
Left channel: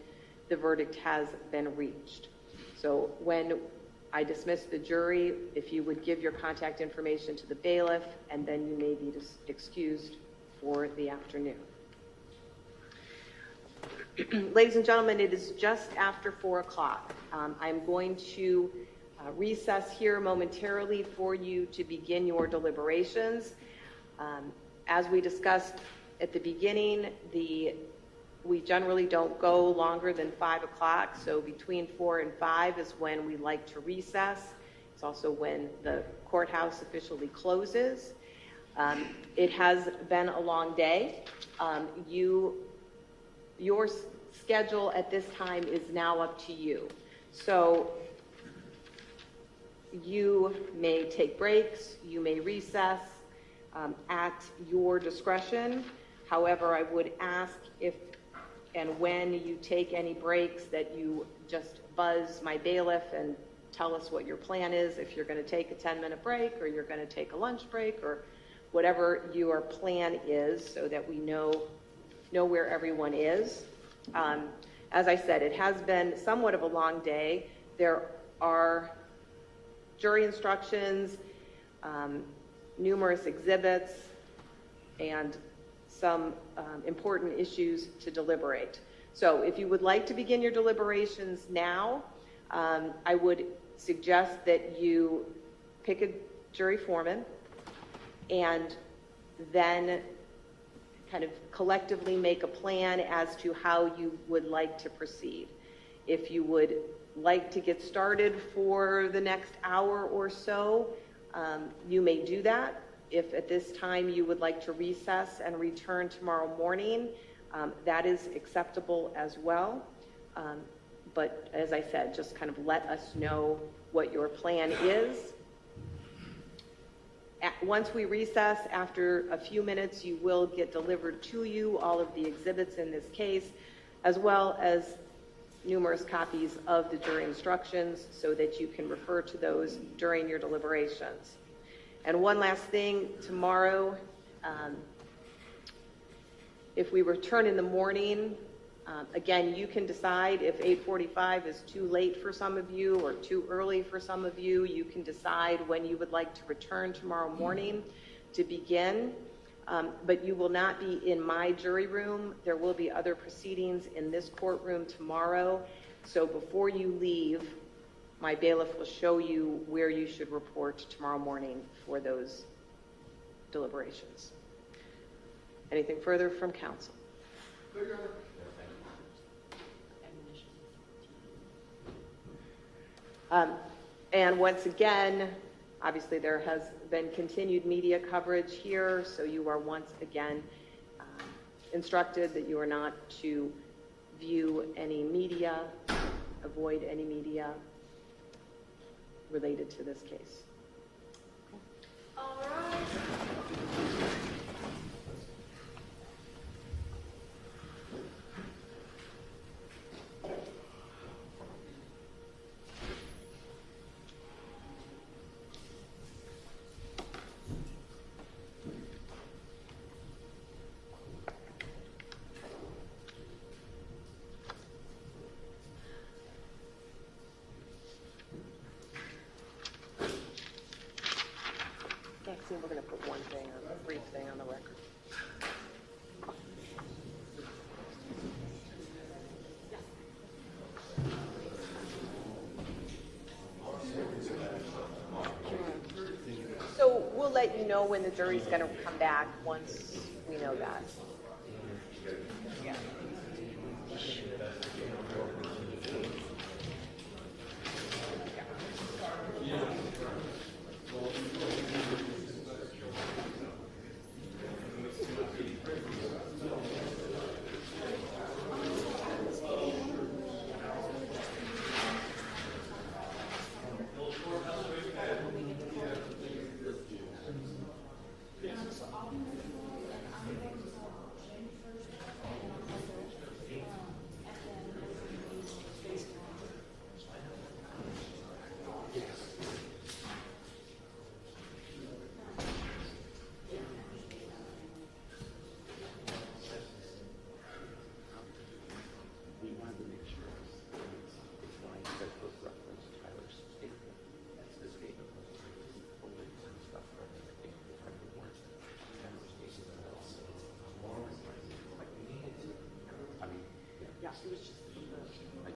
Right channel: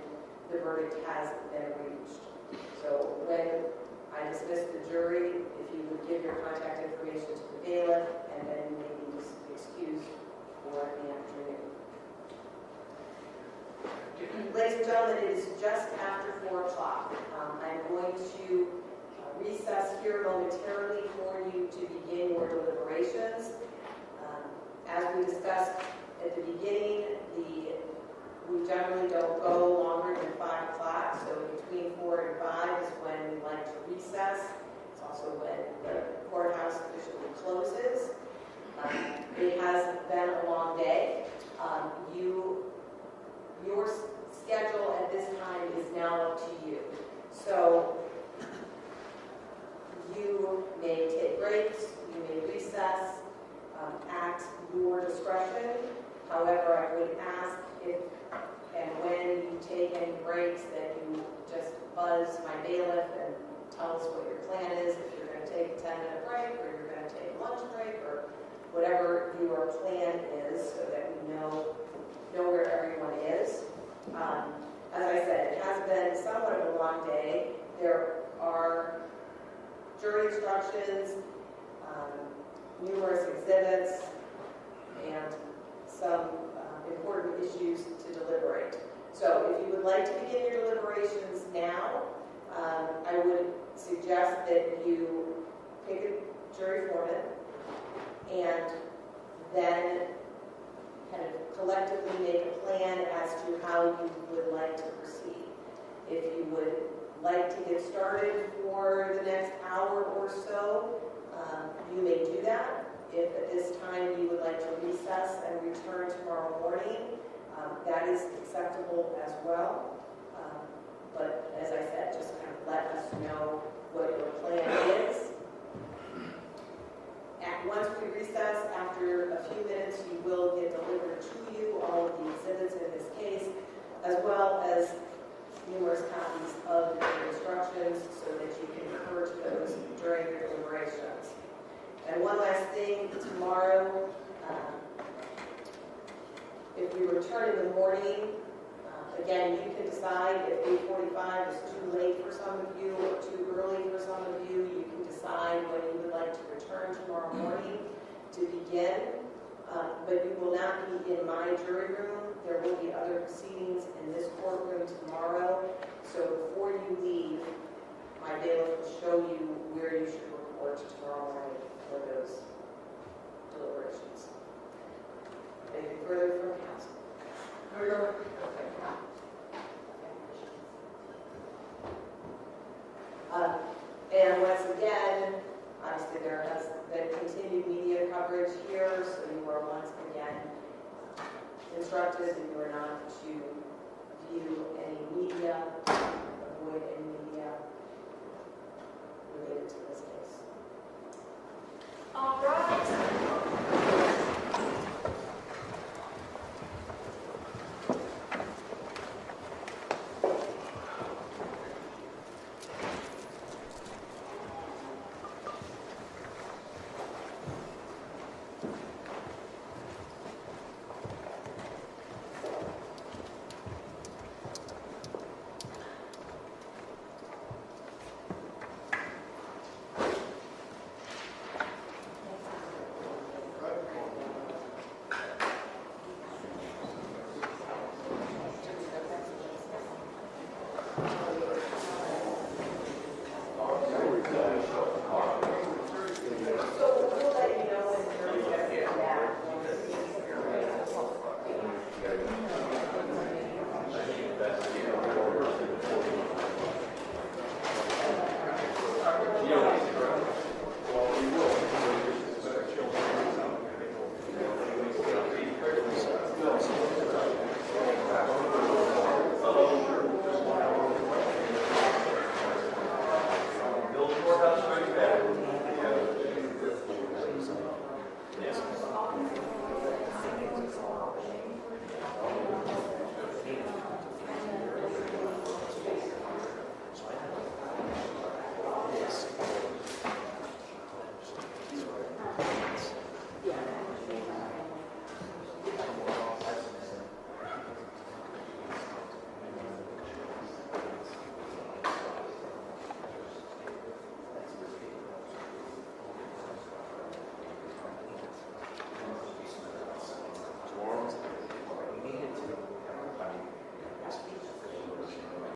the verdict has been reached. So when I dismiss the jury, if you would give your contact information to the bailiff, and then you may be excused for the afternoon. Ladies and gentlemen, it is just after 4 o'clock. I'm going to recess here momentarily for you to begin your deliberations. As we discussed at the beginning, we generally don't go longer than 5 o'clock, so between 4 and 5 is when we like to recess. It's also when the courthouse officially closes. It has been a long day. Your schedule at this time is now up to you. So you may take breaks, you may recess at your discretion. However, I would ask if and when you take any breaks that you just buzz my bailiff and tell us what your plan is, if you're going to take a 10-minute break or you're going to take a lunch break or whatever your plan is so that we know where everyone is. As I said, it has been somewhat of a long day. There are jury instructions, numerous exhibits, and some important issues to deliberate. So if you would like to begin your deliberations now, I would suggest that you pick a jury foreman and then kind of collectively make a plan as to how you would like to proceed. If you would like to get started for the next hour or so, you may do that. If at this time you would like to recess and return tomorrow morning, that is acceptable as well. But as I said, just kind of let us know what your plan is. Once we recess, after a few minutes, you will get delivered to you all of the exhibits in this case, as well as numerous copies of the jury instructions so that you can refer to those during your deliberations. And one last thing, tomorrow, if we return in the morning, again, you can decide if 8:45 is too late for some of you or too early for some of you. You can decide when you would like to return tomorrow morning to begin. But you will not be in my jury room. There will be other proceedings in this courtroom tomorrow. So before you leave, my bailiff will show you where you should report tomorrow morning for those deliberations. Anything further from counsel? And once again, obviously there has been continued media coverage here, so you are once again instructed that you are not to view any media, avoid any media related to this case. All right.